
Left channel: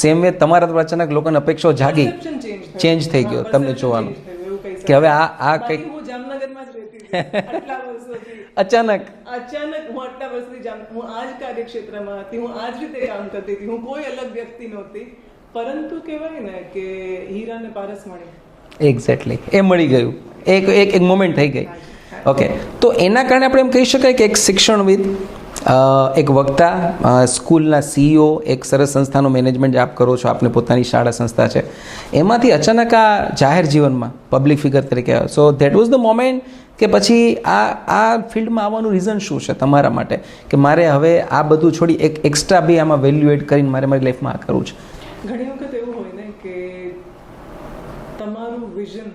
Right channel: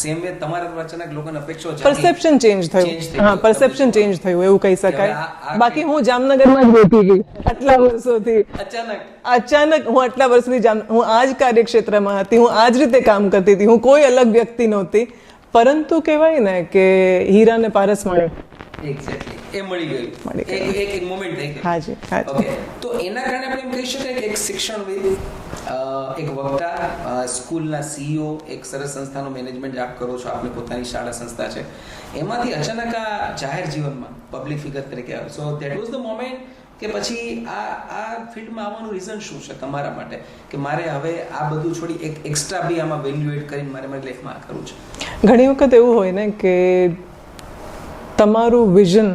સેમ વે તમારા દ્વારા અચાનક લોકોને અપેક્ષાઓ જાગી, પરસેપ્શન ચેન્જ થઈ ગયું. પરસેપ્શન ચેન્જ થયું એવું કહી શકાય. બાકી હું જામનગરમાં જ રહેતી ગઈ આટલા વર્ષોથી. અચાનક હું આટલા વર્ષથી હું આ જ કાર્યક્ષેત્રમાં હતી, હું આ જ રીતે કામ કરતી હતી, હું કોઈ અલગ વ્યક્તિ નહોતી. પરંતુ કહેવાય ને કે હીરાને પારસ મળે. એક્ઝેક્ટલી, એ મળી ગયું, એક મોમેન્ટ થઈ ગઈ. ઓકે. તો એના કારણે આપણે એમ કહી શકાય કે એક શિક્ષણવિદ, એક વક્તા, સ્કૂલના CEO, એક સરસ સંસ્થાનું મેનેજમેન્ટ આપ કરો છો, આપને પોતાની શાળા સંસ્થા છે, એમાંથી અચાનક આ જાહેર જીવનમાં પબ્લિક ફિગર તરીકે આવ્યો. So that was the moment કે પછી આ ફિલ્ડમાં આવવાનું રીઝન શું છે તમારા માટે કે મારે હવે આ બધું છોડી એક એક્સ્ટ્રા બી આમાં વેલ્યુ એડ કરીને મારે મારી લાઈફમાં આ કરવું છે? ઘણી વખત એવું હોય ને કે તમારું વિઝન,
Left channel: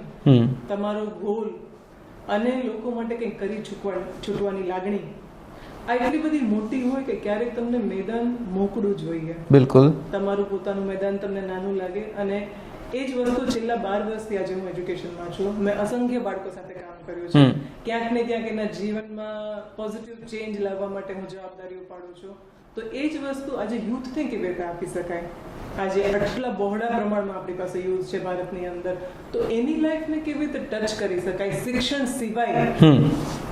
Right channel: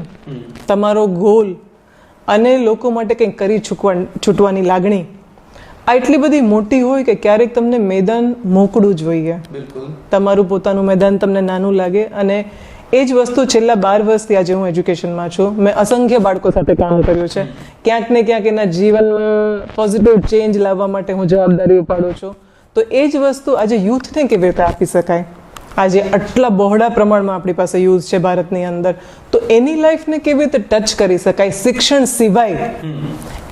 તમારો ગોલ અને લોકો માટે કંઈક કરી છૂટવાની લાગણી આ એટલી બધી મોટી હોય કે ક્યારેક તમને મેદાન મોકળું જોઈએ. બિલકુલ. તમારું પોતાનું મેદાન તમને નાનું લાગે. અને એ જ વસ્તુ છેલ્લા 12 વર્ષથી આજે હું એજ્યુકેશનમાં છું. મેં અસંખ્ય બાળકો સાથે કામ કર્યું છે. ક્યાંક ને ક્યાંક એના જીવનમાં પોઝિટિવ ચેન્જ લાવવા માટે હું જવાબદારી ઉપાડું છું. તો એ જ વસ્તુ આજે યુથને કેવી રીતે આપી શકાય? આજે આટલા બહોળા પ્રમાણમાં આપણી પાસે યુઝ છે ભારતની અંદર, તો એની લાઈફને કેવી રીતે ટચ કરી શકાય શિક્ષણ સિવાય?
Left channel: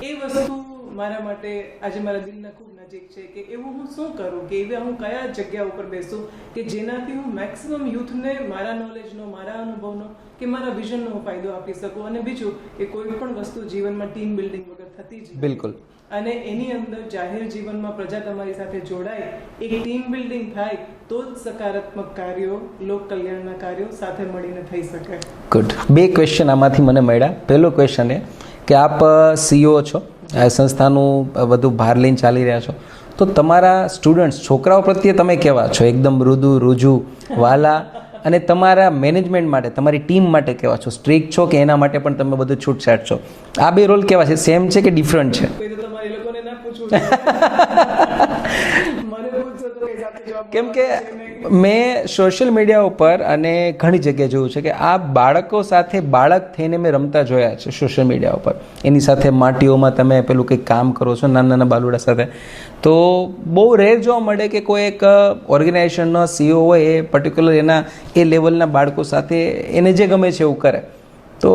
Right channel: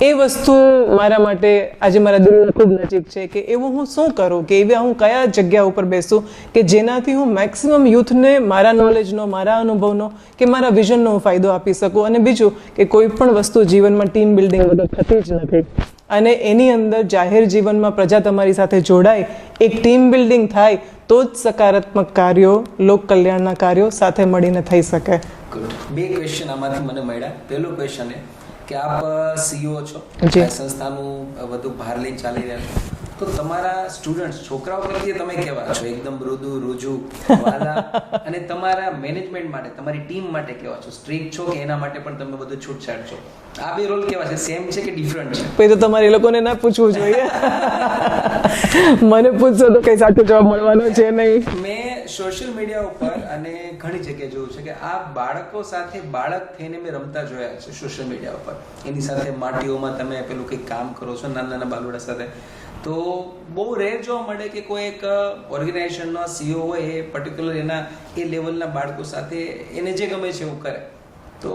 એ વસ્તુ મારા માટે આજે મારા દિલને ખૂબ નજીક છે કે એવું હું શું કરું, કે એવી હું કયા જગ્યા ઉપર બેસું કે જેનાથી હું મેક્સિમમ યુથને મારા નોલેજનો, મારા અનુભવનો કે મારા વિઝનનો હું ફાયદો આપી શકું. અને બીજું કે કોઈ પણ વસ્તુ જીવનમાં ટીમ બિલ્ડિંગ વગર થતી જ નથી. અને એની અંદર જાહેર જીવનમાં પ્રજા તમારી સાથે જોડાય, એક ટીમ બિલ્ડિંગ થાય, તો જ સકારાત્મક કાર્યો, લોક કલ્યાણના કાર્યો સાથે મળીને થઈ શકે. ગુડ. 2 ક્વેશ્ચન આમાંથી મને મળ્યા. પહેલો ક્વેશ્ચન એ કે આપ CEO છો, સંસ્થાનું વધુ ભાર લઈને ચાલી રહ્યા છો, તો તમારા સ્ટુડન્ટ્સ, છોકરાઓ પ્રત્યે તમે કેવા છો? એકદમ મૃદુ, રુજુ, વાલા? અને તમારા મેનેજમેન્ટ માટે, તમારી ટીમ માટે કેવા છો? સ્ટ્રિક્ટ છો કે એના માટે પણ તમે બધું છૂટછાટ છો? આ 2 રોલ કેવા છે? સેમ છે કે ડિફરન્ટ છે? પછી તો તમારે એ લોકોને ના પૂછવું જોઈએ. મને પૂછશો તો કઈ સાચો જવાબ મળવાનો છે નહીં. મેં સોશિયલ મીડિયા ઉપર અને ઘણી જગ્યાએ જોયું છે કે આ બાળકો સાથે બાળક થઈને મેં રમતા જોયા છે સોશિયલ મીડિયા ઉપર. એની સાથે માટીઓમાં તમે પેલું કંઈક કામ કરો છો નાના નાના બાલુડા સાથે. તો બહુ રેર જોવા મળે કે કોઈ એક ઓર્ગેનાઇઝેશનનો CEO હોય એ પર્ટિક્યુલર એના એ લેવલના બાળકો સાથે એને જે ગમે છે એવું કરે. તો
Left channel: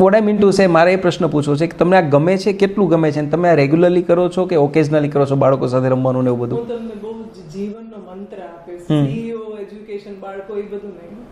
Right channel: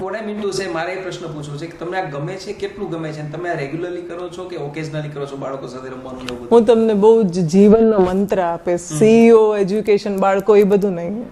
what I mean to say, મારે એ પ્રશ્ન પૂછવો છે કે તમને આ ગમે છે, કેટલું ગમે છે, અને તમે આ રેગ્યુલરલી કરો છો કે ઓકેઝનલી કરો છો બાળકો સાથે રમવાનું ને એવું બધું? હું તમને બહુ જ જીવનનો મંત્ર આપીશ. CEO, એજ્યુકેશન, બાળકો, એ બધું નહીં.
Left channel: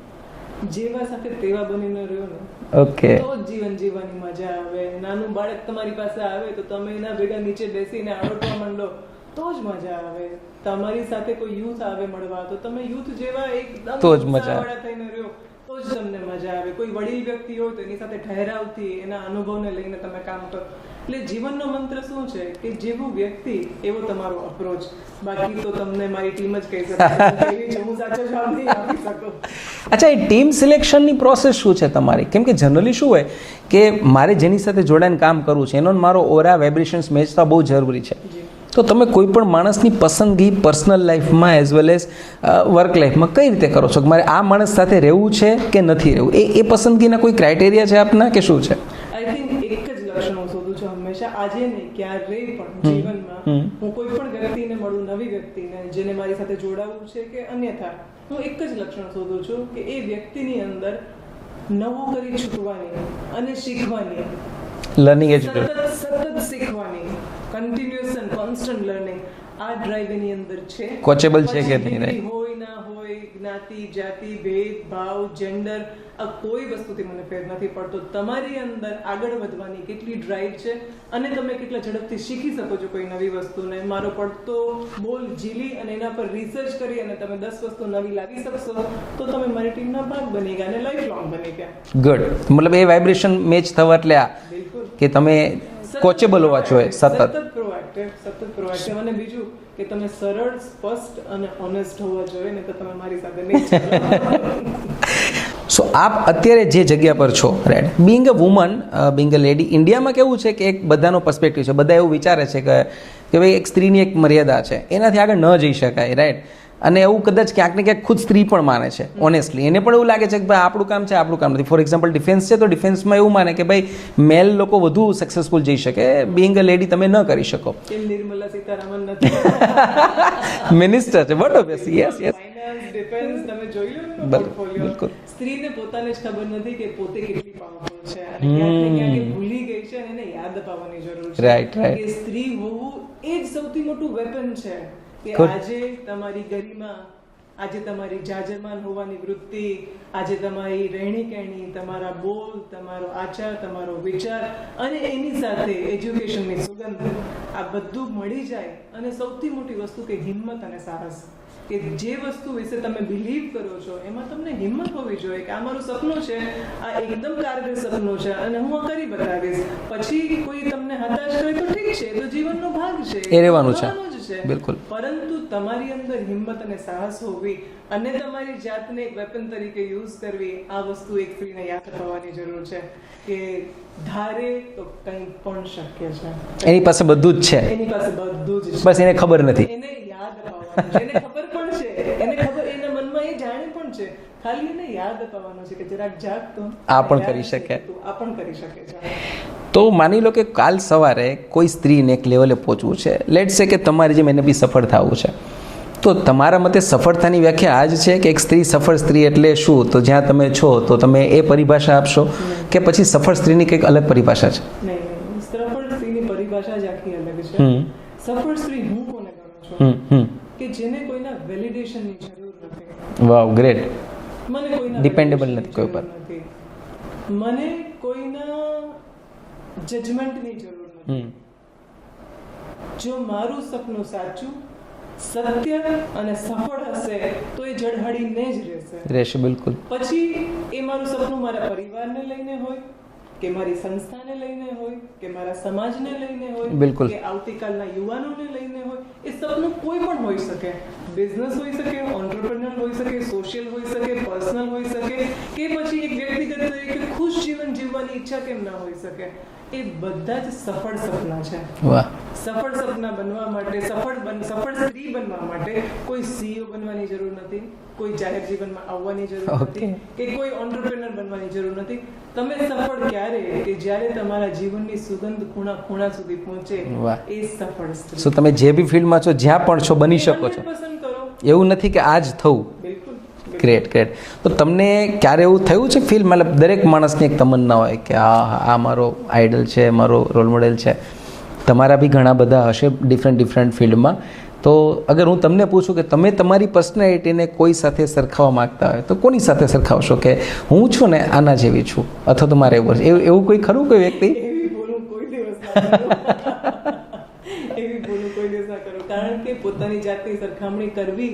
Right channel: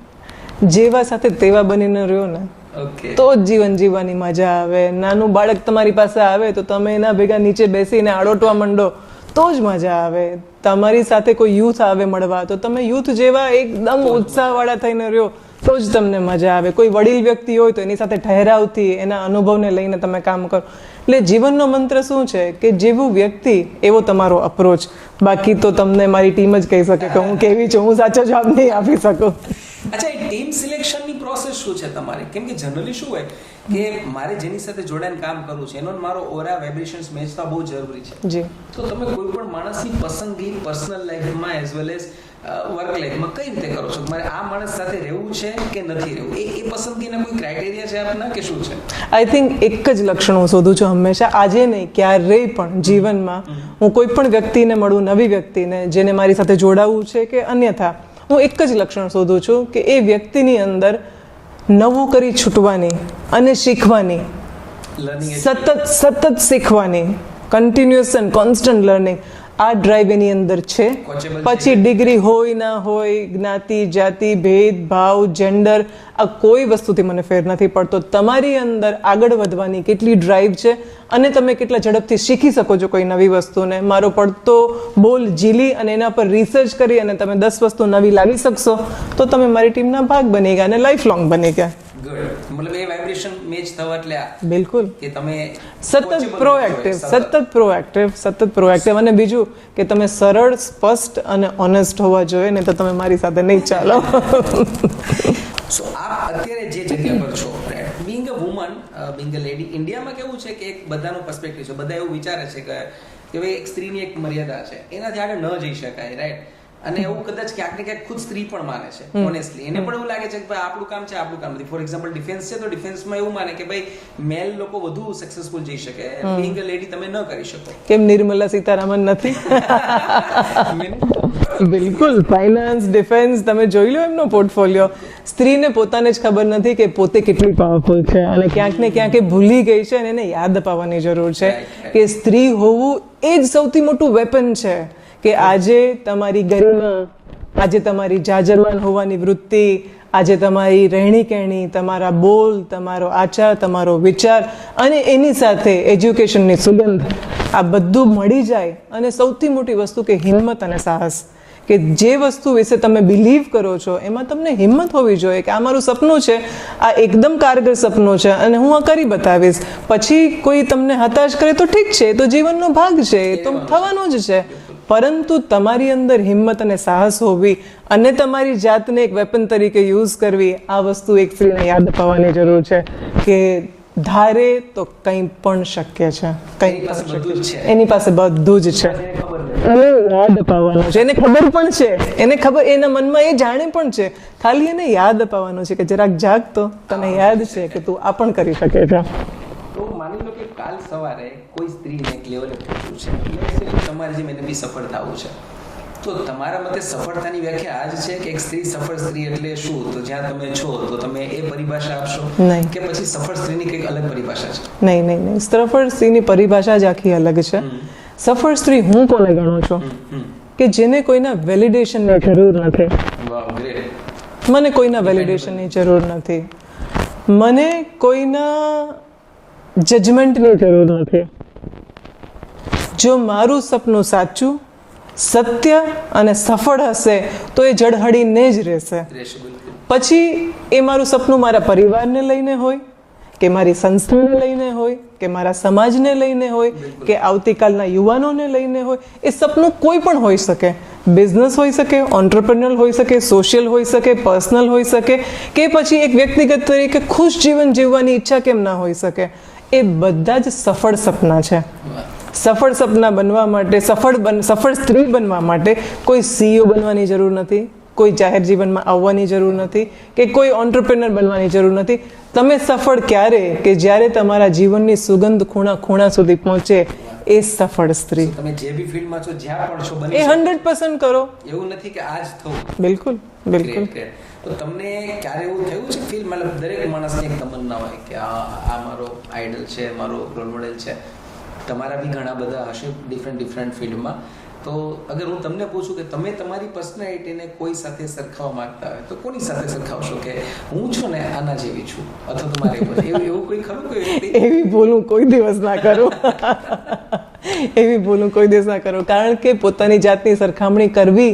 જેવા સાથે તેવા બનીને રહ્યો ને ઓકે તો જ જીવન જીવવાની મજા આવે. નાનું બાળક તમારી પાસે આવે તો તમે એના ભેગા નીચે બેસીને આડોટવા માંડો તો જ મજા આવે. તમારી સાથે કોઈ યુથ આવે મળવા તો તમે યુથ જેવા એકદમ ઉત્સાહવાળા થઈને રહ્યો તો જ તમને મજા આવે. કોઈ વડીલ વ્યક્તિ હોય તો એની સાથે ઠહેરાવથી એના અનુભવને લઈને તમે કામ કરો. એટલે જીવનનો મંત્ર શું છે કે જેવું વ્યક્તિ એવો તમારો અપ્રોચ. બાકી તો તમને મારી ટીમ જ કહી શકે કે હું કેવી છું, હું સાચો જવાબ નહીં આપી શકું. અચ્છા, એ ટીમ સિલેક્શનની પ્રોસેસ શું છે તમારી? કેમ કે જનરલી શું હોય કે મારે જેની સાથે જોડાઈને કામ કરવું છે એનો મારો ઓરા વાઇબ્રેશન્સ મેચ થવા બહુ જરૂરી છે. જી. તો તમે કોઈ પણ માણસની પસંદગી પર્સનલ લાઈફમાં એઝ વેલ એઝ વર્ક લાઈફમાં કઈ રીતે કરો છો કે મારે આ માણસ સાથે રહેવું છે કે નથી રહેવું? એ પસંદગીના કોઈ ક્રાઇટેરિયા છે આપના કે શું છે? આઈ થિંક એક જ લક્ષણ હું શોધું છું હંમેશા. આજે નહીં, ક્યારેય પણ જીવનમાં હું કોઈ પણ વ્યક્તિને મળું, નવી વ્યક્તિને જેને મારી સાથે જોડાવું છે કે અન્યથા, હું એક જ લક્ષણ શોધું છું કે એ વ્યક્તિની અંદર નવું કરી છૂટવાની અને શીખવાની, લર્નિંગ સતત શીખવાની, કન્ટિન્યુઅસ એન્ડ કોન્સ્ટન્ટ લર્નિંગ, આ ડ્રાઈવ એની અંદર છે. કોચેબલ છે. પછી ડિગ્રી હોય ના હોય, જ્ઞાતિ જાતિ ભેદ ભાવ જેન્ડર, આ કોઈ વસ્તુથી મને ફેર નથી પડતો. તમારી અંદર આગળ વધવાની કેટલી ડ્રાઈવ છે અને તમે કેટલા ઝડપથી શીખી શકો છો કોઈ નવી વસ્તુને. મારો પડતો બોલ ઝીલી અને એના પર રિસર્ચ કરી અને તમે 10 વસ્તુ નવી લાવી શકશો તો તમે મારી ટીમના ભાગ બની ગયા અને લાઈફ લોંગ બની ગયા. ગુડ. મતલબ એ વાઇબ્રેશન મેચ થવા એટલે આ બિલકુલ કે તમે કોચેબલ હોવા જોઈએ, સતત પ્રોએક્ટિવ. અને બીજું કે તમે સરળ, સ્પષ્ટ અને ઓનેસ્ટ હોવા જોઈએ, ને તો તમે મારી સાથે નહીં ચાલો. સો આપ અત્યારે જે જગ્યા પર છો, right, being a woman, being a lady, ઇન્ડિયામાં કેવું છે કે એક બધાનો પર્સપેક્ટિવ છે. બધા એવું વિચારે છે કે ભાઈ એક સ્ત્રીની એક મર્યાદા છે, એનાથી આગળ ન જઈ શકાય, રાઈટ. અને એવું કદાચ ક્યાંક ને ક્યાંક ખુદ સ્ત્રી પણ માને છે ઓનેસ્ટલી. એને પણ એવું લાગે છે કે ભાઈ આપણું કામ છે, આપણું કામ નથી. ફોર એક્ઝામ્પલ ડિફેન્સ છે તો ડિફેન્સમાં એવું માને કે ભાઈ મેલ લોકો વધુ સક્સેસફુલ જઈ શકે, બિંગ અ લેડી તમે ન કરી શકો. કેમ નિર્મલા સીતારામન નથી? મિનિસ્ટર છે. બિલકુલ. ફાઇનાન્સ, ડિફેન્સ, તમે જોઈ લો એમનો પોર્ટફોલિયો. સ્ત્રીને પોતાને જ ખબર નથી કે પોતે કેટલી પાવરફુલ છે અને ક્યાંક ને ક્યાંક એ ભૂલી ગઈ છે અને એને યાદ અપાવવાની જરૂર છે કે સ્ત્રી હોવું એ જ સૌથી મોટું વેપન છે. કે આજે તમારી ગરિમા, આજે તમારી જાજરમાન હોવાની વૃત્તિ, આજે તમારી રહેણી કહેણી, તમારા બોલ, તમારો આચાર, તમારો વિચાર અને એની સાથે એજ્યુકેશનની સુગંધ, આ બધું મળી જાય. અને સૌથી મોટી વસ્તુ કે હિંમત અને સાહસ, કે જે વસ્તુ વિશે તમે બિલીવ કરો છો એમાં તમને હિંમત હોવી જોઈએ કે આ મારું સપનું છે, આ એકદમ કારગર સપનું છે અને હું આ કરી બતાવીશ. પછી કોઈ તમને હતાશ કરે તો ઠીક છે, તો જીવનનો ભાગ છે, થવાનું જ છે. પરંતુ તમારી અંદર હિંમત અને સાહસ હોવી અને તમારી જાતને એક વેપન તરીકે યુઝ કરવી, આ વસ્તુ એક સ્ત્રીને યાદ અપાવવાની જરૂર છે કે ધારે તો કંઈ પણ શક્ય છે. એની પાસે બધું જ છે, એની પાસે બધું જ છે, બસ એને ખબર નથી. યાદ અપાવવાનું છે. એને ખબર પણ છે, એને ખબર, એના મનમાં એ જાણે પણ છે, ખાલી એને યાદ અપાવવાનું છે કે જરાક જાગ તો તને યાદ છે કે તું આ પણ કરી શકે છે. તો માની લો કે કાલ સવારે કોઈ સ્ત્રીને એક લેવલે પહોંચવું છે, લેટ્સ સે કે તમારી જેમ એને બી સફળ થવું છે, તો તમારા મતે સફળતાની વ્યાખ્યા આ જ છે કે એક સ્ત્રી, સફળ સ્ત્રી એટલે શું? તો જ્યાં તમે છો તો તમે એ પરિભાષા આપશો કે પછી સફળ સ્ત્રીની કંઈક અલગ પરિભાષા છે? નહીં. સફળ સ્ત્રીની પરિભાષા જ આખી અલગ છે. સફળ સ્ત્રી હું કોને ગણું છું કે જેને કોઈના વેલિડેશનની જરૂર નથી. વાવ, ગ્રેટ. મને કોઈના વેલિડેશનની જરૂર નથી, મને કોઈના જજમેન્ટની જરૂર નથી. જો મારું સપનું સાચું, સત્ય અને સફળ હશે તો એ જળહળીને જ રહેશે. બિલકુલ. પછી એ મારું સપનું મારા પરિવારને લઈને હોય કે મારી સંસ્થાને લઈને હોય કે મારા સમાજને લઈને હોય કે આવતીકાલના યુવાનોને લઈને હોય, એ સપનું કોઈ પણ હોઈ શકે. બિઝનેસ હોઈ શકે, ઓન્ટરપ્રેન્યોર હોઈ શકે, સોશિયલ હોઈ શકે, પર્સનલ હોઈ શકે, કે પછી એક વ્યક્તિગત તરીકે ખુશ જીવન જીવવાની ઈચ્છા કેમ ના હોઈ શકે. એ બધા જ સફળ સપના છે. સફળ સપના બનવા માટે, સફળ સ્ત્રી બનવા માટે કોઈ સીઈઓ બનવાની જરૂર નથી, કોઈ જાહેર જીવનમાં આવવાની જરૂર નથી કે કોઈ ઓન્ટરપ્રેન્યોર બનવાની જરૂર નથી. તમે સફળ ક્યારે કે જ્યારે તમારા જીવનની સુગંધ ખૂણા ખૂણા સુધી પહોંચે, એ સફળ સ્ત્રી. તમે જે બી ફિલ્ડમાં છો, જ્યાં પણ છો, બની શકો 100% કરો. એવું નથી કે આ જ થવું. બિલકુલ. ગ્રેટ. તો તમને ક્યારે એવું થયું છે ફીલ, મતલબ દરેક માણસની એક તમન્ના હોય કે આ મારો આઈડલ છે, મારો રોલ મોડેલ છે. તમારા બી ઘણા બધા હશે ડિફરન્ટ ફિલ્ડમાં, તો અગર હું તમને પૂછું કે તમે તમારી પર્સનાલિટીને કોઈ સાથે સરખાવવા માંગતા હોય તો કોની સાથે સરખાવશો કે હું છું ને આના જેવી છું અથવા તો મારે એવું કોઈ ખરું કોઈ વ્યક્તિ? એવી ભૂલ હું કોઈ દિવસ ના કરું. એવી ભૂલ હું કોઈ દિવસ ના કરું, કારણ કે પોતાની જાતની સરખામણી કરવી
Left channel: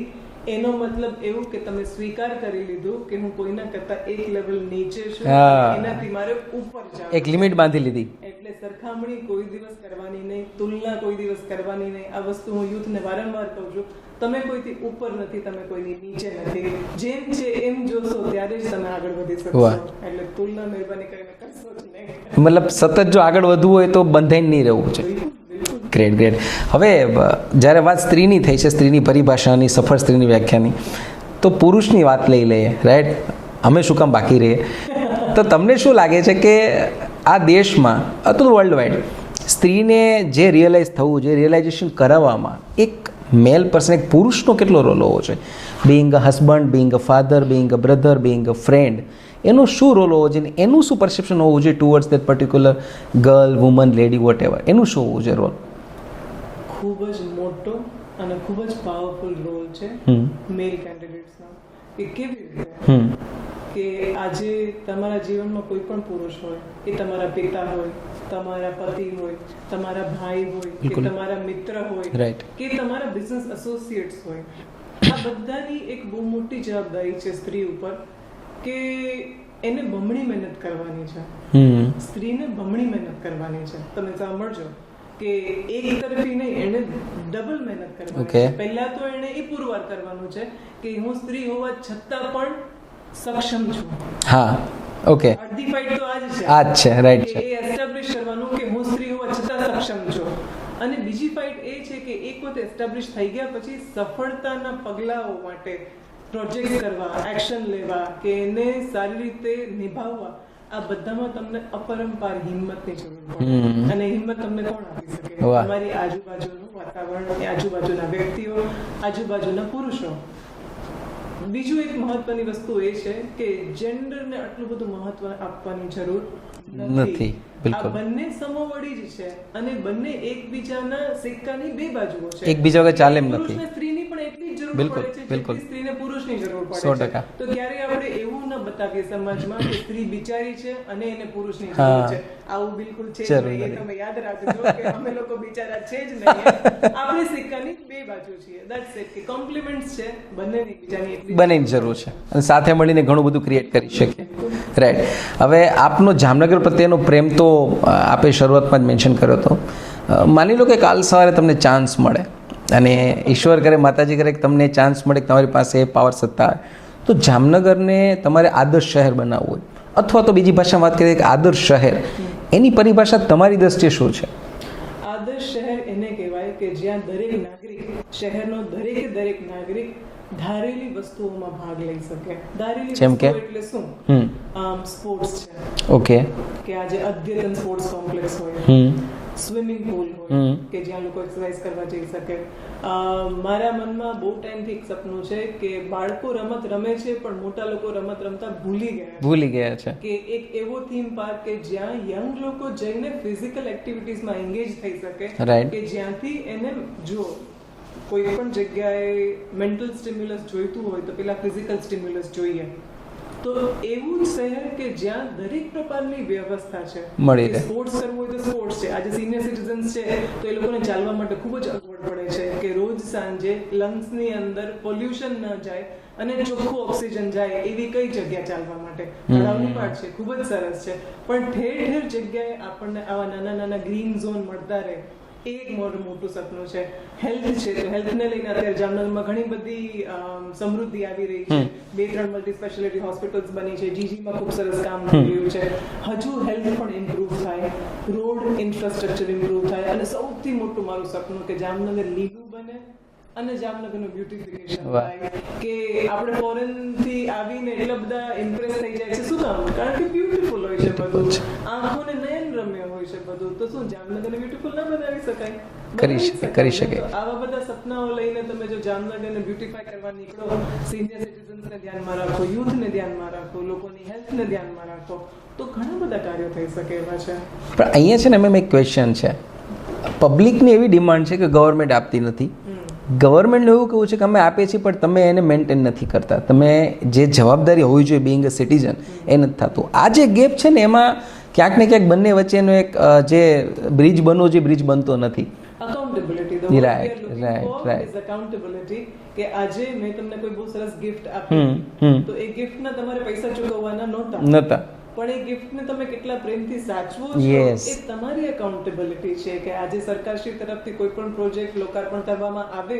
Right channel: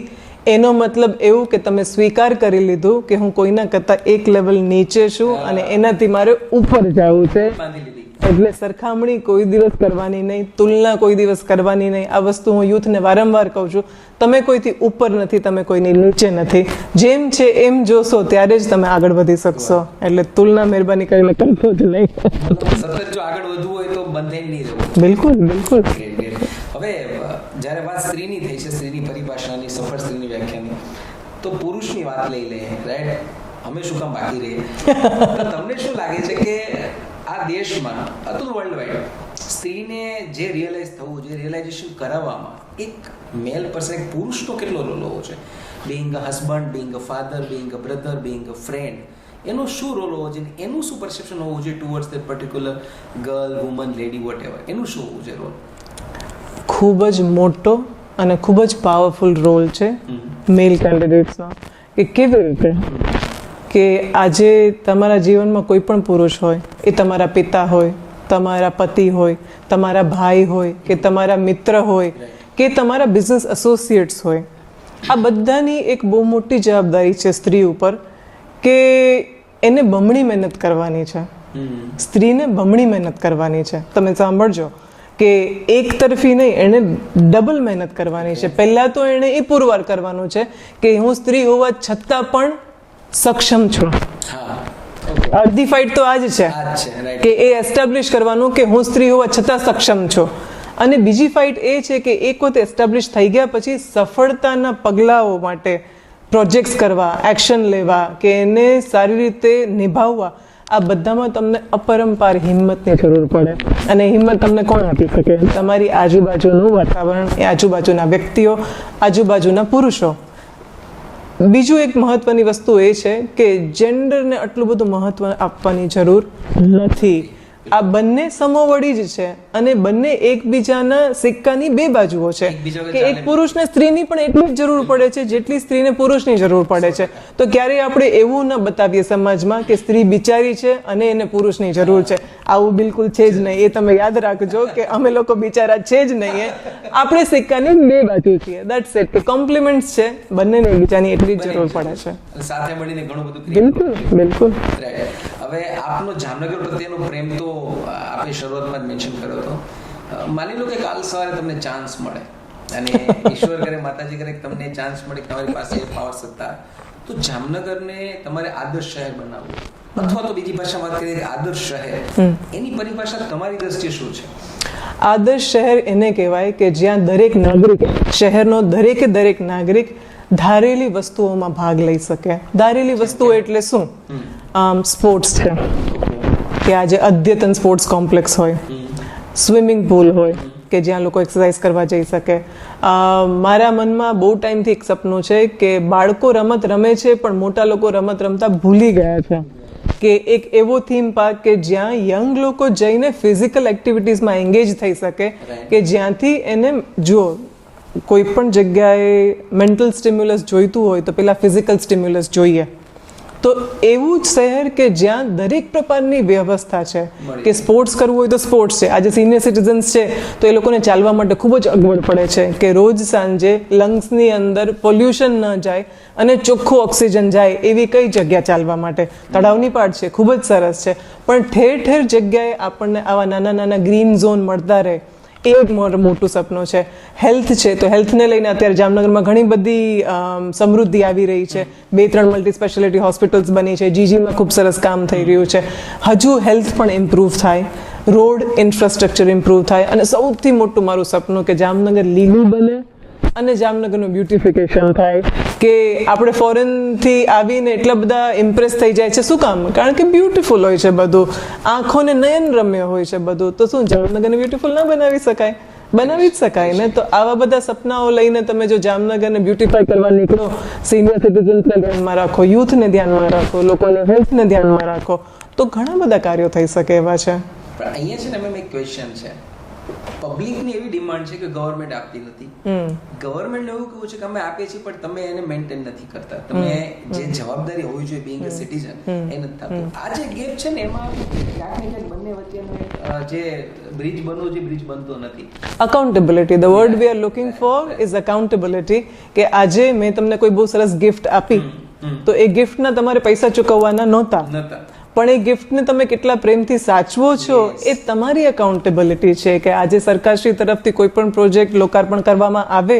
એનો મતલબ એવું કે તમે સ્વીકાર કરી લીધું કે હું કોઈના કરતા એક લેવલ નીચે છું અને એનાથી મારે ઉપર જવું છે. લિમિટ બાંધી લીધી. એટલે સરખામણી કોઈ દિવસ કરવાની નહીં, તુલના કોઈ દિવસ કરવાની નહીં. આ વસ્તુ હું યુથને વારંવાર કહું છું. તમે કોઈથી ઉપર નથી, તમે કોઈની નીચે નથી. જેમ છે એમ જોશો ત્યારે જ તમે આગળ વધી શકશો. એટલે તુલના મહેરબાની કરીને કરશો જ નહીં. મતલબ સતત જો આગળ વધવું હોય તો બંધાઈને નહીં રહેવું. બિલકુલ બિલકુલ. Great great. હવે જ્યારે વાત સ્ત્રીની થઈ છે, સ્ત્રીની પરિભાષાની, સફળ સ્ત્રીની વ્યાખ્યાની, તો પુરુષની વાત લઈ લઈએ, રાઈટ? અમે શું કામ બાકી રહીએ? તો તમને શું લાગે છે કે આ દેશમાં અથવા વર્લ્ડ વાઇડ સ્ત્રીને જે રિયલાઇઝ થવું, જે રિયલાઇઝેશન કરાવવામાં એક મેલ પર્સન, એક પુરુષનો કેટલો રોલ હોવો જોઈએ? Being a husband, being a father, being a brother, being a friend, એનો શું રોલ હોવો જોઈએ? એનું શું પરસેપ્શન હોવું જોઈએ towards that particular girl, woman, lady, whatever? એનું શું હોવું જોઈએ રોલ? ખૂબ જ મોટો અને ખૂબ જ પાવરફુલ રોલ છે મેલ કેન્ડિડેટ્સનો. કે કેવી રીતે કે આજે તમારા જીવનમાં કોઈ પણ પુરુષ હોય, એ તમારા પિતા હોય, તમારા પતિ હોય, તમારા ભાઈ હોય કે તમારા મિત્ર હોય કે તમારા બિઝનેસ એસોસિએટ્સ હોય, આ બધાની એક બહુ મોટી જવાબદારી છે સ્ત્રી ઉપર કે એને બમણી મહેનત કરવાની છે. સ્ત્રીને બમણી મહેનત કરવાની છે. તમે સાંભળજો કે એક તરફી નહીં, એને ડબલ મહેનત કરવાની છે. પહેલા તો એને એ પુરવાર કરવાનું છે કે હું સ્ત્રી હોવા છતાં પણ સક્ષમ છું. હા, ઓકે. અડધી ફાઇટ તો આ જ છે, રાઈટ, કે એ એસ્ટાબ્લિશ કરવાનું કે હું સ્ત્રી હોવા છતાં સક્ષમ છું. અને બીજી ફાઇટ એ છે કે એક વખત એસ્ટાબ્લિશ થઈ ગયા પછી સફળતાના પગલાઓ માટે પ્રોજેક્ટ્સ કરવા, એક્શન લેવા કે એને સારી રીતે નિભાવવા, આ બધામાં તમને અપરંપાર હિંમતની જરૂર પડે. અને હિંમત તમને કોણ આપી શકે? તમારી આજુબાજુનું વાતાવરણ, એ આજુબાજુના વ્યક્તિઓ, આજુબાજુના પુરુષો. બીજું એક મહત્વની વસ્તુ એ છે કે જેન્ડરને આટલું બધું મહત્વ આપવાની જરૂર નથી. આ બંને સમોવડી જ છે અને બંને એકબીજાના સિક્કાની બે બાજુઓ છે. એક પુરુષને સ્ત્રીની પણ એટલી જ જરૂર પડે છે જેટલી સ્ત્રીને પુરુષની જરૂર પડે છે. તો ક્યારેય આપણે એવું ન બતાવીએ સમાજમાં કે સ્ત્રી બિચારી છે અને એને પુરુષની જરૂર છે. આવું બિલકુલ છે જ નહીં. એ તમે યાદ રાખજો કે અમે લોકો બિચારા છે જ નહીં. આપણે સિક્કાની બે બાજુ છીએ. That's it. કે કોમ્પ્લિમેન્ટ્સ છે, બંનેને એકબીજાની એટલી જરૂર પડે છે અને સાથે મળીને ઘણું બધું ક્રિએટ કરી શકે. બિલકુલ રાઈટ. હવે આપનો જામનગર પ્રત્યેનો પ્રેમ તો આપે શરૂઆતમાં જ મેન્શન કર્યો હતો. માની લો કે કાલ સવારે તમને ચાન્સ મળે અને ઈશ્વર કરે, માતાજી કરે કે તમને ચાન્સ મળે કે તમારી પાસે પાવર સત્તા હોય, તો જામનગરને તમારે આદર્શ શહેર બનાવવું હોય અથવા તો બીજી ભાષામાં વાત કરીએ કે આદર્શ શહેર, એની પરિભાષા તમારી દ્રષ્ટિએ શું છે? આદર્શ શહેર એને કહેવાય કે જ્યાં દરેક નાગરિક, શહેરનો દરેકે દરેક નાગરિક ધારેલી વસ્તુઓમાં ભાગ લઈ શકે. ધારેલી વસ્તુઓ એટલે શું? સ્પોર્ટ્સ છે, ઓકે, કે આજે અદ્યતન સ્પોર્ટ્સ કોમ્પ્લેક્સ હોય, સ્વિમિંગ પુલ હોય કે જ્યાં લોકો એક્સરસાઇઝ કરવા જઈ શકે. મારા મનમાં બહુ ટાઈમથી એક સપનું છે કે બાળકો રમત રમે છે પણ મોટા લોકો રમત રમતા ભૂલી ગયા છે. કે એક એવો થીમ પાર્ક કે જ્યાં યંગ લોકો જઈને ફિઝિકલ એક્ટિવિટીઝમાં એન્ગેજ થઈ શકે, કે જ્યાંથી એને જો કોઈ પણ જગ્યાએ મેન્ટલ સ્ટિમ્યુલસ જોઈતું હોય તો પેલા ફિઝિકલ સ્ટિમ્યુલસ જોઈએ. તો એવું જ શહેર કે જ્યાં દરેક પ્રકારની વ્યવસ્થા છે, કે સ્પોર્ટ્સ કરવું હોય તો સ્પોર્ટ્સ છે. આજે સિનિયર સિટીઝન્સ છે તો એ લોકોને ચાલવા માટે ખૂબ જ અગવડ પડે છે કે રોજ સાંજે લંગ્સની અંદર પોલ્યુશન ન જાય અને ચોખ્ખું ઓક્સિજન જાય એવી કઈ જગ્યા ચાલવા માટે? તળાવની પાડ છે, ખૂબ જ સરસ છે, પણ ઠેર ઠેર જગ્યાએ આપણને આવા નાના નાના ગ્રીન ઝોન મળતા રહે, એ એક મોટું સપનું છે. હેલ્થ છે તો હેલ્થને લઈને અત્યારે જામનગરમાં ઘણી બધી સમૃદ્ધિ આવી રહી છે. 2-3 મલ્ટી સ્પેશિયાલિટી હોસ્પિટલ્સ બની છે. જીજીમાં ખૂબ સરસ કામ થઈ રહ્યું છે. હજુ હેલ્થ પણ ઇમ્પ્રૂવ થાય, રોડ ઇન્ફ્રાસ્ટ્રક્ચર ઇમ્પ્રૂવ થાય અને સૌથી મોટું મારું સપનું કે જામનગર લીલું બને અને જામનગરનું બ્યુટિફિકેશન થાય. કે આપણે ફોરેનથી આવીને એટલા બધા ઇમ્પ્રેસ થઈ જાય છે. શું કામ? કારણ કે બ્યુટીફુલ હોય છે બધું, આંખોને નયન રમ્ય હોય છે બધું. તો શું જામનગરને બ્યુટીફુલ ના બનાવી શકાય? બનાવી જ શકાય ને. તો આવા બધા સપનાઓ લઈને તમે જો જામનગરને બ્યુટીફાઈ કરવા નીકળો, સિનિયર સિટીઝન્સને ધ્યાનમાં રાખો, યુથને ધ્યાનમાં રાખો, લોકોને હેલ્થને ધ્યાનમાં રાખો, તો ઘણા બધા કાર્યો થઈ શકે એવા છે. પણ અહીંયા છે ને મેમ એક ક્વેશ્ચન છે, પબ્લિકની એવી ડિમાન્ડ છે કે ગવર્મેન્ટ આપતી નથી. ગવર્મેન્ટનું એવું કેવું છે કે અમે આપીએ છીએ પણ તમે એને મેન્ટેન નથી કરતા, તમે જે જવાબદારી હોવી જોઈએ બિંગ અ સિટીઝન એ નથી થતું. આ જે ગેપ છે ને એમાં ક્યાંક ને ક્યાંક બંને વચ્ચેનો એક જે બ્રિજ બનવો જોઈએ બ્રિજ બનતો નથી. Accountability, the word we are looking for is accountability. કે આજે મેં તમને કોઈ બહુ સરસ ગિફ્ટ આપી તો એ ગિફ્ટના તમારે પૈસા ચૂકવવાના નહોતા, પણ એ ગિફ્ટને તમે કેટલા પ્રેમથી સાચવો છો એ તમારી અકાઉન્ટેબિલિટી છે. કે આજે સરકારશ્રી તરફથી કોઈ પણ પ્રોજેક્ટ લોકાર્પણ કરવામાં આવે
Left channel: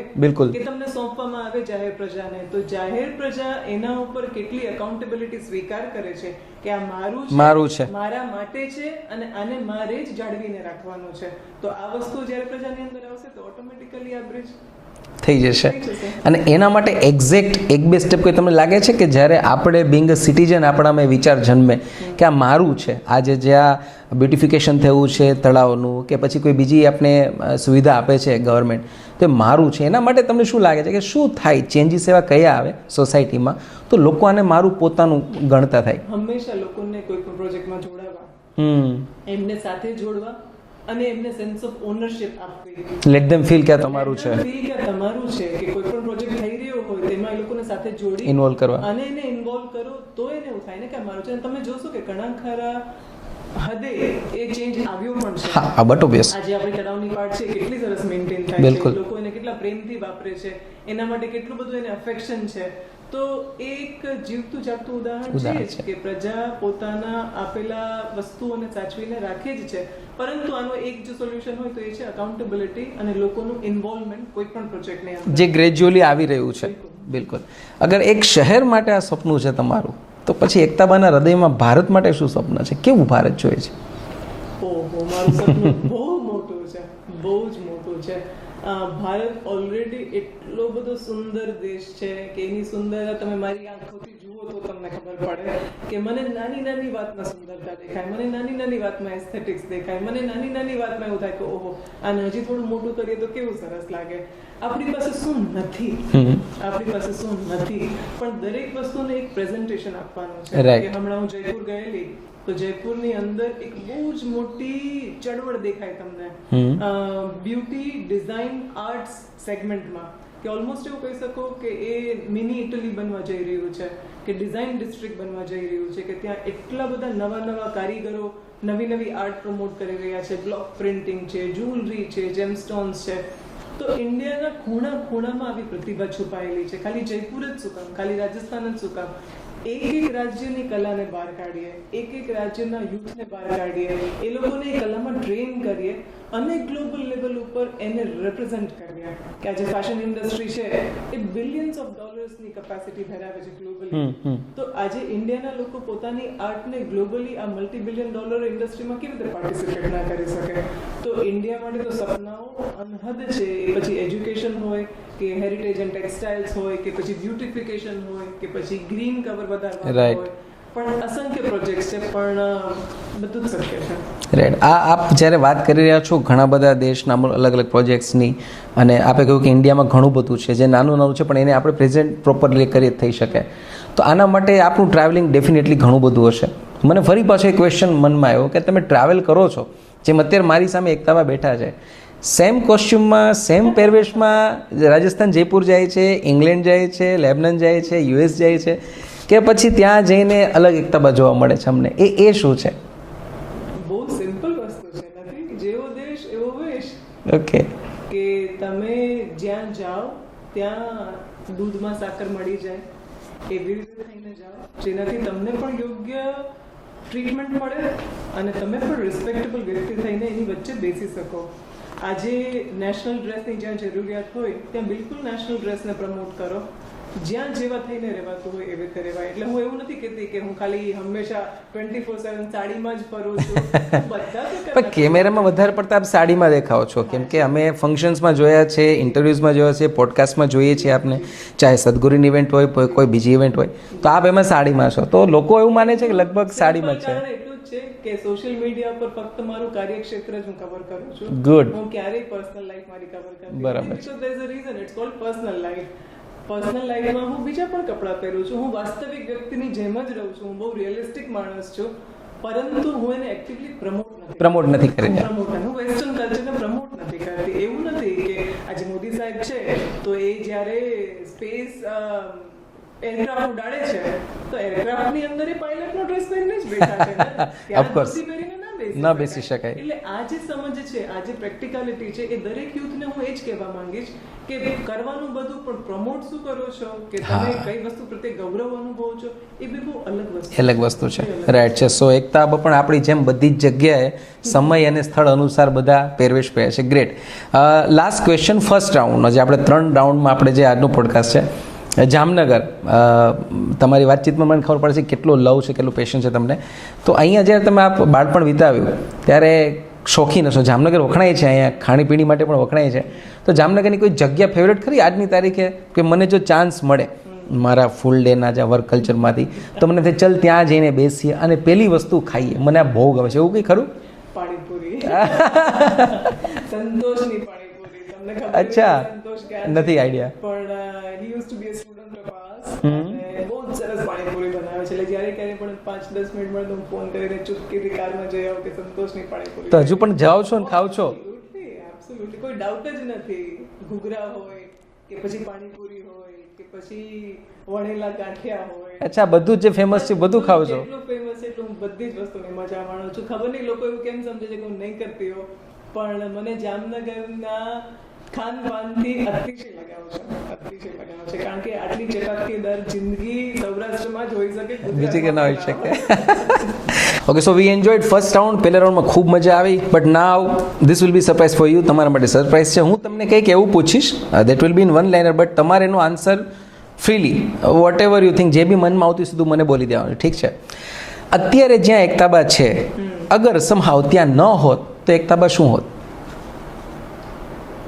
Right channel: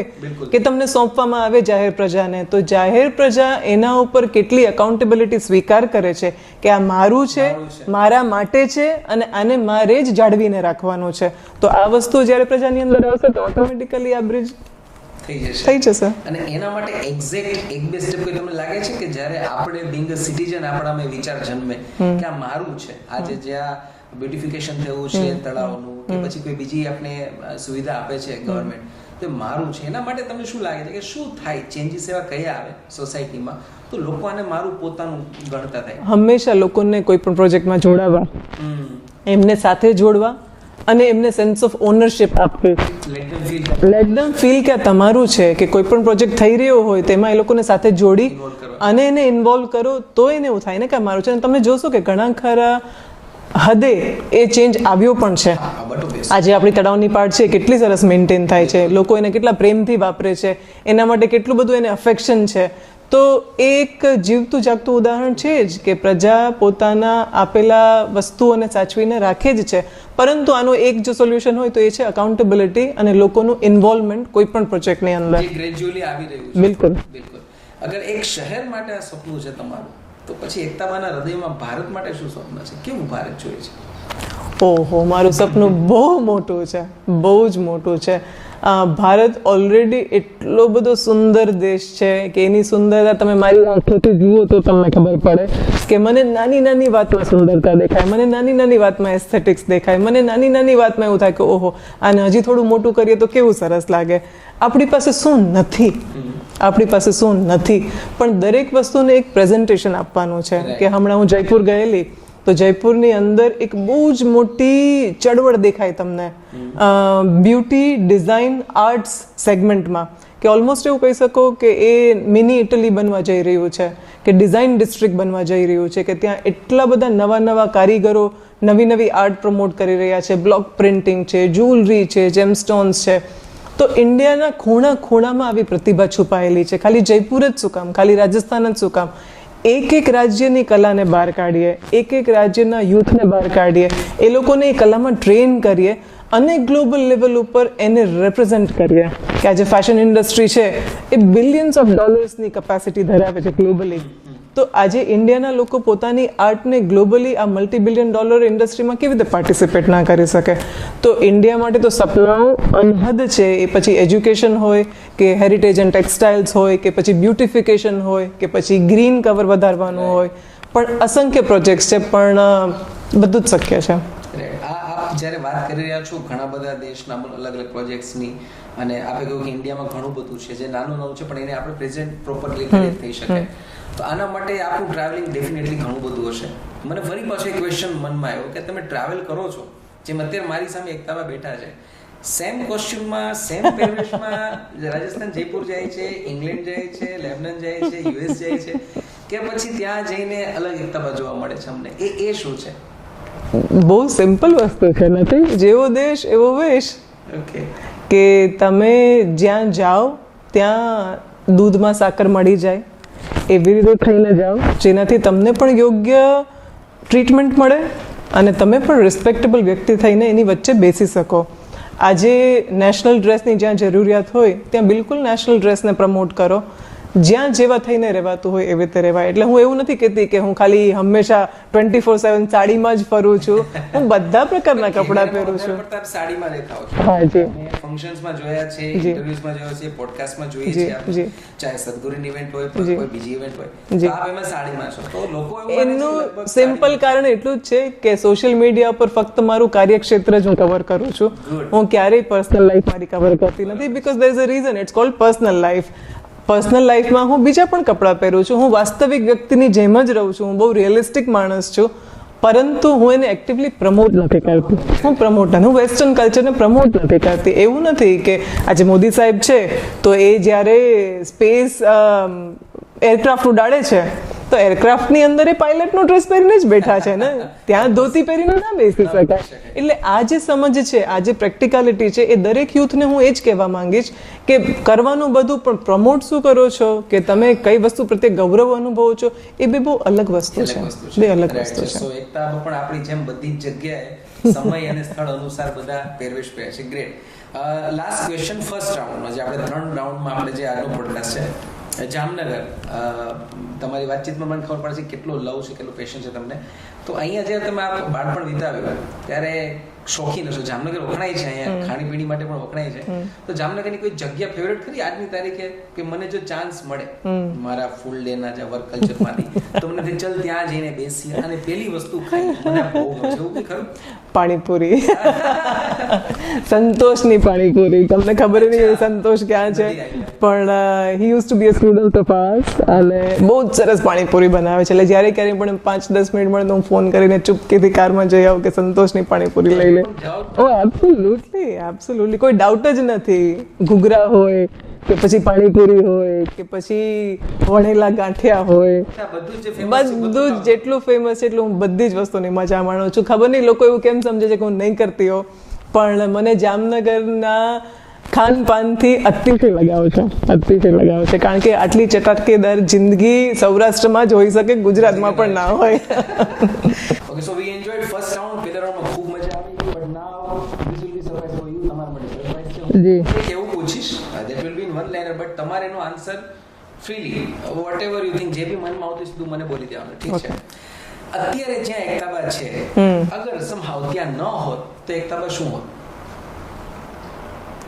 કે તમને સોંપવામાં આવે જાહેર પ્રજાને, તો જાહેર પ્રજા એના ઉપર કેટલી અકાઉન્ટેબિલિટી સ્વીકાર કરે છે કે આ મારું છે, મારા માટે છે અને આને મારે જ જાળવીને રાખવાનું છે. તો આ વસ્તુ જ્યારે પ્રજાની અંદર આવશે તો ઓટોમેટિકલી આ બ્રિજ થઈ જશે. અને એના માટે એક્ઝેક્ટ એક બે સ્ટેપ કોઈ તમને લાગે છે કે જ્યારે આપણે બિંગ અ સિટીઝન આપણામાં વિચાર જન્મે કે આ મારું છે, આજે જ્યાં બ્યુટિફિકેશન થયું છે તળાવનું કે પછી કોઈ બીજી આપણે સુવિધા આપે છે ગવર્મેન્ટ, તો મારું છે, એના માટે તમને શું લાગે છે કે શું થાય, ચેન્જીસ એવા કયા આવે સોસાયટીમાં તો લોકો આને મારું પોતાનું ગણતા થાય? હંમેશા લોકોને કોઈ પણ પ્રોજેક્ટમાં જોડાવા, એમને સાથે જોડવા અને એમને સેન્સ ઓફ ઓનરશિપ આપવી. લેટ ધેમ ફીલ કે આ તમારું છે. કે કોઈ પણ પ્રોજેક્ટ થઈ રહ્યો હોય તેમાં એ લોકોને સાથે જોડી ઇન્વોલ્વ કરવા અને એને ઇન્વોલ્વ કરો તો એને એવું થાય ને કે મારું છે. અને તમે જોશો કે ઘણા ખરા હદે એ ચેન્જ આવ્યો પણ છે. આજે આપણી તળાવની પાર્ટ છે કેટલી સરસ મેન્ટેન થાય છે, લોકો એને કેટલા પ્રેમથી વાપરે છે, એના માટે કેટલું બધું એને અફેક્શન છે. તો એક જીવતું જાગતું ઉદાહરણ છે જ કે પ્રજા પોતાના આપેલા વસ્તુઓને સાચવીને રાખે જ છે. પરંતુ આનો એક જો સોલ્યુશન હોય તો એ છે અકાઉન્ટેબિલિટી અને લોકોનું ઇન્વોલ્વમેન્ટ કોઈ પણ પ્રોજેક્ટની અંદર, જે ગ્રેજ્યુઅલી આવી રહ્યું છે. બિલકુલ. અગર એક શહેર માટે આ સપનું છે તમારું, તો પછી એકતાબાના હૃદયમાં ભારત માટે શું સપનું છે? કેવું ભારત જોઈએ છે? ઓહો, મારું સપનું બહુ મોટું છે, બહુ જ મોટું છે. ભારત ઓલરેડી એટલો બધો સુંદર દેશ છે કે એની સુંદરતા તમે મારી આંખોથી જુઓ તો તમને ખબર પડે કે મને નાની નાની વાતમાં સુંદરતા દેખાય, મને નાની નાની વાતમાં એસ્થેટિક્સ દેખાય, મને નાની નાની વાતમાં એવું થાય કે ઓહો આને હજી થોડું મોટું કરીએ તો કેવું સરસ લાગે. આપણી પાસે શું નથી, આપણી પાસે શું નથી, પણ દરેક વસ્તુને એક પ્રેઝન્ટેશન આપવાનું છે. કે હમણાં હું જયપુર ગયેલી તો જયપુરની અંદર એક બહુ જ મોટી ચળવળ દેખાય તમને બ્યુટી ડિઝાઇન આર્ટ્સ સેગમેન્ટમાં, કે ઓલમોસ્ટ એવું કહી શકો કે એ મિની ઇટલી બનવા જઈ રહ્યું છે, કે ડિઝાઇન ડિસ્ટ્રિક્ટ બનવા જઈ રહ્યું છે, કે ત્યાં એટલા બધા નવા નવા કારીગરો નવી નવી આર્ટ પ્રમોટ કરી રહ્યા છે. બ્લોક પ્રિન્ટિંગ છે, જ્વેલરી છે, જેમસ્ટોન્સ છે. તો ઇન્ડિયાના ખૂણા ખૂણામાં આવી પ્રતિભા છુપાયેલી છે. ખાલી જયપુર જ શું કામ, ખાલી રાજસ્થાન જ શું કામ, એક એક રાજ્યની કલાને બહાર કાઢીએ, એક એક રાજ્યના યુથને બહાર કાઢીએ, એ લોકોને એ કલામાં ટ્રેન કરીએ અને ગ્લોબલ લેવલ ઉપર એને રિપ્રેઝેન્ટ કરીએ. કે આજે ફેશન ઇન્ડસ્ટ્રી છે એ બિલિયન્સ ઓફ ડોલર્સની કેપેસિટી ધરાવે છે ગ્લોબલી. તો આજે ઇન્ડિયાના લોકો પોતાની આર્ટને ગ્લોબલી આ મલ્ટી બિલિયન ડોલર ઇન્ડસ્ટ્રીમાં કેવી રીતે પાર્ટિસિપેટ ના કરી શકે? તો ઇન્ડિયા માટે તો સપનાઓ અનહદ છે. એ પછી એજ્યુકેશન હોય કે હેરિટેજ એન્ડ ટેક્સટાઇલ્સ હોય કે પછી બ્યુટિફિકેશન હોય કે પછી ગ્રીન કવર વધારવાનું હોય, પણ અસંખ્ય પ્રોજેક્ટ્સ છે, પણ બધું જ શક્ય છે. રાઈટ. આપ જ્યારે વાત કરી રહ્યા છો ઘણા બધા દેશના અલગ અલગ પ્રોજેક્ટ્સની, અને આપે કહ્યું કે ઇન્ડિયામાં ઘણું બધું છે જે નાનું નાનું છે પણ એને આપણે પ્રેઝન્ટ પ્રોપરલી કરી થઈ શકે. તો આના માટે આપણું ટ્રાવેલિંગ ડેફિનેટલી ઘણું બધું હશે. મને ફરી પાછો એક ક્વેશ્ચન મનમાં આવ્યો કે તમે ટ્રાવેલ કરો છો, જેમ અત્યારે મારી સામે એકતાબા બેઠા છે, સેમ કોસ્ચ્યુમમાં સેમ પહેરવેશમાં રાજસ્થાન જયપુર જાય છે, ઇંગ્લેન્ડ જાય છે, લેબનન જાય છે, યુએસ જાય છે, કે પછી ત્યાં જઈને અલગ એકતાબા જોવા મળે છે અમને? એ શું છે? બહુ સિમ્પલ વસ્તુ છે, નથી? જેવો દેશ એવો વેશ. ઓકે. કે તમે જ્યાં જાઓ ત્યાં દૂધમાં સાકર મળી જાય એવી રીતે થઈને જાઓ જેનાથી તમને પણ યોગ્ય ટ્રીટમેન્ટ મળે અને તમે પણ રિસ્પેક્ટેબલ વ્યક્તિ થઈને એની વચ્ચે બેસી શકો. આજે નેશનલ ડ્રેસની જ્યાં જરૂરિયાત હોય ત્યાં બિલકુલ નેશનલ ડ્રેસને પ્રમોટ કરો. જ્યાં જેવા થઈને રહેવાતું હોય એવી રીતે રહેવાય. એટલે હું એવું નથી કહેતી કે હું ખાલી હંમેશા 24/7 સાડીમાં જ ફરું છું. હું બધા પ્રકારના કેમેરામાં વધારે પડતા આપ સાડીમાં દેખાઓ છો, કે અમે ફંક્શન્સમાં જોયા છે, ઇન્ટરવ્યુઝમાં જોયા છે, પોડકાસ્ટમાં જોઈએ છીએ આપને, ચાહે સદગુરુની ઇવેન્ટ હોય કોઈ બીજી ઇવેન્ટ હોય, તો આપ એમાં સાડીમાં છો. તો લોકો એવું માને છે કે લગભગ સિમ્પલ કારણ એટલું જ છે કે સોશિયલ મીડિયા પર ફક્ત મારું કાર્યક્ષેત્ર જ હું કવર કરું છું. હું ક્યારેય પર્સનલ લાઈફ મારી કવર કરતી નથી, because there is a reason, it's called personal life. Personal લાઈફમાં હું બીજા પણ કપડાં પહેરું છું, હું વાસ્તવિક વ્યક્તિની જેમ જ રહું છું, હું બહુ રિયલિસ્ટિક માણસ છું. પરંતુ હું એને એક્ટિવલી પ્રમોટ નથી કરી હું પ્રમોટ નથી, હું વેસ્ટર્ન કલ્ચરને પ્રમોટ નથી કરતી. એવું નથી કે આજે મોદી સાહેબ છે તો એ જ્યારે સ્પેસ એરક્રાફ્ટ ઉડાડે છે તો એરક્રાફ્ટ ની અંદર એ પાયલટ નો ડ્રેસ પહેરીને જ બેઠા છે ને, ત્યાં ધોતી પહેરીને ના બેસી શકાય. એટલે આ જે સમજ છે, આ જે પ્રેક્ટિકાલિટી છે, એ દરેક યુથને હું એ જ કહેવા માંગીશ કે કરવાનું બધું, પણ પ્રમોટ શું કરો છો, કે તમે કઈ વસ્તુ પ્રત્યે ગૌરવ અનુભવો છો, એ બે બહુ અલગ વસ્તુ છે. રાઈટ છે. સો એકતા પણ આપણી જેમ બધી જ જગ્યાએ સમય અને સ્થળ અનુસાર બધા પહેરવેશ પહેરે છે. ગ્રેટ. લાસ્ટ ક્વેશ્ચન, ફર્સ્ટ રાઉન્ડનો જે આપણે 3 રાઉન્ડમાં આપણે જે આજનો પોડકાસ્ટ છે, જામનગર, તમારી વાતચીતમાં મને ખબર પડે છે કેટલો લવ છે, કેટલું પેશન છે તમને. તો અહીંયા જ્યારે તમે આ બાળપણ વિતાવ્યું ત્યારે શોખીન હશો. જામનગર વખણાય છે, અહીંયા ખાણીપીણી માટે પણ વખણાય છે. તો જામનગરની કોઈ જગ્યા ફેવરેટ ખરી આજની તારીખે, કે મને જો ચાન્સ મળે મારા ફૂલ ડેના જે વર્ક કલ્ચરમાંથી, તો મને ચલ ત્યાં જઈને બેસીએ અને પેલી વસ્તુ ખાઈએ, મને આ બહુ ગમે છે, એવું કંઈ ખરું? પાણીપુરી, સંતોષની પાણીપુરી. તમને ખબર નહીં સંતોષ ક્યાં છે, પણ he use to be a student of arts અને બહુ જ સરસ પાણીપુરી બનાવે છે. એટલે જ્યારે ક્યારેય પણ 5-10 મિનિટ મળે તો હું ફોન કરીને ચૂપકીથી કારમાં જઈ આવું કે સંતોષની પાણીપુરી લઈ લે. પણ જાઓ છો? એબ્સોલ્યુટલી, કોઈ ડાઉટ જ નથી. ઘૂઘરા હોય કે પછી પાણીપુરી હોય કે પછી વણેલા ગાંઠિયા હોય, અચ્છા, બધું જે ફેમસ છે બધું ખાવ છો? જેટલું ફેમસ છે એટલું હું બધી જ વસ્તુની મજા માણું છું. ખબર નહીં લોકો એવું કેમ સમજે છે કે હું નહીં કરતી હો, પણ મને જામનગરના ખાનપાનથી અતિશય લગાવ છે, કારણ કે આટલી ચટાકેદાર જિંદગી સૌરાષ્ટ્રમાં જ હોઈ શકે, ગુજરાતમાં પણ ના હોય. Okay, so we enjoyed first round. પહેલા રાઉન્ડમાં ખૂબ મજા આવી, but now this will be surprise for you. તમારા માટે સરપ્રાઈઝ છે. હું તમને કંઈક એવું પૂછીશ, that will be in one liner, but તમારે એનો answer freely whatever you think, જે બી મનમાં આવતું સીધું મને બોલી દેવાનું, ઠીક છે? અત્યારે જ્યાં એકતાબા છે, અગર સમહાવ ત્યાં ન હોત તો એકતાબા શું હોત?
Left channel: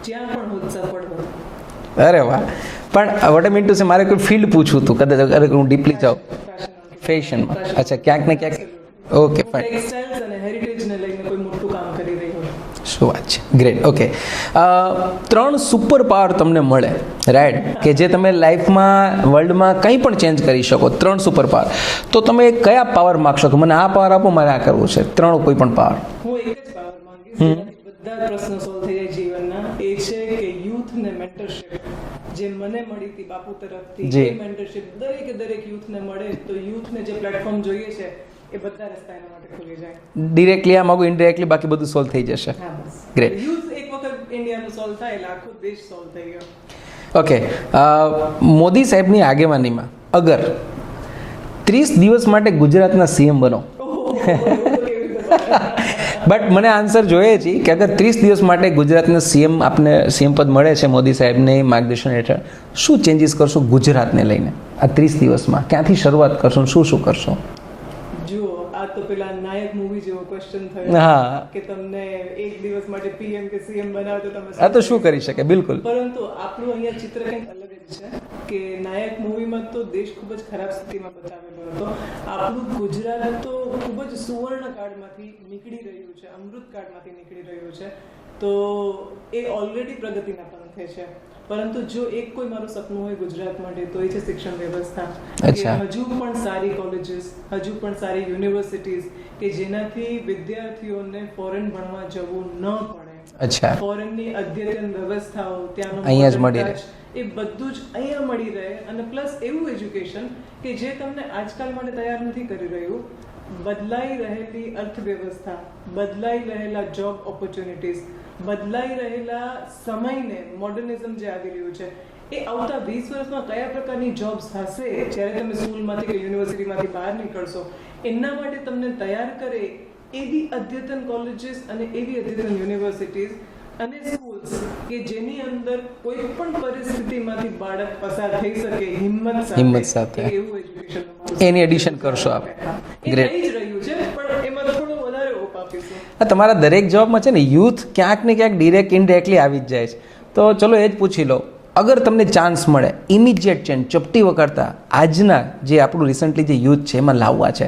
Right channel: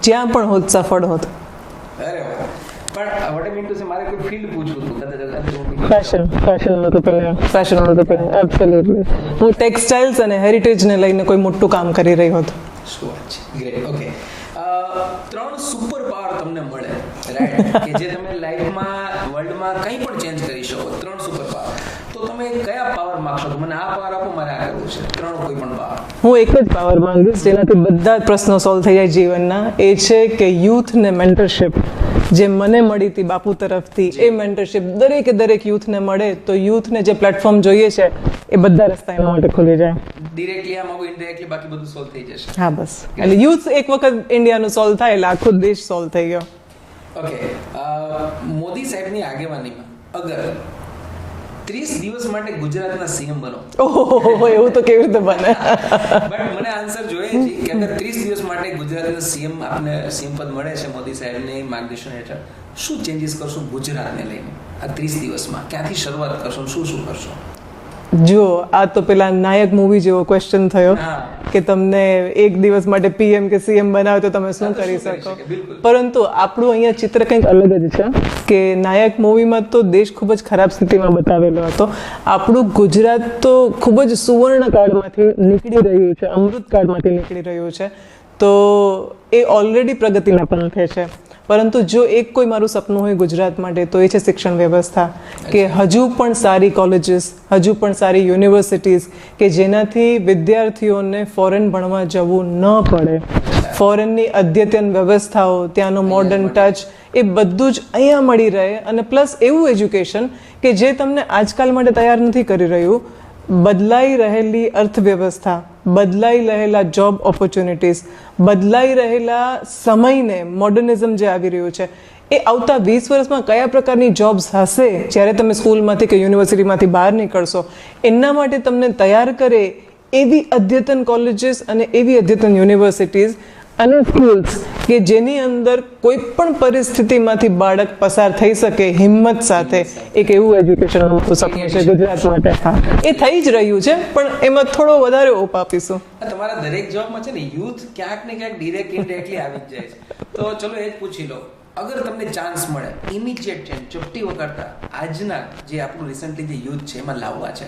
જ્યાં પણ હોત સફળ હોત. અરે વાહ. પણ what I mean to say, મારે કોઈ ફિલ્ડ પૂછવું હતું, કદાચ અગર હું ડીપલી જાઉં. ફેશન હું ટેક્સટાઇલ્સ અને હેરિટેજને લઈને કોઈ મોટું કામ કરી રહી હોત. શું વાત છે, ગ્રેટ. ઓકે, 3 સુપર પાવર તમને મળે, રાઈટ, કે જે તમે લાઈફમાં વર્લ્ડમાં કંઈ પણ ચેન્જ કરી શકો, 3 સુપર પાવર, તો તમે કયા પાવર માગશો કે મને આ પાવર આપો, મારે આ કરવું છે? 3 કોઈ પણ પાવર. હું એક જ પાવર માંગીશ જેનાથી બધા જ પ્રશ્નો સોલ્વ થઈ જાય જીવનના, એ છે કે યુથ ને મેન્ટરશિપ જે મને મળી હતી બાપુ તરફથી, એ મેન્ટરશિપ દરેક યુથને મળે તો યુથને જે પ્લેટફોર્મ જોઈએ છે એ બધા રસ્તા એના માટે ખુલી જાય. ડિરેક્ટલી આ માંગુ, ઇનડાયરેક્ટલી બાકી બધું સોલ્વ થઈ જશે. હા, બસ. એટલે યુથ એક વખત ઇન્ડિયાનું સોલ્વ થાય એટલે આખો દેશ સોલ્વ થઈ ગયો. ઓકે, મોદી સાહેબની આગેવાનીમાં અગર 30 દિવસ માટે ગુજરાતના સીએમ બનો, એવું તો કેવી રીતે બને? બટ મને આન્સર જોઈએ છે કે અગર 30 દિવસ માટે ગુજરાતના સીએમ, આપને સીએમ પદ મળે છે મોદી સાહેબને માર્ગદર્શન હેઠળ, શું ચેન્જીસ કરશો ગુજરાતને લઈને આ 30 દિવસમાં? ક્યાંથી શરૂઆત કરશો, શું કરશો? જો આ તો પેલા નાયક મૂવી જેવો ક્વેશ્ચન થયો કે તમને એક દિવસ માટે પીએમ કે સીએમ બનાવે તો તમે શું કરી શકે? બિલકુલ. પરંતુ આપણું અહીંયા ચિત્ર કંઈક અલગ જ છે કે નાયક મૂવીમાં તો દેશ ખૂબ જ ખરાબ સ્થિતિમાં બતાવેલો હતો. આપણું ગુજરાત તો ખૂબ જ સુવર્ણ કાળમાંથી નીકળી રહ્યું છે, અમૃત કાળમાંથી નીકળી રહ્યું છે, તો એ ઓલરેડી પ્રગતિના પંથે છે. પરંતુ જો એક કોઈ મારું સપનું હોય ગુજરાત માટે તો એ છે શિક્ષણ વ્યવસ્થા, કે હજુ પણ સારી કોલેજીસ, હજુ પણ સારી યુનિવર્સિટીઝ કે જેનાથી વિદ્યાર્થીઓને ફોરેન ભણવા જવું ન પડે. ફોરેનની અદ્યતન વ્યવસ્થાઓ, ત્યાંનો મોડર્ન ટચ, એ બધું જ અહીંયા મળી રહે. અને પ્લસ એવું એજ્યુકેશન કે જે તમને આજકાલ માટે તૈયાર નથી કરી રહ્યું. બદલાઈ રહેલી અર્થવ્યવસ્થા, બદલાઈ રહેલા જોબ ઓપોર્ચ્યુનિટીઝ, બદલાઈ રહેલા સમયને, મોડર્નિઝમ જે આવી રહ્યું છે, એ આવતા 20 વર્ષમાં કયા પ્રકારની જોબ્સ હશે જ્યારે તમે સ્કૂલમાંથી કે યુનિવર્સિટીમાંથી બહાર નીકળશો, એના માટે તમને તૈયાર કરે એવી અદ્યતન કોલેજીસ અને એવી અદ્યતન યુનિવર્સિટીઝ અને સ્કૂલ્સ કે જેની અંદર કોઈ પણ પરિસ્થિતિમાંથી બાળક પસાર થઈ શકે હિંમત સાથે, એક એવું એજ્યુકેશન એ થઈ જ રહ્યું છે, પણ એમાં થોડો વધારે ઓપ આપીશું. તમારા દરેક જોબમાં છે ને યુથ ક્યાંક ને ક્યાંક ડિરેક્ટ ઇનડાયરેક્ટલી આવી જ જાય છે. તો ચલો એ જ પૂછી લો, અગર તમને ચાન્સ મળે ઇમિડિયેટ ચેન્જ ચપટી વખરતા આજના જે આપણું રિસન્ટલી જે યુથ છે એમાં લાવવા છે,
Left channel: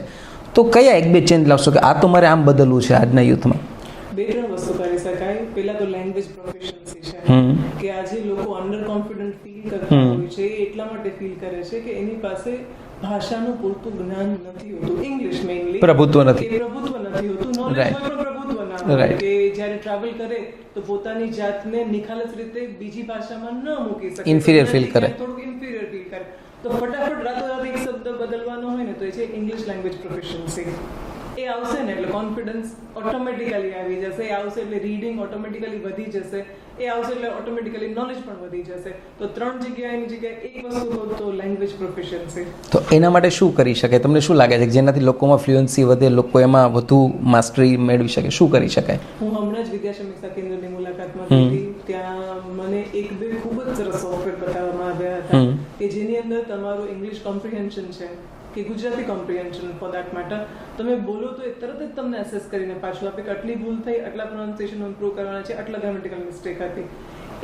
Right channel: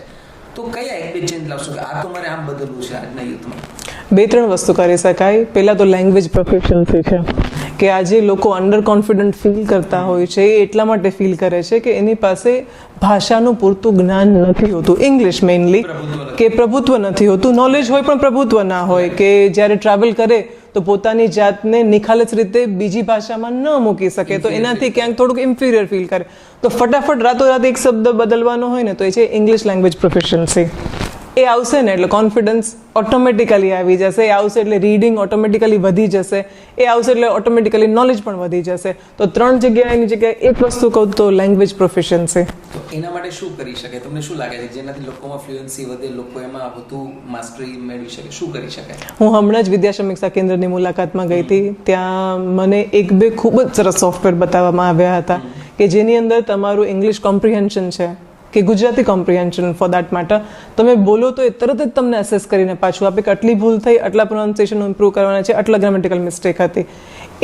તો કયા 1-2 ચેન્જ લાવશો કે આ તો મારે આમ બદલવું છે આજના યુથમાં? 3 વસ્તુ કરી શકાય. પહેલા તો લેંગ્વેજ પ્રોફિશિયન્સી છે કે આજે લોકો અંડર કોન્ફિડન્ટ ફીલ કરતા હોય છે. એ એટલા માટે ફીલ કરે છે કે એની પાસે ભાષાનું પૂરતું જ્ઞાન નથી હોતું, ઇંગ્લિશ મેઇનલી કે પ્રભુત્વ નથી હોતું. નોલેજ હોય પણ પ્રભુત્વ ના હોય, કે જ્યારે ટ્રાવેલ કરે તો પોતાની જાતને નિખાલસ રીતે બીજી ભાષામાં ન મૂકી શકે, તો એનાથી ક્યાંક થોડુંક ઇન્ફિરિયર ફીલ કરે. તો ફટાફટ રાતોરાત એક શબ્દ બદલવાનો હોય ને, તો એ છે ઇંગ્લિશ લેંગ્વેજ પ્રોફિશિયન્સી. એ આવશે ને એટલે કોન્ફિડન્સ ઓટોમેટિકલી આવી જશે. એ આવશે એટલે રીડિંગ ઓટોમેટિકલી વધી જશે. એ આવશે એટલે ઓટોમેટિકલી નોલેજ પણ વધી જશે. તો 3 જગ્યાએની જગ્યાએ એક વસ્તુ કહું તો લેંગ્વેજ પ્રોફિશિયન્સી. તો એના માટે શું કરી શકે? તમને શું લાગે છે કે જેનાથી લોકોમાં ફ્લુઅન્સી વધે, લોકો એમાં વધુ માસ્ટરી મેળવી શકે? શું કરી શકાય? હું હમણાં જ વિદ્યા સમીક્ષા કેન્દ્રની મુલાકાતમાં ગઈ હતી. ત્યાં મને 1-2 ખૂબ જ સરસ સોફ્ટવેર બતાવવામાં આવ્યા હતા કે જેની અંદર તમારું ઇંગ્લિશ કોમ્પ્રિહેન્શન છે કે Gujarati comprehension for that matter, તમે બોલો તો એ તરત જ તમને એસેસ કરીને પાછું આપે કે આટલી ભૂલ થઈ, આટલા પ્રોનાઉન્સિએશન ઇમ્પ્રૂવ કરવાના છે, આટલા ગ્રામેટિકલ મિસ્ટેક હતી.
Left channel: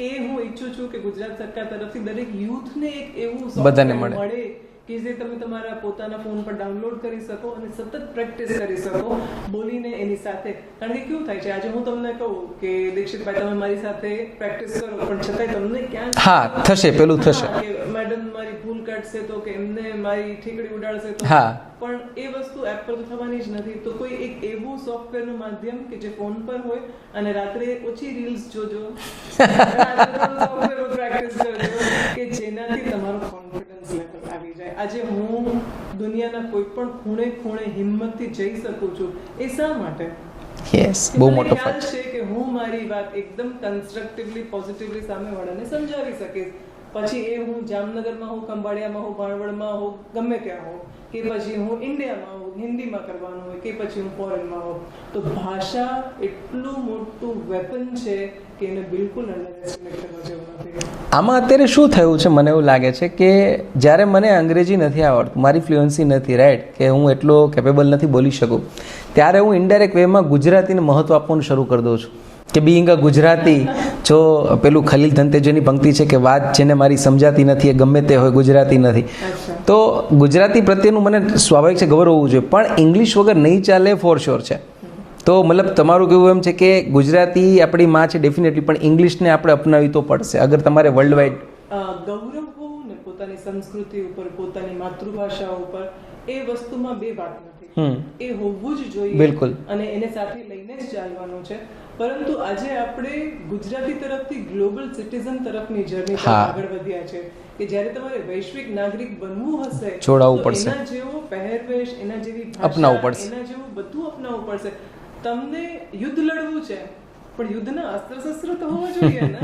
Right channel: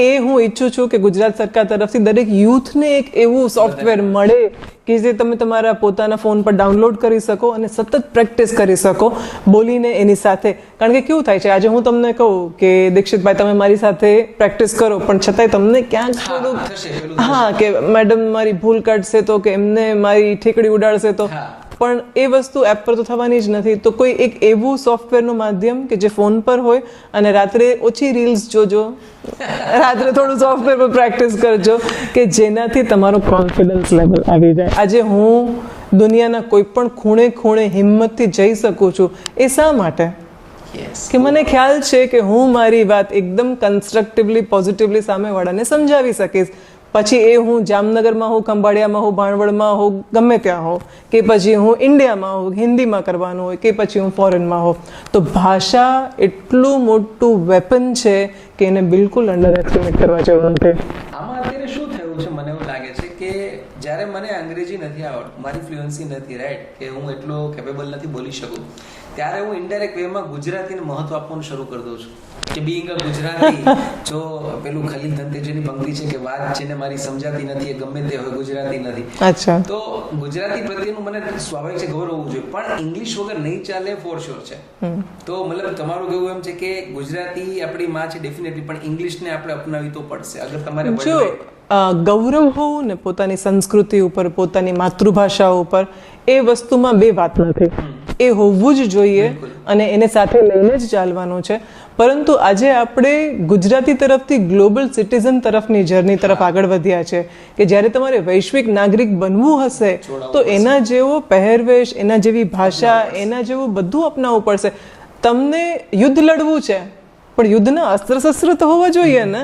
એ હું ઈચ્છું છું કે ગુજરાત સરકાર તરફથી દરેક યુથને એક એવું સોફ્ટવેર મળે કે જે તમે તમારા પોતાના ફોન પર ડાઉનલોડ કરી શકો અને સતત પ્રેક્ટિસ કરી શકો બોલીને એની સાથે. કારણ કે કેવું થાય છે, આજે હું તમને કહું કે દીક્ષિતભાઈ તમે મારી સાથે પ્રેક્ટિસ કરો, પણ છતાંય તમને ક્યાંક થશે પેલું થશે કે મેડમ મારી ભૂલ કાઢશે તો, કે એમને મારી ઠેકડી ઉડાડશે તો, પણ એ વસ્તુ એપ પર તો થવાની જ નથી. તો કોઈ એક એવું સોફ્ટવેરનું માધ્યમ કે જે ફોન પર હોય અને રાત્રે ઓછી રીલ્સ જોજો, રાત્રે થોડું સોફ્ટવેર પર પ્રેક્ટિસ કરજો કે જેનાથી તમારો કોન્ફિડન્સ લેવલ આવી જાય. આજે હું દુનિયાના કોઈ પણ ખૂણે હિંમતથી જઈ શકું છું. એ શા માટે? કે મને ખ્યાલ છે કે હું મારી વાત એકદમ કન્સ્ટ્રક્ટિવલી પોઝિટિવલી સામેવાળાને સમજાવી શકીશ. પછી એ હું જામનગરમાં હોઉં, ખંભાળિયામાં હોઉં, ભાણવડમાં હોઉં, ગમે ત્યાં હોઉં, કે પછી હું ઇન્ડિયામાં હોઉં, હિન્દીમાં કરવાનું હોય, કે પછી હું ફોરેનમાં હોઉં. તો ભાષા એટલું મોટું વેપન છે કે એને બિલકુલ અંડર એસ્ટિમેટ કરવા જેવું નથી. આમાં અત્યારે શું થયું છે, મને એવું લાગે છે કે જ્યારે મને અંગ્રેજી નથી આવડતું, મારી ફ્લુઅન્સી નથી, રાઈટ, કે હું એટલો કેપેબલ નથી બોલી શકું, ત્યારે હું ઇનડાયરેક્ટ વેમાં ગુજરાતીને મહત્વ આપવાનું શરૂ કરી દઉં છું કે બીઇંગ અ ગુજરાતી. જો પેલું ખલીલ ધનતેજની પંક્તિ છે કે વાત જેને મારી સમજાતી નથી એ ગમે તે હોય ગુજરાતી નથી. તો ગુજરાતી પ્રત્યેનું મને સ્વાભાવિક છે ગૌરવ હોવું જોઈએ, પણ ઇંગ્લિશ વગર નહીં ચાલે ફોર શ્યોર છે. તો મતલબ તમારું કેવું એમ છે કે ગુજરાતી આપણી માં છે ડેફિનેટલી, પણ ઇંગ્લિશને આપણે અપનાવી તો પડશે અગર તમારે વર્લ્ડ વાઇડ ગૌરવ હોવું ને પોતાની સંસ્કૃતિ ઉપર, પોતાની માતૃભાષા ઉપર. એ વસ્તુમાં બે વાત નથી, એ હોવું જ જોઈએ અને એને સાથે લઈને જ ચાલવાનું છે. પરંતુ આજે આપણે ગુજરાતી તરફથી ગ્લોબલ સિટીઝન તરફની જર્ની તરફ આગળ વધ્યા છે કે જ્યારે તમારે વૈશ્વિક નાગરિક બનવું હશે તો એના જેવો પહેરવેશ, એના જેવી ભાષા, એના જેવું બધું અપનાવવું પડશે. તમને યુદ્ધ લડવું છે પણ યુદ્ધના અસ્ત્ર શસ્ત્ર તો હોવા જોઈએ ને.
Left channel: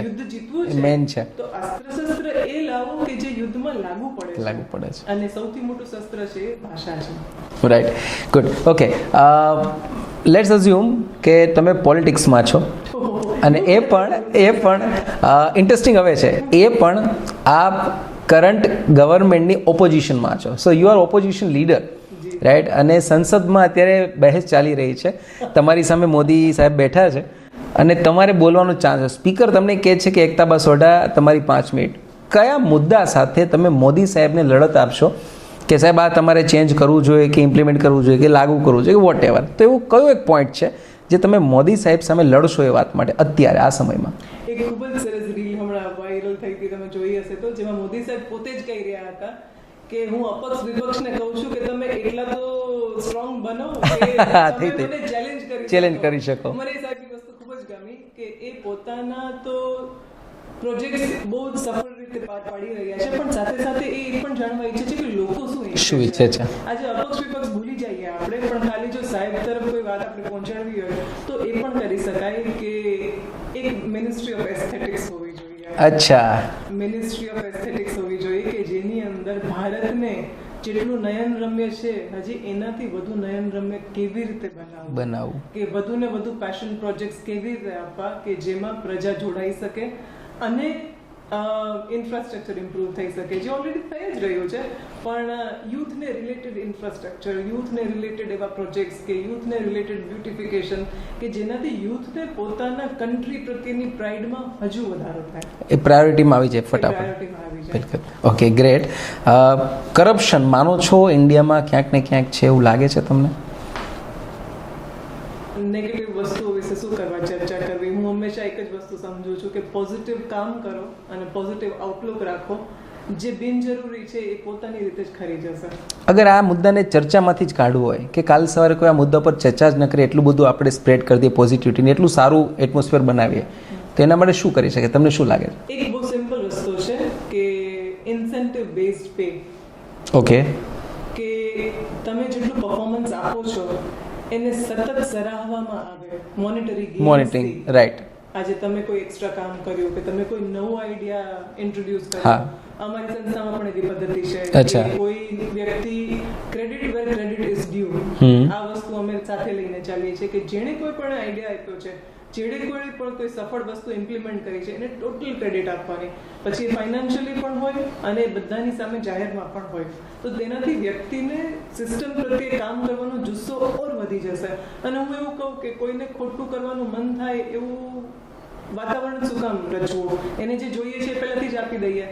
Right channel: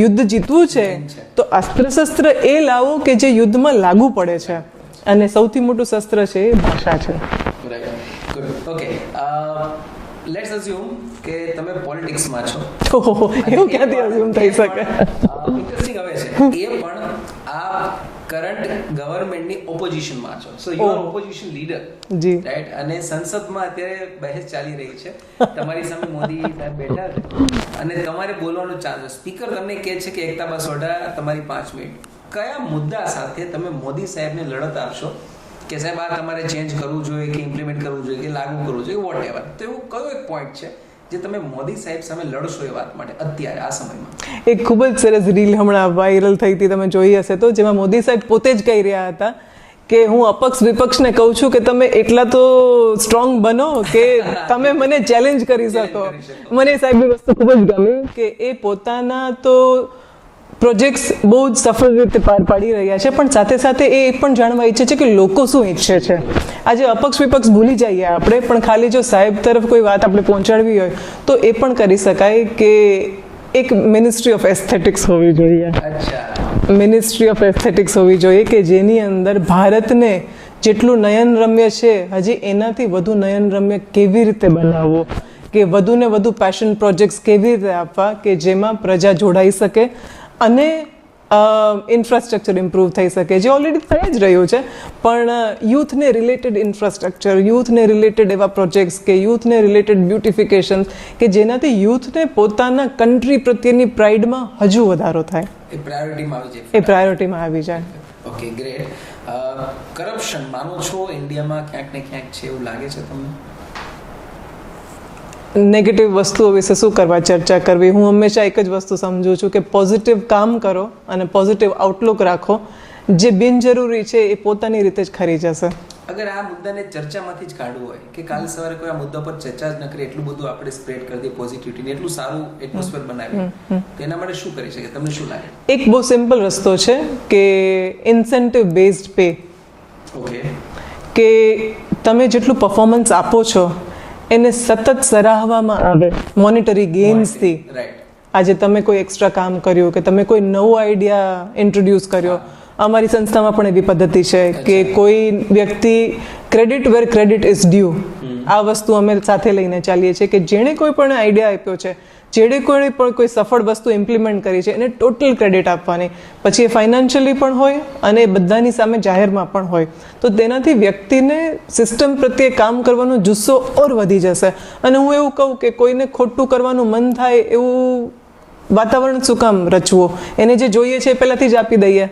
યુદ્ધ જીતવું છે તો અસ્ત્ર શસ્ત્ર એ લાવો કે જે યુદ્ધમાં લાગુ પડે છે, અને સૌથી મોટું શસ્ત્ર છે એ ભાષા છે. Right, good, okay. Let's assume કે તમે પોલિટિક્સમાં છો અને એ પણ ઇન્ટરેસ્ટિંગ હવે છે, એ પણ આપ કરંટ ગવર્મેન્ટની ઓપોઝિશનમાં છો. So you are opposition leader, right, અને સંસદમાં અત્યારે બહેસ ચાલી રહી છે, તમારી સામે મોદી સાહેબ બેઠા છે અને તમારે બોલવાનો ચાન્સ છે. સ્પીકર તમને કહે છે કે એકતાબા સોઢા તમારી 5 મિનિટ. કયા મુદ્દા સાથે તમે મોદી સાહેબને લડત આપશો કે સાહેબ આ તમારે ચેન્જ કરવું જોઈએ, કે ઇમ્પ્લિમેન્ટ કરવું જોઈએ, કે લાગુ કરવું જોઈએ, વોટ એવર? તો એવું કયો એક પોઈન્ટ છે જે તમે મોદી સાહેબ સામે લડશો એ વાત માટે અત્યારે આ સમયમાં? એક ખૂબ જ સરસ રીલ હમણાં વાયરલ થઈ હતી, તમે જોઈ હશે તો, જેમાં મોદી સાહેબ પોતે જ કહી રહ્યા હતા કે હું અપક્ષ વિપક્ષને કહું છું કે તમે એટલા તો સ્ટ્રોંગ બનો કે તમે મને ચેલેન્જ કરી શકો. મને સાહેબની વસ્તુ ખૂબ જ ગમી કે એ પોતાના તો પ્રોજેક્ટ્સ બહુ જ સફળ રીતે પાર પાડી રહ્યા છે, પણ સાથે સાથે એ પણ જાણવા ઈચ્છે છે કે લોકો શું ઈચ્છે છે. આજે અપક્ષ વિપક્ષ ભૂલી જઈએ આપણે, પણ ખાલી જો સાહેબ તરફ કોઈ વાત આપણે પહોંચાડવી હોય તો એ પણ કરી શકાય કે એક મિનિસ્ટ્રી ઓફ એસ્થેટિક્સ હોવી જોઈએ. અચ્છા, મિનિસ્ટ્રી ઓફ એસ્થેટિક્સ હોવી જોઈએ કે જેની અંદર ભારતને જેટલું નયનરમ્ય છે હજી એનાથી વધુ નયનરમ્ય કેવી રીતે બનાવવું, કે વધુ ને વધુ પેશન પ્રોજેક્ટ્સ કેવી રીતે આપવા કે જેમાં પ્રજા જોડાઈ શકે અને ઇન્ફ્રાસ્ટ્રક્ચર ઇમ્પ્રૂવ થઈ શકે, જે ઓલરેડી થઈ જ રહ્યું છે. પણ યુથને રિલેટેડ ઇન્ફ્રાસ્ટ્રક્ચર, યુથને રિલેટેડ એવા પ્રોજેક્ટ્સ કે યુથને રિલેટેડ બ્યુટિફિકેશન કે જેનાથી યુથને પોતાના કન્ટ્રી પ્રત્યેની પ્રાઇડમાં હજુ વધારો થાય, એ પ્રાયોરિટીમાં આવી જાય. એ પ્રાયોરિટીમાં આવી જાય. Okay, great. કરપ્શન માનો છો ઇન્ડિયામાં ક્યાંક ને ક્યાંક છે એવું લાગે છે તમને? નેગેટિવ વસ્તુઓ વિશે શું કરવા ચર્ચા કરવી. હું હંમેશા એક જ વસ્તુ સમજુ છું કે પોઝિટિવ કામ કરો અને પોઝિટિવ આઉટલુક રાખો. જે બિનજરૂરી છે એ પોતાની રીતે જ ખરી જશે. અગર આ મુદ્દાને ચર્ચામાંથી જ કાઢવું હોય કે કાલ સવારે કોઈ આ મુદ્દા પર ચર્ચા જ ન કરે, એટલું બધું આપણે સ્પ્રેડ કરી દઈએ પોઝિટિવિટીને, એટલું સારું એટમોસ્ફિયર બનાવીએ, તો એના માટે શું કરી શકે? તમને શું લાગે? એક બહુ સિમ્પલ રસ્તો છે કે ઇન્સેન્ટિવ બેઝડ પે. ઓકે. કે તમે જેટલું પરફોર્મન્સ આપો છો એને સતત સરાહવામાં આવે મોનિટરી ગેઇન્સથી. રાઈટ. આજે તમે કોઈ એક્સ્ટ્રા કામ કર્યું કે તમે કોઈ નવો આઈડિયા ઇન્ટ્રોડ્યુસ કર્યો. અમારી સંસ્થામાં પણ એવી પદ્ધતિ છે કે કોઈ વ્યક્તિ credit where credit is due, આ વસ્તુ અમે સાથે લઈને ચાલીએ છીએ કે જેણે કોઈ પણ આઈડિયા આપ્યો છે, જેણે કોઈ પણ કોઈ સફળ વસ્તુ ઇમ્પ્લિમેન્ટ કરી છે, એને ટોટલ ક્રેડિટ આપવાની. પછી એ ફાઇનાન્શિયલી પણ હોય અને બધાની સામે જાહેરમાં પણ હોય. તો તેનાથી વ્યક્તિને સિસ્ટમ પ્રત્યે કામ કરવાનો જુસ્સો ઓર વધી જશે. અને હું એવું કહું કે કોઈને ખોટું કરવાનું મન થાય એવું વાતાવરણ શું કામ રચવું? એને જે જોઈએ છે એ પહેલાંથી જ આપી દઈએ.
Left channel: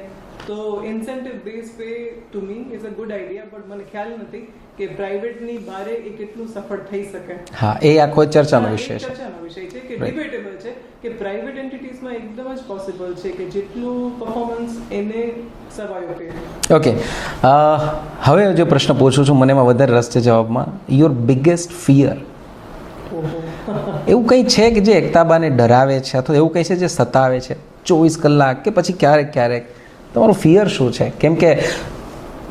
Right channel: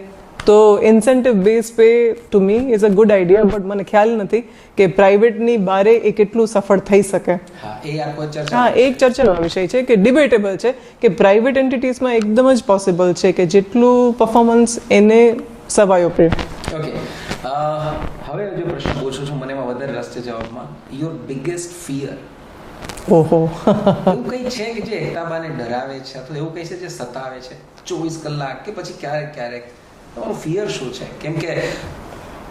તો incentive base pay to me is a good idea, but મને ખ્યાલ નથી કે પ્રાઇવેટની બારે એ કેટલું સફળ થઈ શકે. હા, એ આખો ચર્ચાનો એક ચર્ચાનો વિષય છે કે ડિબેટેબલ છે કે પ્રાઇવેટ એન્ટિટીઝમાં એકદમ જ પોસિબલ છે કે જેટલું પરફોર્મન્સ એને સવાયો પે. ઓકે, હવે જે પ્રશ્ન પૂછું છું, મને એમાં વધારે રસ છે જવાબમાં. Your biggest fear. ઓહો. એવું કંઈ છે કે જે એકતાબાને ડરાવે છે અથવા એવું કંઈ છે જે સતાવે છે 24 કલાક કે પછી ક્યારેક ક્યારેક? તમારું ફિયર શું છે? કેમ કે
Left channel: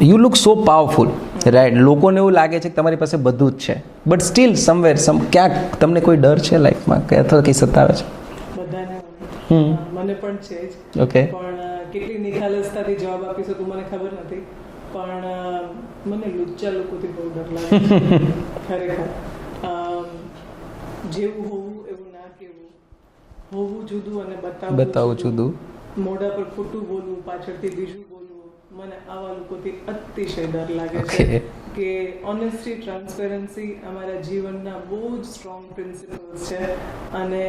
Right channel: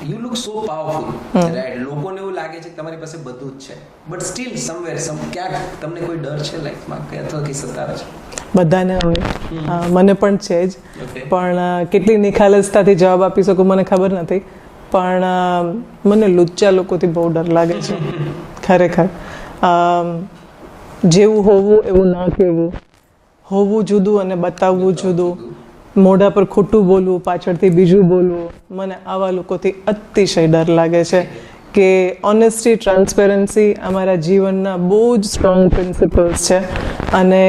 you look so powerful, right? લોકોને એવું લાગે છે કે તમારી પાસે બધું જ છે, બટ સ્ટીલ સમવેર ક્યાંક તમને કોઈ ડર છે લાઈફમાં કે અથવા કંઈ સતાવે છે? બધાને હોય, મને પણ છે જ. ઓકે. પણ કેટલી નિખાલસતાથી જવાબ આપી શકું મને ખબર નથી, પણ મને લુચ્ચા લોકોથી બહુ ડર લાગે છે ખરેખર. જેવું હોવું એવું ના કહેવું, હોવું જુદું અને બતાવવું જુદું, મોઢા પર ખોટું બોલવું, પાછળથી બીજું બોલવું, મને આવા લોકોથી અતિશય ડર લાગે છે. કે ઓનેસ્ટી, ટ્રાન્સપેરન્સી અમારા જીવનના બહુ જ સ્ટ્રોંગ પ્રિન્સિપલ્સ છે. અને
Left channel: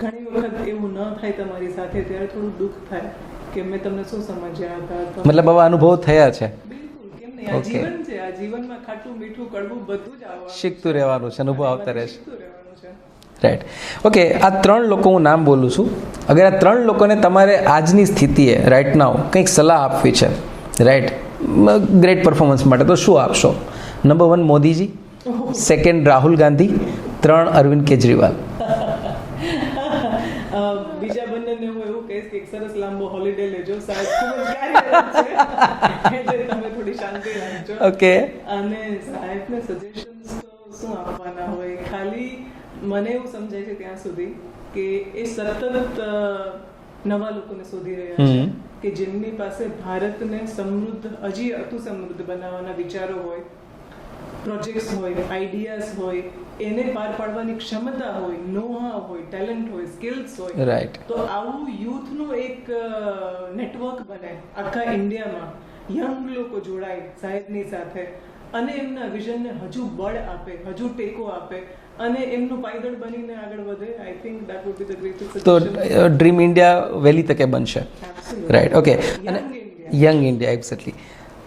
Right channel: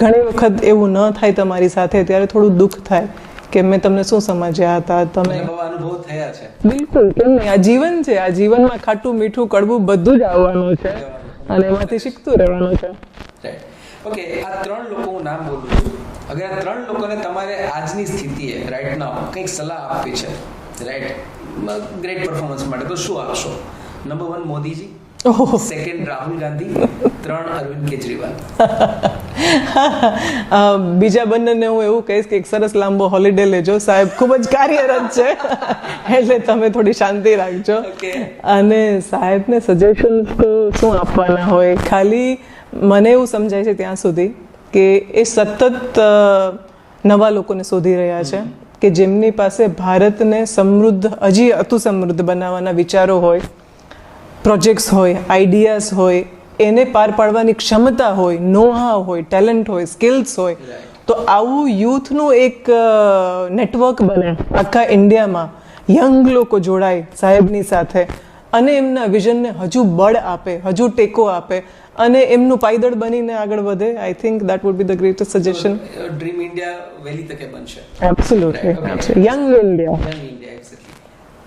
ઘણી વખત એવું ન થાય તમારી સાથે ત્યારે થોડું દુઃખ થાય કે મેં તમને શું સમજ્યા હતા. મતલબ આવા અનુભવ થયા છે? બિલકુલ, કેમ નહીં? આ જીવન છે, આ જીવનમાં ખાટું મીઠું કડવું બધું જ આવવાનું શીખતું રહેવાનું છે, અને એમાંથી શીખતું રહેવાનું છે. રાઈટ. ઓકે, આ 3 લોકો હું નામ બોલું છું. અગર આ 3 લોકોને તમારે આજની સ્થિતિએ રાઈટ નાઉ કંઈક સલાહ આપવી છે, રાઈટ, ગ્રેટ પરફોર્મન્સ માટે, તો શું આપશો? નંબર 1 મોદીજી, 2 રાહુલ ગાંધી, 3 અરવિંદ કેજરીવાલ. બીજા બંનેને હું એવું કહીશ કે એક સરસ લાંબો હોલિડે લેજો, સાહેબ ખૂબ જ કાર્યરત છે એટલે તમે થોડી શાંતિ રાખજો. ઓકે. અને સાહેબને સજેશન્સ તો શું આપવાના હોય, ખાલી મને એવું સમજાય છે ત્યાં સુધી કે એ સતત નવા લોકોને શોધી રહ્યા છે કે જેમની પાસે ભારતને સમૃદ્ધ, હજી અતિ સમૃદ્ધ બનાવવાના વિચારો હોય, પ્રોજેક્ટ્સ હોય, આઈડિયાઝ હોય, એને પાર પાડવાની ક્ષમતા હોય, નો હાવ હોય, ટેલેન્ટ હોય, સ્કિલ્સ હોય. રાઈટ. તો આવું યુથનું એક નેટવર્ક બને આખા ઇન્ડિયામાં, યંગ લોકો જોડાય સાહેબની સાથે અને એમના વિઝનને હજુ બળ આપે, હજુ ટેકો આપે અને એમનું પાયદળ બનીને આગળ વધે. I think that would be the greatest suggestion. Dream India વહેલી તકે બનશે. Absolutely. Right. Okay. Young India. Young India, exactly.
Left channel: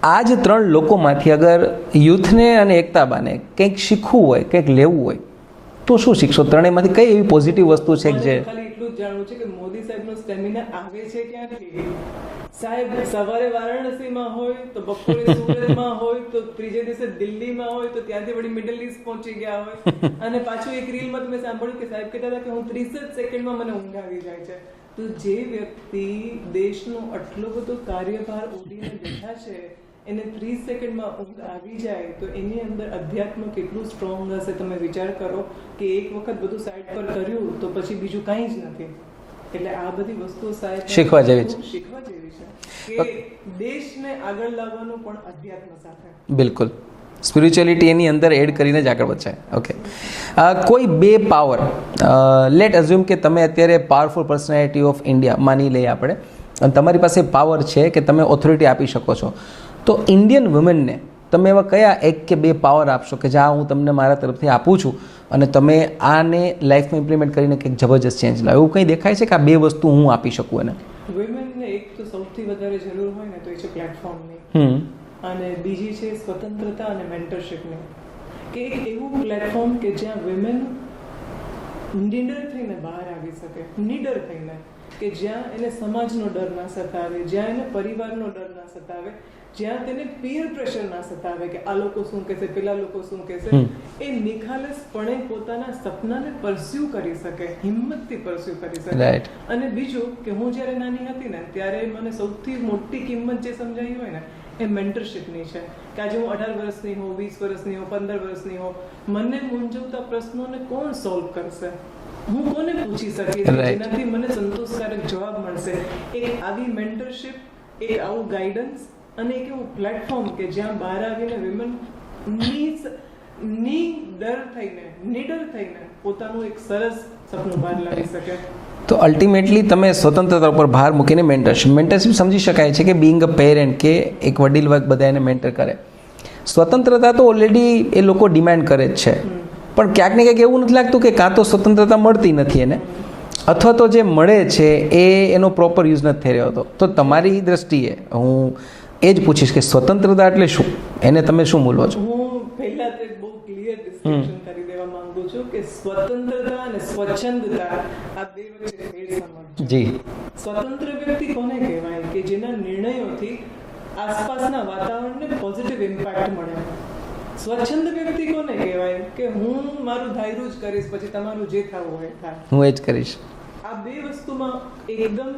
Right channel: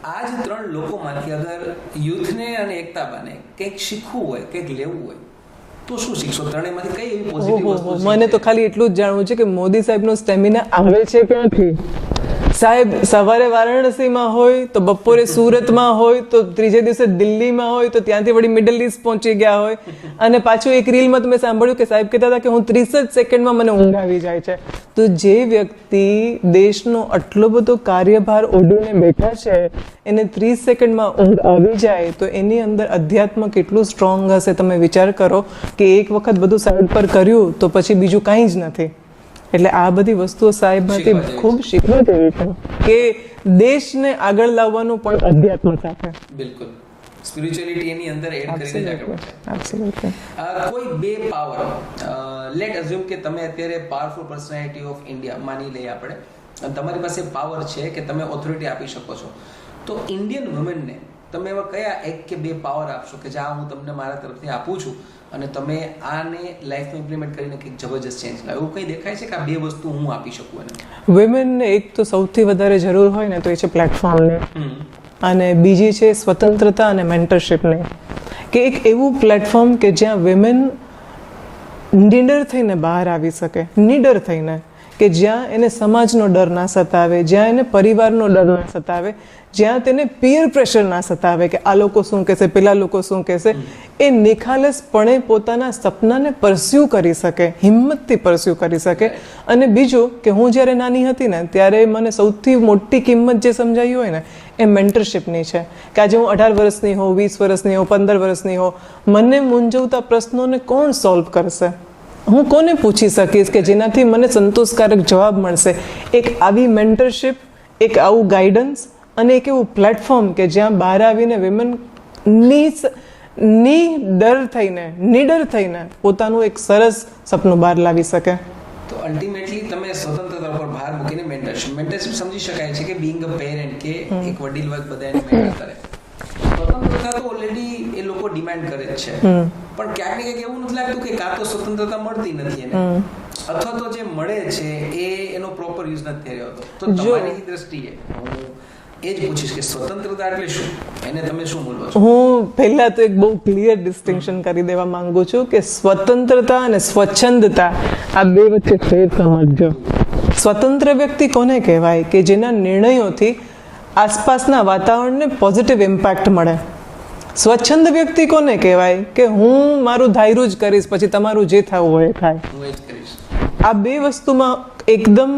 આ જ 3 લોકોમાંથી અગર યુથને અને એકતાબાને કંઈક શીખવું હોય, કંઈક લેવું હોય, તો શું શીખશો? ત્રણેયમાંથી કઈ એવી પોઝિટિવ વસ્તુ છે? મને તો ખાલી એટલું જ જાણવું છે કે મોદી સાહેબનો સ્ટેમિના આવે છે ક્યાંથી. સાહેબ સવારે વારાણસીમાં હોય તો બપોરે સુરતમાં હોય તો ત્રીજે દિવસે દિલ્હીમાં હોય તો ત્યાંથી વળી મિડલ ઈસ્ટ પહોંચી ગયા હોય. અને પાછું એક રીલમાં તો મેં સાંભળ્યું કે સાહેબ કહેતા હતા કે હું 30 જ સેકન્ડમાં મને ઊંઘ આવી જાય છે. તો જે વ્યક્તિ દેશનો આટલો બધો કાર્યભાર ઓઢીને બેઠા છે એને 30 સેકન્ડમાં ઊંઘ આવી જાય તો એની અંદર અધ્યાત્મ કેટલું સ્ટ્રોંગ હશે. તમે વિચાર કરો કે એક વખત બધું સાઈડ પર કર્યું તો પછી બીજું કાંઈ જ નથી. એટલે આ બધી વસ્તુઓ સાહેબ ખૂબ શીખવા જેવી છે કે દેશને આગળ લાવવાનું પણ અધ્યાત્મ સાથે. બિલકુલ, સ્પિરિચ્યુઅલિટી એની અંદર એડ કરીને જ આગળ વધશે. ઓકે. કોઈ 2 પાવર, લેટ અઝ્યુમ કે તમે અત્યારે પાવરફુલ પર્સનાલિટી ઓફ ઇન્ડિયા માની લઈએ આપણે, અને તમારી પાસે પાવર છે કે તમે ઓથોરિટી આપી શકો છો, તો ઇન્ડિયન વુમેનને તમે એવા કયા 1 કે 2 પાવર આપશો કે જ્યાં હું તમને મારા તરફથી આપું છું અને તમે આને લાઈફમાં ઇમ્પ્લિમેન્ટ કરીને કંઈક જબરજસ્ત ચેન્જ લાવો? એવું કંઈ દેખાય છે કે આ 2 વસ્તુ હું આપી શકું એને? વુમેનને એક તો સૌથી વધારે જરૂર હોય ને તો એ છે પ્લેટફોર્મની, અને બીજી છે સ્વતંત્રતા અને મેન્ટરશિપની. કે એક એવું પ્લેટફોર્મ કે જ્યાં વિમેન નિડર થઈને બહાર આવી શકે, નિડર થઈને, કે જ્યાં એને સમાજનો ડર ના સતાવે, જ્યાં એને પરિવારનો ડર ના સતાવે, જ્યાં તેને પિયર પ્રેશર ના સતાવે કે આ લોકો શું કહેશે, પેલા લોકો શું કહેશે, એ નિખાલસપણે પોતાના સપનાને પરસ્યુ કરી શકે, હિંમતથી પરસ્યુ કરી શકે. અને બીજું કે હું જ્યારે નાની હતી ને ત્યારે મને સૌથી મોટી કિંમત જે સમજાઈ હોય ને એ મેન્ટરશિપની છે. કે આજે હું 18 વર્ષની હોઉં, 20 વર્ષની હોઉં, 15 વર્ષની હોઉં, મને મૂંઝવતા પ્રશ્નોને કોણ સોલ્વ કરશે, હું કોને પૂછી શકીશ કે જેનાથી મને સંતોષકારક જવાબ મળશે. એક આવી મેન્ટરશિપ, એક આવું ગાઈડન્સ અને એક એવું પ્લેટફોર્મ કે જ્યાં બહાર આવીને વિમેન નિડર થઈને પોતાનું એક સરસ સપનું બહાર લાવી શકે. તો અલ્ટિમેટલી તમે સ્વતંત્રતા ઉપર ભાર મૂકીને મેન્ટરશિપ સમજી શકાય છે કે બિંગ અ પેરેન્ટ કે એક વડીલ વર્ગ બધા એને મેન્ટર કરે. સ્વતંત્રતા તો ઓલરેડી એ લોકો ડિમાન્ડ કરે જ છે, પણ ક્યાંક ને ક્યાંક એવું નથી લાગતું કે કાં તો સ્વતંત્રતા મળતી નથી એને, અથવા તો જે મળે છે એ એનો પ્રોપર યુઝ નથી થઈ રહ્યો હતો. તો તમારી દ્રષ્ટિએ હું એ જ પૂછીશ કે સ્વતંત્રતા એટલે શું, એને તમે શું મૂલો છો? હું પહેલા તો એક બહુ ક્લિયર ડિસ્ટિંક્શન કરી દેવા માંગુ છું કે સ્વતંત્રતા અને સ્વચ્છંદતા આ બે વચ્ચે ફેર સમજજો. સ્વતંત્ર વ્યક્તિ કોને કહેવાય કે જેના નિર્ણયોથી આસપાસના વાતાવરણને પોઝિટિવ ઇમ્પેક્ટ મળે. સ્વચ્છંદ વ્યક્તિ કોને કહેવાય કે હું મારું ધાર્યું જ કરીશ, પછી તમારું જે થવું હોય એ થાય, હું એ જ કરીશ. આ બે વસ્તુમાં એકદમ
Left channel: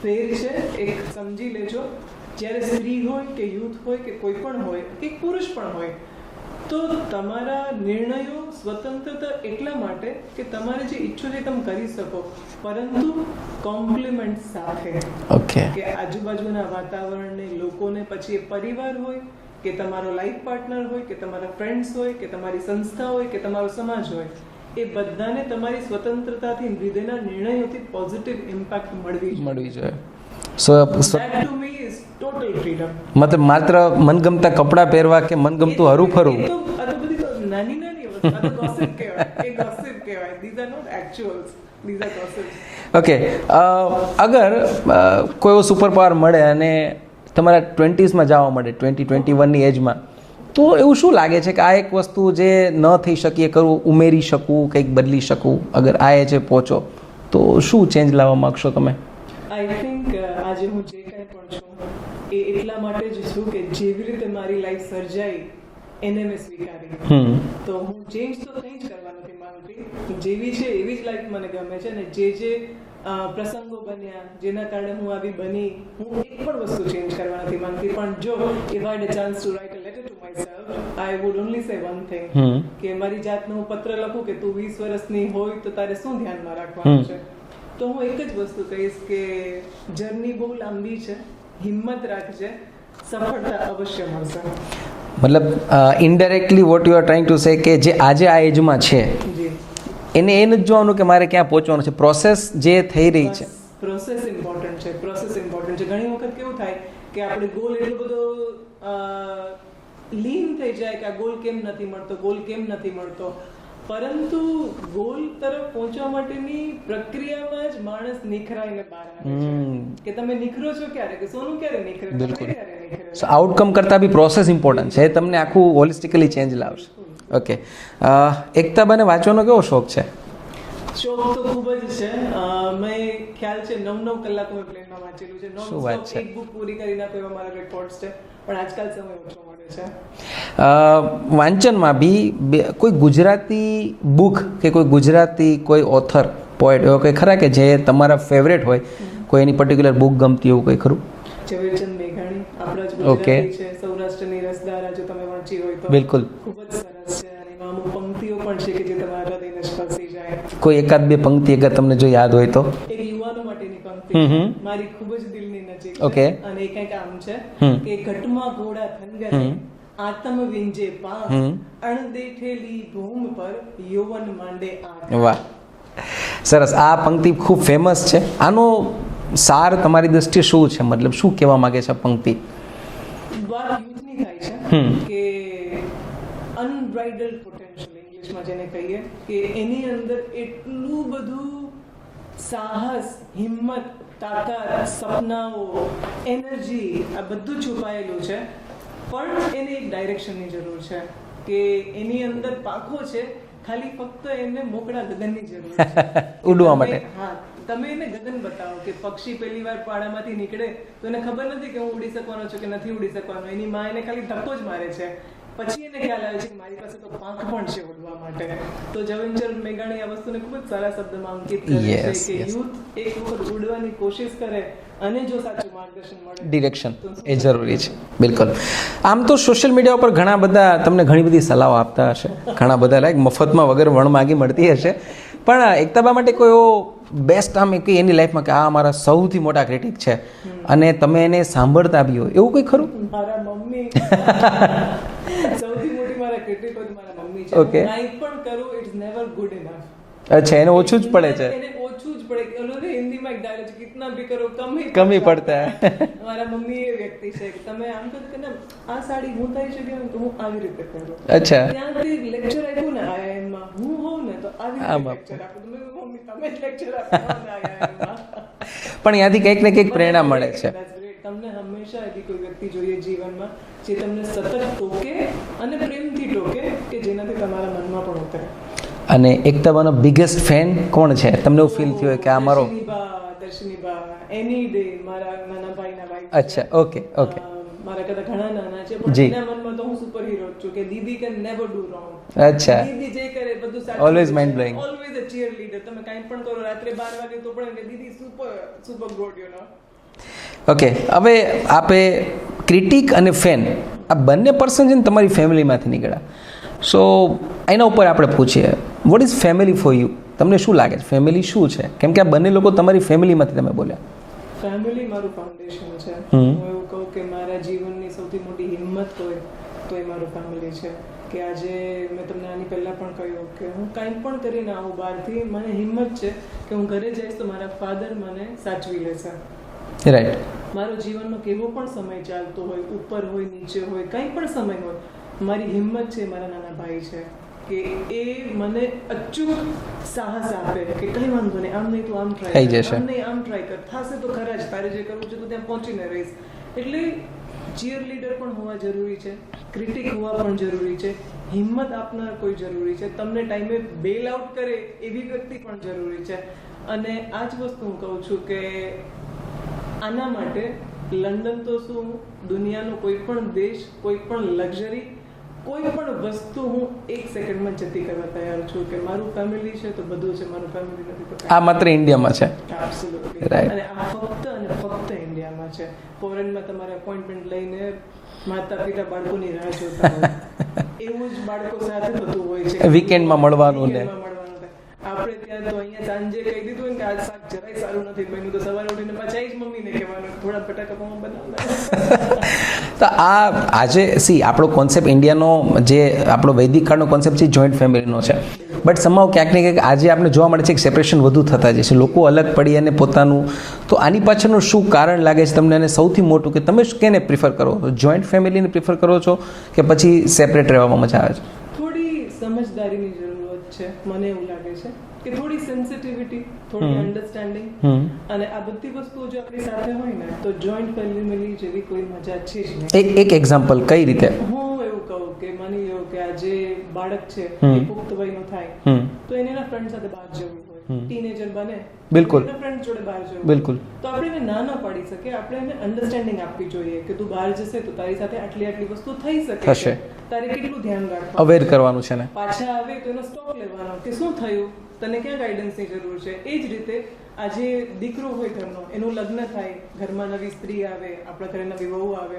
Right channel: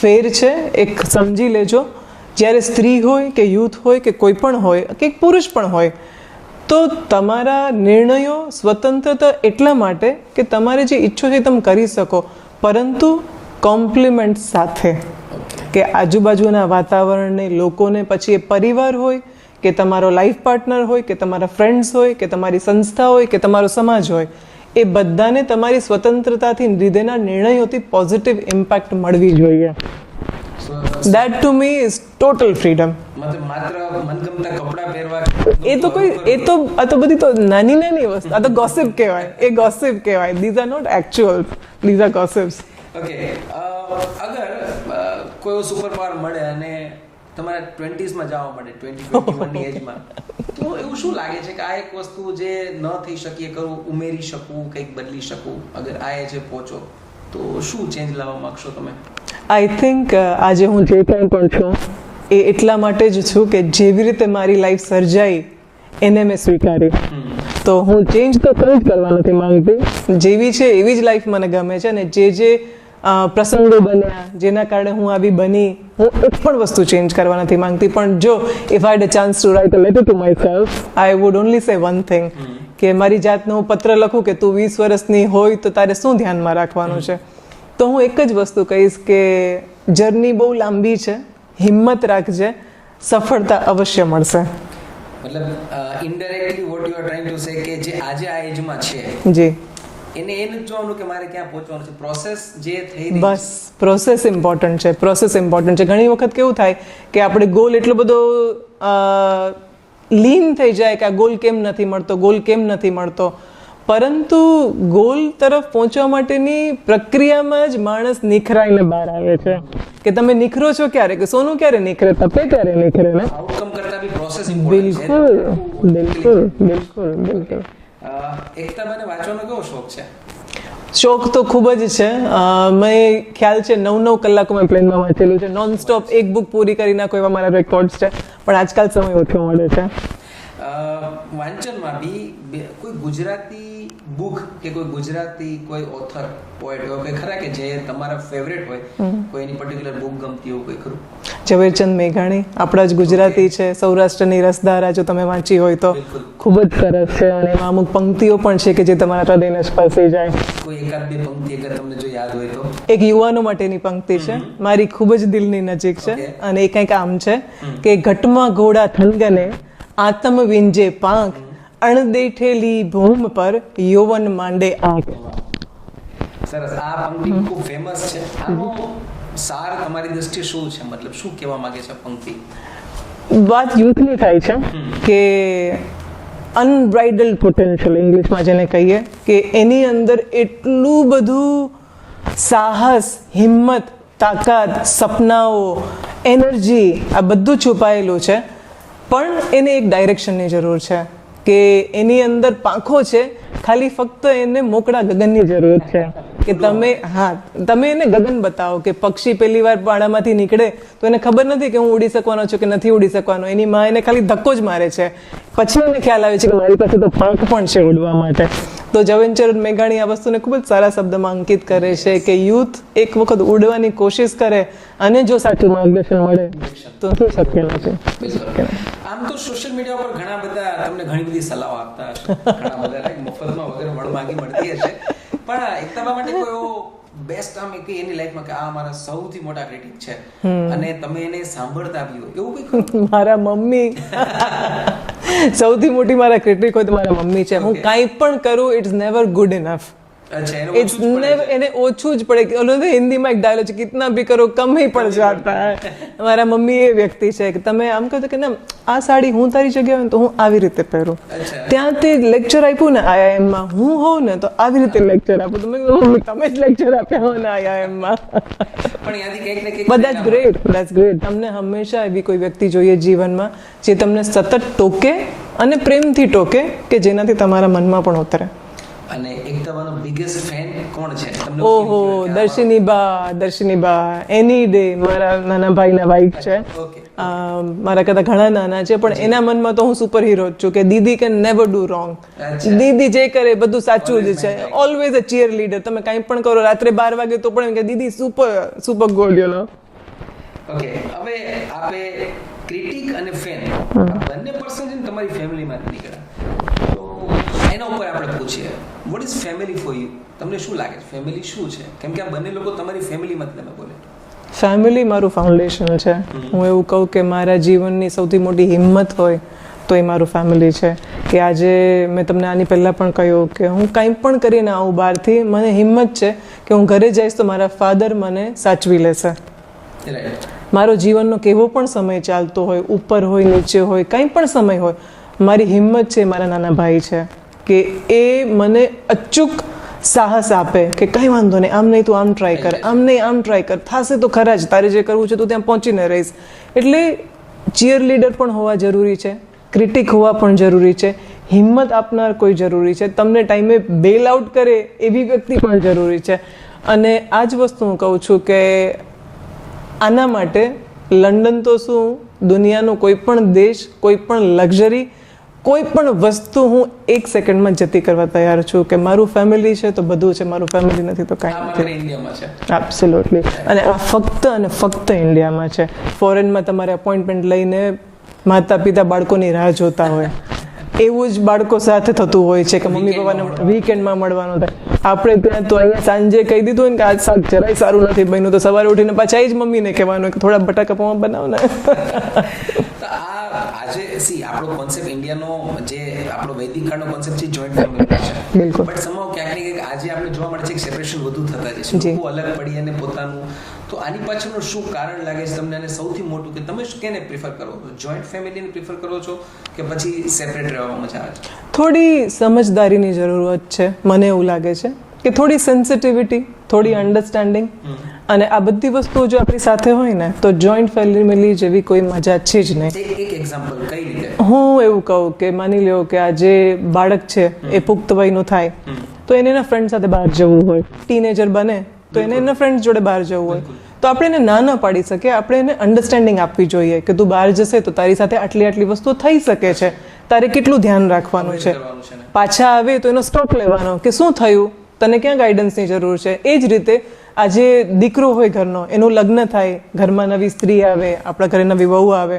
ફેર છે, એક સમજી લેજો. જ્યારે સ્ત્રી હોય કે યુથ હોય કે કોઈ પણ હોય કે પુરુષ પણ હોય, તો તમારા નિર્ણયો સ્વતંત્રતા એટલા માટે કે તમારે જે ઈચ્છો છે તમે કરી શકો, પરંતુ કોમ્પ્લિમેન્ટ સાથે. ઓકે. કે આજુબાજુના વાતાવરણને, લોકોને, પછી એ પરિવાર હોય કે તમારો લાઈફ પાર્ટનર હોય કે તમારા ફ્રેન્ડ્સ હોય કે તમારી સંસ્થા હોય કે તમારો સમાજ હોય, એ બધાને તમારી સ્વતંત્રતાથી લીધેના નિર્ણયોથી પોઝિટિવ ઇમ્પેક્ટ મળવી જોઈએ. So that to me is total freedom. મતલબ માત્ર મનગમતા કપડાં પહેરવા કે મનગમતું હરું આ તો બધી તો નાની નાની વસ્તુ, આ તો ગોસિપ કહેવાય, એ ગોસિપ કહેવાય. These are not actual, these are gossips. Okay. અગર કોઈ એવો સુપર પાવર મળે અને તમારા 20s જવા મળે, 20-21ની એજમાં, તો એવું શું લાગે છે કે આ એક વસ્તુ જે ન થઈ શકી એ કરવું, ઉમેરી શકું, કંઈક બદલી શકું? અગર આ એજે પહોંચો તો શું ચેન્જ લાવવા માંગશો તમે? આઈ થિંક આજે હું જે કંઈ પણ છું એ એટલા માટે જ છું કે જેવી રીતે મારી લાઈફ સર્જાઈ એને મેં સ્વીકારી. તો હું ચેન્જ તો કંઈ જ કરવા નથી માંગતી, જેવી છે એવી જ લાઈફ મને ગમે છે. અને જે પ્રસંગો બન્યા જેના કારણે હું આવી બની, હું એક પણ વસ્તુ ચેન્જ કરવા નથી માંગતી. પણ જો if I had a chance to write a letter to myself, I would only say one thing, કે મારી જાતને હું પત્ર લખું કે તું 20 વર્ષની હોય તો તારે શું ધ્યાનમાં રાખવાનું છે, તો હું એક જ વસ્તુ કહીશ કે જર્ની બહુ લાંબી છે, હિંમત રાખજે, સફળતા અવશ્ય મળશે. મતલબ indirectly what you are trying to say કે જે આજે આ એજમાં છે જી, એને એ નથી જોવાનું કે મારે ક્યાં પહોંચવાનું છે, પ્રોસેસ જે થઈ રહી છે, બસ પ્રોસેસ ઇમ્પોર્ટન્ટ છે, પ્રોસેસ ઇમ્પોર્ટન્ટ છે. ઘણી વખત કેવું થાય કે આપણે ગોલ એટલો બધો લીન થઈ જાય કે આ ગોલ કેમ નથી મળતો, ગોલ કેમ નથી મળતો, પરંતુ ગોલ તરફ પહોંચવા માટેની પ્રક્રિયામાં જ માણસ નિખરાઈને બહાર આવે છે. કે તમે નિખરો છો ક્યારે, કે સોનું ક્યારે નિખરે, તપે ક્યારે નિખરે ને. આઉટકમ કરતા બી પ્રોસેસ ઇમ્પોર્ટન્ટ છે, તમને આખું હોલિસ્ટિકલી ચેન્જ લાવે. ઓકે. એકતા બને વાંચવાનો કેવો શોખ છે? શોખ તો ખૂબ જ છે. મેં ખ્યાલ છે 9-9 કલાકો મેં પ્લેનમાં વાંચેલું છે, નોન સ્ટોપ એક બુક પૂરી કરી નાખો એવા મારા રેકોર્ડ્સ છે, પણ આજકાલ સમય ઓછો મળે છે. વાંચનમાં બી કોઈ ગુજરાતી બુક કે કોઈ ગુજરાતી કોઈ ઓથર, પોએટ એવો કોઈ ખરા કે જે તમારા ફેવરેટ હોય, કોઈ એની પર્ટિક્યુલર બુક ગમતી એવું કોઈ ખરું? ઝવેરચંદ મેઘાણી આપણા જ ગુજરાતી છે, સૌરાષ્ટ્રની રસધારા જો તમે વાંચી હોય તો બિલકુલ ખૂબ જ સરસ છે. અને એમાં અમુક પંક્તિઓ પણ છે કે જે તમારા હૃદયને સ્પર્શી જાય. કોઈ એકાદ બે પંક્તિ અગર તમને જો યાદ હોય તો? એક યુવાનો માટેની પંક્તિ છે, મારી ખૂબ જ દિલની નજીક છે, અને એ કંઈક આમ છે કે ઘટમાં ઘોડા થનગને, આતમ વિંજે પાંખ, અણદેઠેલી ભૂમ પર યૌવન માંડે આંખ. વાહ, સરસ. આ પંક્તિ ખૂબ ફેમસ છે. આનો સાર તમારી દ્રષ્ટિએ શું છે? મતલબ શું કહેવા માંગે છે પંક્તિ? વાત યુથની થાય છે કે અનબ્રાઇડલ્ડ પોટેન્શિયલ ઇંગ્લિશમાં જેને કહીએ, કે એની અંદર એટલું બધું સાહસ, હિંમત, તાકાત, સપનાઓ, એનર્જી, આ બધું છુપાયેલું છે, પણ એને એક ડાયરેક્શનની જરૂર છે, કે એની અંદર પાંખો છે ખાલી ફક્ત એને મોકળા ગગનની જરૂર છે કે ઉડવા તમે તમે એને ગગન બતાવો કે પક્ષી પહેલી વાર પાડામાંથી નીકળે તો એને ખબર નથી કે હું ઉડી શકવાનો છું કે નથી ઉડી શકવાનો. એની માં એને ખાલી ધક્કો જ મારે છે, પછી એને ખ્યાલ આવે છે કે મારી પાસે તો પાંખ પણ છે ઉડવા માટે. તો ઝવેરચંદ મેઘાણી આ વસ્તુને ખૂબ જ સારા શબ્દમાં અંકિત કરે છે કે યુથ એક વખત ઉડવાની કોશિશ કરે અને જો સાચું માર્ગદર્શન મળે, ડિરેક્શન તો એ જરૂરી છે. બિલકુલ. આમ તો સોશિયલ મીડિયા ઉપર ઘણા બધા તમને ઘણી બધી સલાહો આપતા હશે, ઘણા બધા લાઈક મફતમાં વગર વણ માગી મળતી હશે, પણ એકતાબા માટે કોઈ એવો બેસ્ટ આમ કે એની લાઈફમાં કે આ મારા સૌથી મોટા ક્રિટિક છે અને તમે એને સાંભળતા બી હોય એવું કોઈ ખરું? મારા મમ્મી સૌથી મોટી મારા ક્રિટિક હોય તો મારા મમ્મી છે. હું કાંઈ પણ કરું ઇટ્સ નેવર ગુડ ઇનફ. અચ્છા, એને ઓછું જ પડે છે. એને ઓછું જ પડે. ઓલો હિન્દીમાં એક ડાયલોગ છે, કિતના ભી કરો કમ હી પડતા હૈ. મારા મમ્મી એ વ્યક્તિ છે કે તમે આમ કહો કે ના આ સાડી હું તારી જગ્યાએ હોય તો હું આવી રીતે પહેરું. અચ્છા, ત્યાંથી લેક્ચર આપ્યું ને IIM માં હું હોઉં ને તો આવી રીતે લેક્ચર આપું. તમે જ લેક્ચર આપ્યા હો ને IIM માં. પણ ત્યાંથી કંઈક ને કંઈક પ્રેરણા મળે છે. That's great. તમને હંમેશા એવી કોઈ વ્યક્તિ જોઈએ જીવનમાં જે તમને સતત ટોકે અને પ્રેમથી ટોકે કે જેનાથી તમારા મનમાં પણ ઉતરે. અને એકતાબાનો બિગેસ્ટ ફેન કોણ છે તમને એવું ફીલ થયું કે આ મારો? દર્શિનીબા એની ડે મારા નાના ભાઈના વાઈફ છે. ઓકે. મારા કરતા ઘણા નાના છે પણ એના મનમાં તો હું સુપર હીરો જ છું કે દીદી કેન નેવર ડુ રોંગ. અચ્છા, દીદી જે કરે બધું સાચું જ છે. Always a cheer leader. તમે કંઈ પણ કરો રાત્રે 12 વાગે તો પણ કે દીદી super god you know. Okay, હવે આપે ક્રિટિક અને ફેન આ બંને પર્સન છે ને તમારી ફેમિલીમાંથી નીકળ્યા. સો એના ઉપર આપણે પૂછીએ what is family for you? તમને શું લાગે છે ફેમિલી શું છે? કેમ કે આ બંને લોકો તમારી ફેમિલીમાંથી તમે બોલ્યા. ફેમિલી મારું ફાઉન્ડેશન છે. હું એવું કહું કે મારા જીવનની સૌથી મોટી હિંમત હોય તો એ મારું ફેમિલી છે. કે આજે મેં તમને આની પહેલાં પણ કહ્યું કે હું કંઈ પણ કરીને આવું બહારથી મને હિંમત છે કે હું ઘરે જઈશ તો મારા ફાધર મને સાચવી લેશે. રાઈટ. મારો જીવનનો કેવો પણ સમય ચાલતો હોય, ઉપર હોય નીચે હોય, કંઈ પણ સમય હોય, મારી હિંમત છે મારા નાના ભાઈ છે કે એ મને અચૂક સાહસ આપે કે કંઈ વાંધો નહીં, આમ નહીં તું આમ ટ્રાય કર, આમ નહીં આમ ટ્રાય કર, થશે તો ખરા જ, તારે જે કરવું છે તું ત્યાં પહોંચીને રહીશ. એટલે ચીયર લીડર પણ હોવા જરૂરી છે, ક્રિટિક હોવા પણ જરૂરી છે, હિંમત આપનાર કોઈ જરૂરી છે, તમને ટાઈમે બેલ આઉટ કરે એવી વ્યક્તિ પણ જરૂરી છે. અને આ જ વસ્તુ હું કહું છું કે આના માટે લંડન તો શું, દુનિયાનો કોઈ પણ દેશ, કોઈ પણ લક્ઝરી, કોઈ પણ વસ્તુ હું 1 સેકન્ડમાં જતી કરવા તૈયાર છું કે મારું ફેમિલી છે તો બધું છે, મારું ફેમિલી નથી તો કાંઈ. આ માત્ર ઇન્ડિયામાં છે. એબ્સોલ્યુટલી. અને આ ફક્ત અને ફક્ત ઇન્ડિયામાં છે. ફોરેનમાં તમારે અપોઇન્ટમેન્ટ લઈને માતા પિતા બાળકોની રાહ જોતા હોય એવું જ બાળકો સાથે થતું હોય છે કે વીકેન્ડમાં મળવાનું થાય. આપણે ત્યાં તો અહીંયા સાંજે કહી દીધું હોય ને કે આજ શાક જરાય સારું નથી બન્યું તો સવારે ઉઠીને પાછા એ જ મમ્મીને કહેવાનું કે થોડા બટાકા પૌવા બનાવ ને. તો આ આજે આપણો કોન્સેપ્ટ ઇન્ડિયાનો જે આપણો વૈદિક કાળનો કોન્સેપ્ટ છે જોઈન્ટ ફેમિલીનો છે. બટ સમાવ ક્યાંક ને ક્યાંક આજે આપણે જોવા મળે છે કે સેપરેશન વધુ થતા જાય છે, લોકો અલગ પડી અને પોતાનું. તો આની પાછળનું શું કારણ લાગે છે તમને? અને સૌથી મોટું કે તમે કેને પ્રિફર કરો, જોઈન્ટ ફેમિલીને પ્રિફર કરો છો કે પછી સેપરેટ રહેવામાં મજા આવે છે? થોડી સમજદારીની જરૂરત છે, મને એવું લાગે છે કે થોડી સેન્સિટિવિટી, થોડી અન્ડરસ્ટેન્ડિંગ, અને આ બધી વસ્તુઓ જો આપણી સાથે હોય ને તો જોઈન્ટ ફેમિલી જેવી કોઈ મજા છે જ નહીં. એક એક્ઝામ્પલ કઈ રીતે? હું એવું કહું કે માની લ્યો કે આ જે બાળક છે એ પુખ્ત વયનું થાય તો એને એના ફ્રેન્ડ સાથે બહાર જવું હોય, ટીનેજર બને તો એને એના ફ્રેન્ડ જોડે બહાર જવું હોય તો આપણે એને ના ન પાડી શકીએ. આપણે એને અન્ડરસ્ટેન્ડિંગ આપવી જોઈએ કે તું બહાર જશે તો તારી સાથે આટલી વસ્તુ થઈ શકે છે, તારે કેટલું ધ્યાન રાખવાનું છે, પાછા આવે તો એનો સ્ટોક લેવાનો કે શું થયું, તને ક્યાં ગાઈડન્સની જરૂર છે. એ જ રીતે આજે દીકરો હોય ઘરનો, એનું લગ્ન થાય, ઘરમાં નવી સ્ત્રી આવે, આપણા ઘરે નવી વહુ આવે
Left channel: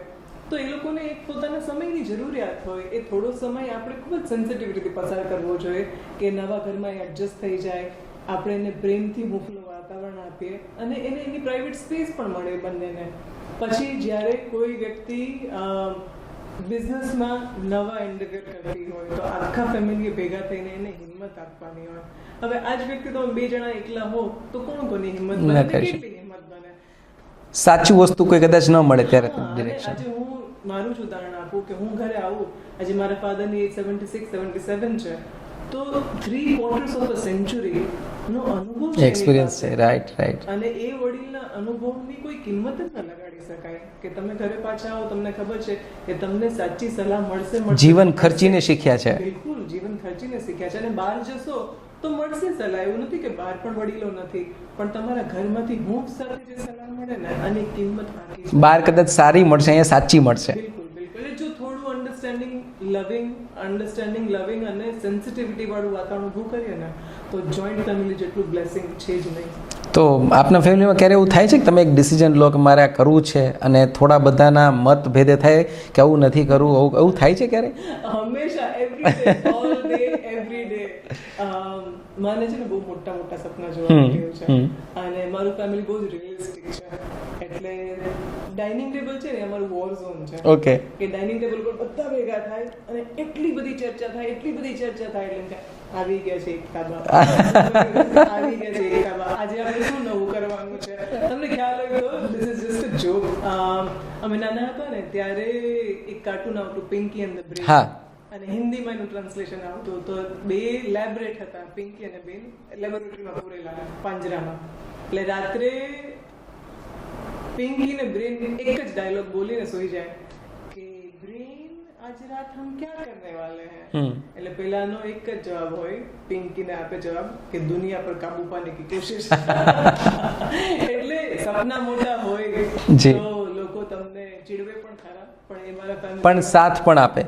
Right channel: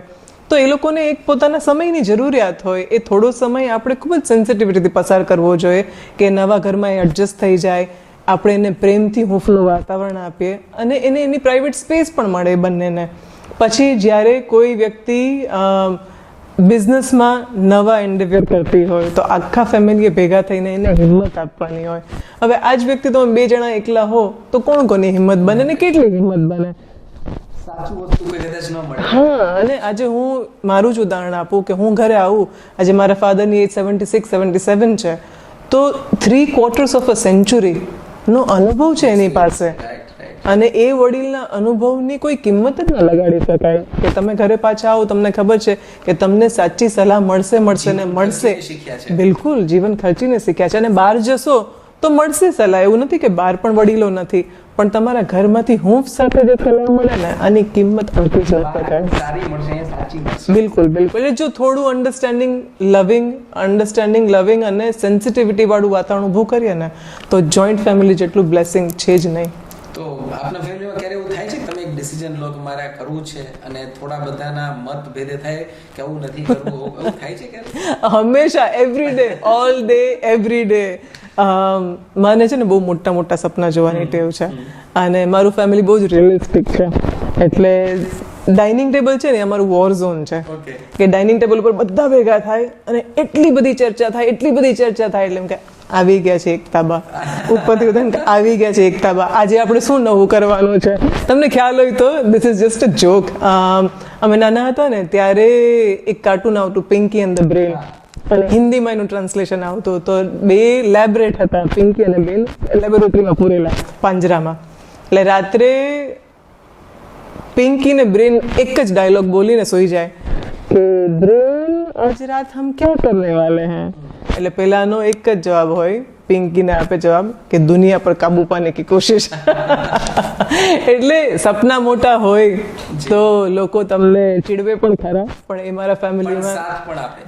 તો એ લોકોને એક પોતાના સમયની જરૂરિયાત હોય. એ થોડો સમય આપણે ખૂબ જ સેન્સિટિવિટીથી પસાર કરવો જોઈએ કે નવા ઘરમાં એ એડજસ્ટ થઈ જાય, આપણે એને પ્રેમથી હૂંફનું વાતાવરણ આપીએ અને એને એની પ્રાઇવેટ સ્પેસ પણ મળે બંનેને. પછી જ્યારે કોઈ વ્યક્તિ બિઝનેસમાં નવા એન્ડેવર કરતી હોય તો આખા ફેમિલીએ ભેગા થઈને એને હિંમત આપવાની હોય. હવે આ જ વ્યક્તિ તમે 2 જણા એકલા હો તો કોની હિંમત બને ને કેટલી હિંમત બને? સાચી વસ્તુ કોઈ કદાચ ન મળે. અને આજે હું મારું જ ઉદાહરણ આપું કે હું ઘરે આવું, આજે મારા ફાધરની એજ 76-77 છે તો 3/4 ઓફ અ સેન્ચુરી નો અનુભવ છે એની પાસે, રાઈટ. અને એ વડીલના અનુભવની કોઈ કિંમત જ ન લગાડી શકાય કે તમે ઘરે પાછા આવો તમને ખબર છે કે તમને સાચી સલાહ મળશે ને જીવન ખર્ચીને શીખ્યા છે. બિલકુલ જીવન ખર્ચીને શીખ્યા છે. અને બહાર જશો તો મળશે સલાહ, એવું નથી કે બહાર પણ વડીલો નથી, પણ તમારા ઘરમાંથી હૂંફ સાથે જે સલાહ મળે ને આની કિંમત આંકી છે. બહાર કદાચ સારી મળશે, અહીંયા સાચી મળશે. બિલકુલ બિલકુલ. એટલે જો થોડું અન્ડરસ્ટેન્ડિંગ લવિંગ અને સેન્સિટિવિટી વાળું વાતાવરણ ઊભું કરીએ ને તો જોઈન્ટ ફેમિલી જેટલું બ્લેસિંગ છે જ નહીં. તો આપના ફેમિલીમાં ક્યારે એવું થાય છે કે તમે એક ડિસિઝન લો કે મારે આ કરવું છે અને થોડા બધાના મતભેદે થાય કે આવું નથી કરવું, એવું થાય છે ક્યારે? હંમેશા, every day, all day, every day. મને છે ને બહુ મોટા મોટા સપના જોવાની ટેવ છે અને મારું ફેમિલી બહુ જ રિયલિસ્ટિક છે. એટલે ડાઇનિંગ ટેબલ છે ને અમારું વોર ઝોન છે. ઓકે. કે ડાઇનિંગ ટેબલ ઉપર બધા ભેગા થાય અને એટલી બધી ચર્ચા થાય એટલે એમ કે આવી ગયા છે એકતાબા, ઉપરથી આવી ગયા છે એકતાબા, આજે આપણે શું નવું કરવાનું છે. તમને ખ્યાલ હોય તો this is just a joke. અમે નાના હતા ને ત્યારે એક કાર્ટૂન આવતું પિંકી એન્ડ ધ બ્રેન, અને હિન્દીમાં એનું ટ્રાન્સલેશન આવતું. તો બે લેબરેટ હતા, પિંકી અને બેન લેબોરેટરીમાં પૂરેલા પાંજરામાં. એટલે રાત્રે પિંકી ને બ્રેન એક જ ડાયલોગ બોલીને સોઈ જાય કે બ્રેન આજ રાત હમ ક્યા કરને વાલે હૈ. એટલે પેલાનો એક જ જવાબ હોય, પિંકી ને આપે જવાબ કે દુનિયા પર કાબુ પાને કી કોશિશ. એટલે સપના મોટા હોય તો લોકો તમને ચીડવે પણ ખરા, પણ એ મારા ફેમિલી પણ સાથ પણ આપે.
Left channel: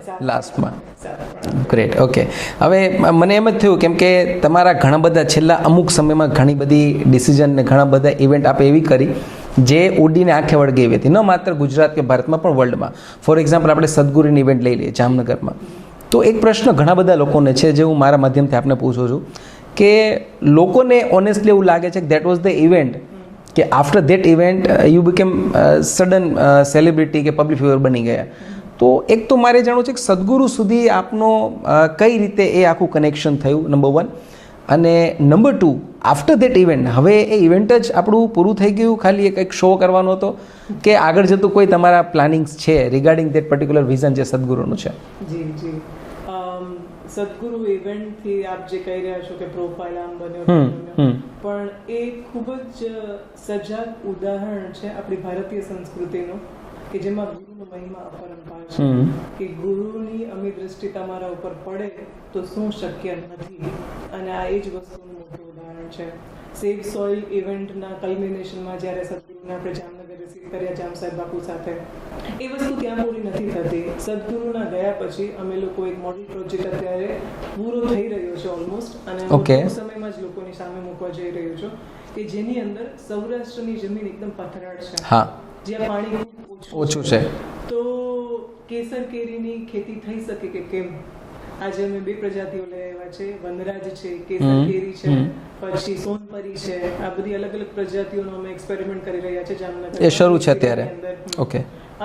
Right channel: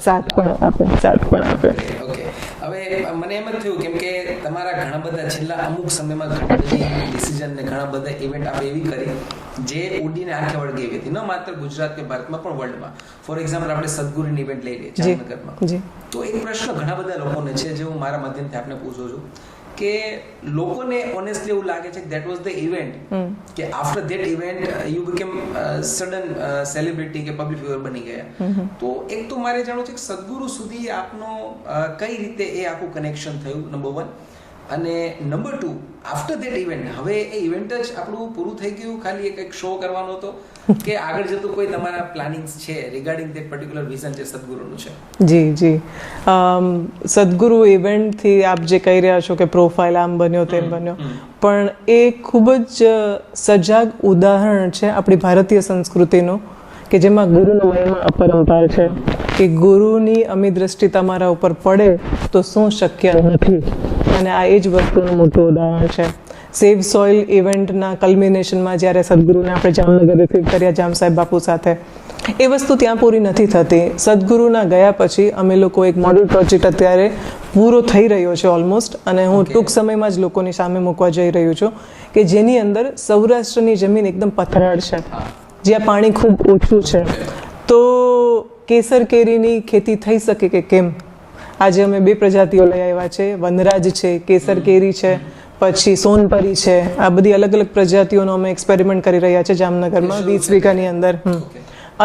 ગ્રેટ. ઓકે. હવે મને એમ જ થયું કેમ કે તમારા ઘણા બધા છેલ્લા અમુક સમયમાં ઘણી બધી ડિસિઝન ને ઘણા બધા ઇવેન્ટ આપે એવી કરી જે ઉડીને આંખે વળગે એવી હતી, ન માત્ર ગુજરાત કે ભારતમાં પણ વર્લ્ડમાં. ફોર એક્ઝામ્પલ આપણે સદગુરુની ઇવેન્ટ લઈ લઈએ જામનગરમાં. તો એક પ્રશ્ન ઘણા બધા લોકોને છે જે હું મારા માધ્યમથી આપને પૂછું છું કે લોકોને ઓનેસ્ટલી એવું લાગે છે કે દેટ વોઝ ધ ઇવેન્ટ કે after that event you became sudden celebrity કે પબ્લિક ફિગર બની ગયા. તો એક તો મારે જાણવું છે કે સદગુરુ સુધી આપનો કઈ રીતે એ આખું કનેક્શન થયું, નંબર 1. અને નંબર 2, આફ્ટર ધેટ ઇવેન્ટ, હવે એ ઇવેન્ટ જ આપણું પૂરું થઈ ગયું, ખાલી એક શો કરવાનો હતો કે આગળ જતું કોઈ તમારા પ્લાનિંગ્સ છે રિગાર્ડિંગ ધેટ પર્ટિક્યુલર વિઝન જે સદગુરુનું છે? જી. સદગુરુ ઇવેન્ટથી આપ જે કહી રહ્યા છો કે પ્રોફાઇલ આમ બન્યો તેમ બન્યો, પણ એ ખૂબ જ સજાગ ઉદાહરણ છે આપણી ભારતીય સંસ્કૃતિનું કે જેમાં ગુરુનો મહિમા અપરંપાર છે. કે ગુરુની અમી દ્રષ્ટિ તમારા ઉપર પડે તો શું શક્ય નથી, અને આ એ જ વસ્તુનું મોટું ઉદાહરણ છે. સેવ સોઇલ ઇવેન્ટના કલ્મિનેશનમાં જ્યારે સદગુરુને આપણે જામનગર રિસીવ કર્યા જામ સાહેબ બાપુ સાથે, એ વસ્તુ ત્યાં પૂરી નથી થતી. સદગુરુના ગયા પછી અમે લોકો એક મોડલ પ્રોજેક્ટ અત્યારે પૂરો થઈ રહ્યો છે ઓલમોસ્ટ, અને હું ટૂંક સમયમાં જ લોકોની સામે મૂકવા જઈ રહ્યું છું કે જેની અંદર સૌરાષ્ટ્રની જમીન એકદમ પથરાળ છે, જ્યાં પાણી ખૂબ ઓછું છે. તો કેસર કેરીની ખેતી થઈ શકે કે કેમ? આજે અમે 2 પ્રજાતિઓ લઈ આવ્યા છે, વનરાજ છે, કેસર કેરી છે, પછી સોનપરી છે. આ બધી અલગ અલગ પ્રજાતિઓનો અમે એક્સપેરિમેન્ટ કરી રહ્યા છે જામનગરની અંદર.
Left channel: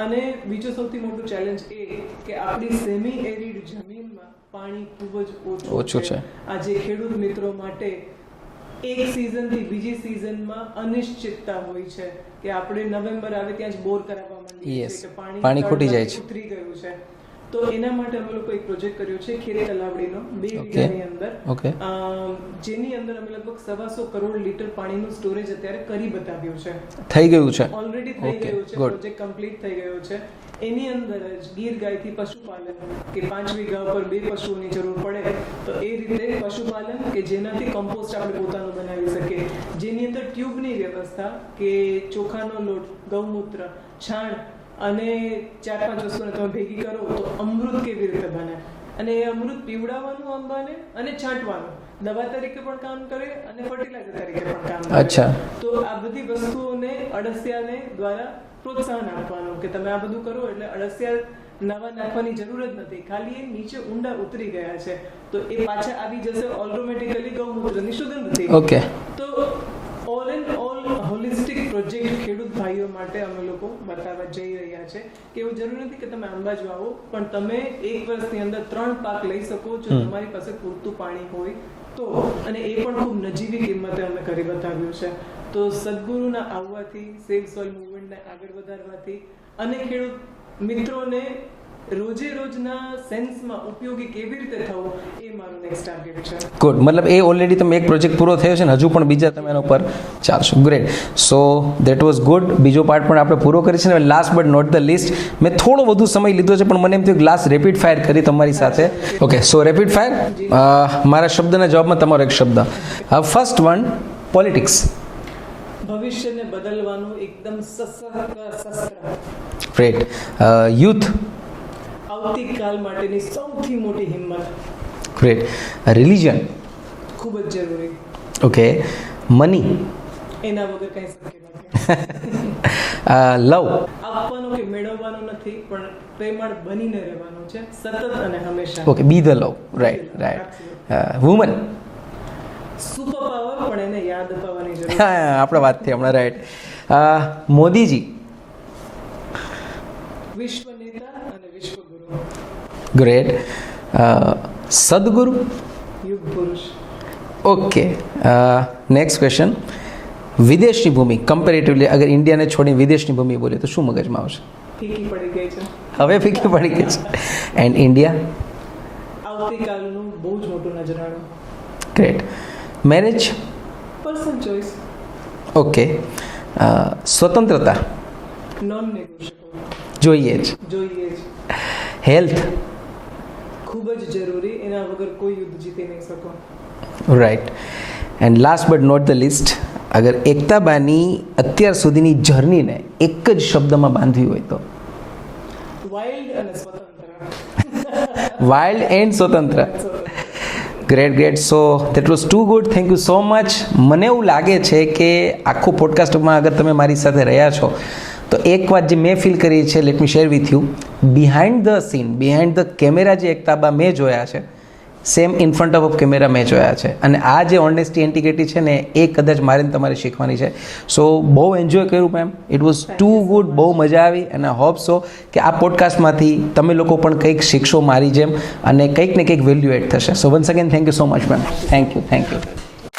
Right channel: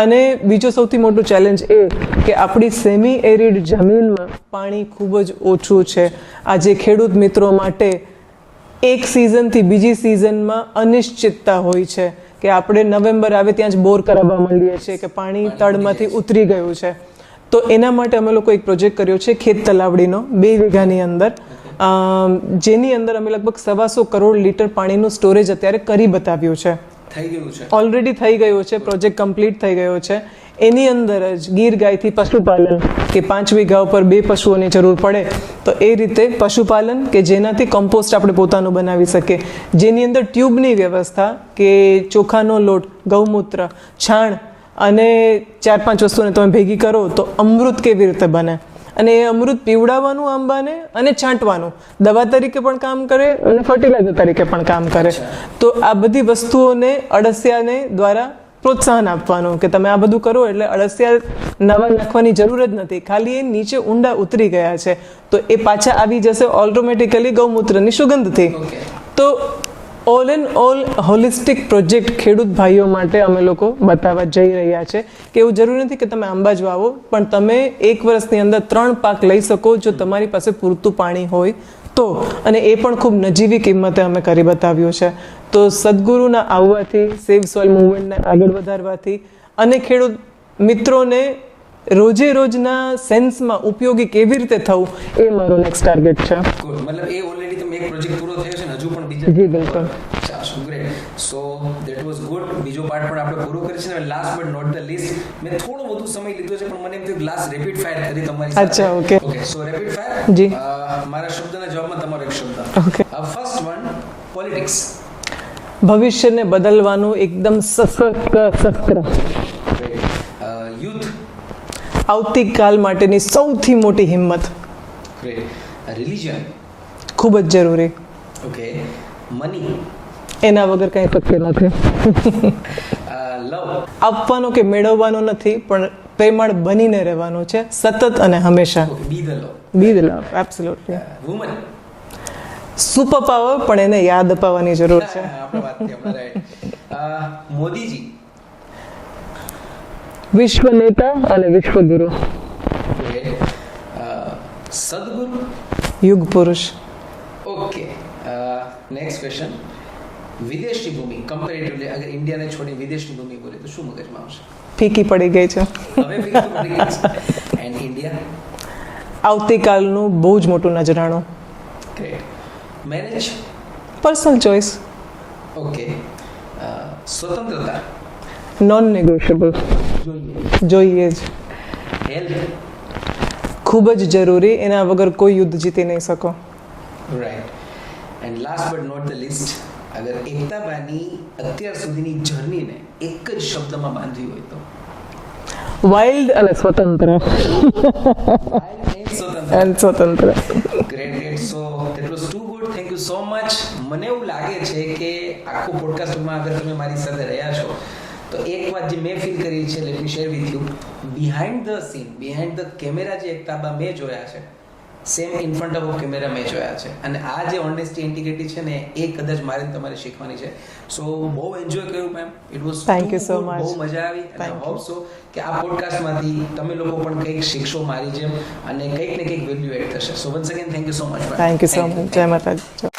અને બીજો સૌથી મોટું ચેલેન્જ એ કે આપણી સેમી એરિડ જમીનમાં પાણી ખૂબ જ ઓછું છે. આજે ખેડૂત મિત્રો માટે એક સિઝનથી બીજી સિઝનમાં અનિશ્ચિતતા હોય છે કે આપણે નવેમ્બર આવે ત્યાં જ બોર કરાવવા માંડીએ છીએ કે પાણી તળમાંથી ઉતરી ગયું છે. તો એના માટે અમે લોકો એક પ્રોજેક્ટ કર્યો છે ખેત તલાવડીનો 2 વીઘાની અંદર, જેની અંદર અમે લગભગ 125 કરોડ લીટર પાણીનું સ્ટોરેજ અત્યારે કરી બતાવ્યું છે. થઈ ગયું છે, ઓલરેડી થઈ ગયું છે, પ્રોજેક્ટ કમ્પ્લીટ થઈ ગયો છે. એની અંદર જ ગીર ગાયથી પશુપાલન કે 5 વીઘા ઉપર 2 પશુઓની જરૂર પડે તો એ રીતે પશુપાલન કે જેનાથી કમ્પોસ્ટ આપણે પોતાનું બનાવી શકીએ, જેની અંદર ટ્યુબની વ્યવસ્થા કે ચોખાનો લોટ, ગૌમૂત્ર, છાણ અને 4-5 વસ્તુને તમે ભેગી કરો તો અમૃત કેવી રીતે બને. અને એ અમૃત પીવડાવવાનું આંબાને અને છાંટવાનું દવા તરીકે પણ કામ કરે અને ફર્ટિલાઇઝર તરીકે પણ કામ કરે. તો આ બધી વસ્તુઓને અળસિયાને દ્વારા પ્રોત્સાહન આપવાનું કે તમે આ બધું કરો એટલે અળસિયા નવા નાખવાની જરૂર જ નથી, ખાલી એ નીચે ઊંડા ઉતરી ગયા છે તો એ પાછા આવી જશે ઓટોમેટિકલી ગૌમૂત્રની સુગંધથી. તો all and all holistic project ખેડૂત ભાઈઓ માટે અમે લોકો બતાવવા જઈ રહ્યા છે કે એવું જરૂરી નથી કે તમે આંબા જ વાવો, પણ તમે 1 વર્ષની અંદર 3 પાક લઈ શકો જો તમારી પાસે પૂરતું પાણી હોય તો. અને એ પણ ખૂબ નજીવી કિંમતે અમે કરી બતાવ્યું છે. તો સદગુરુના આવવાથી, સેવ સોઇલ મુવમેન્ટને આગળ વધારવાથી અને ખેડૂત મિત્રોને રોજે રોજના સેન્સમાં ઉપયોગી કેવી રીતે થવું એ મારો નેક્સ્ટ ટાર્ગેટ છે. ગુડ, મતલબ એ ઓલરેડી તમે એક પ્રોજેક્ટ પૂરો થયો છે ને હજુ પણ બીજા તમારા ઉપર ચાલશો. Great, so that was good. બીજો પાર્ટ પણ આપણે પૂરો કરી છે ને. Last but not the least, મેં થોડો વધુ સમય લીધો છે પણ મને એમ થયું લાસ્ટ રેપિડ ફાયર કરી તમારી સાથે. અચ્છા, okay. ઓકે, સો રેપિડ ફાયર. જી. મારા શબ્દના જવાબમાં તમારો એક શબ્દ. First one, politics. ભવિષ્યને બદલવાનું એકદમ સશક્ત શસ્ત્ર. ગ્રેટ. યુથ. આવતીકાલ માટેની સૌથી મોટી હિંમત. ગ્રેટ. રિલિજન. ખૂબ જ જરૂરી. ઓકે. મની. એના વગર કંઈ શક્ય નથી. લવ. આપવાનો કે મેળવવાનો નથી, પણ પ્રેમાળ બનીને રહેવાનો છે સતત અને હંમેશા. Okay, B the love. Be the love, absolutely. Woman. Super power, પણ એને યાદ અપાવવાની જરૂર છે. આપણે વાત થઈ હમણાં, રાઈટ. મોદીજી. વિશ્વ નેતા અને વિશ્વગુરુ. ગ્રેટ. સદગુરુ. યુગ પુરુષ. Okay, next question. વિદેશની ભૂમિ કમ્પેરેટિવલી અગર ઇન્ડિયાને છોડી વિદેશની ભૂમિ બોલે તો શું મગજમાં આવશે? ફીકી પડી ગઈ છે. હવે ફિક્સ પડી ગઈ છે. And India. આવતીકાલનું બહુ જ મોટું નજરાણું. Great. Marriage. Personal choice. Okay. સ્વતંત્રતા. Non negotiable. જોઈએ જ. જોઈએ જ. હેલ્થ. ખૂબ જ જરૂરી, એના વગર કોઈ યુદ્ધ જીતી નહીં શકો. Right. And last but not the list, અગર એકતાબાની અત્યાર સુધીની જર્નીને એક જ શબ્દમાં બાંધવી હોય તો? વાઇલ્ડ અને સ્વતંત્ર. વાઇલ્ડ એન્ડ સ્વતંત્ર. Great great. So that was too good. Thank you so much. મને એવું લાગે છે કે આખો પોડકાસ્ટમાં અગર તમે મારી સાથે રહ્યા છો તો એક વાત જે મેં ફીલ કરી છે, let me share with you. Behind the scene, behind the camera જે એકતાબા મેં જોયા છે, same in front of camera મેં જોયા છે. અને આ જે ઓનેસ્ટી ઇન્ટિગ્રિટી છે ને એ કદાચ મારે ને તમારે શીખવાની છે. સો બહુ એન્જોય કર્યું ma'am. It was Thank too you so good. much. બહુ મજા આવી અને હોપ સો કે આ પોડકાસ્ટમાંથી તમે લોકો પણ કંઈક શીખશો મારી જેમ અને કંઈક ને કંઈક વેલ્યુ એડ થશે. સો once again thank you so much ma'am. Thank you so much. જય માતાજી.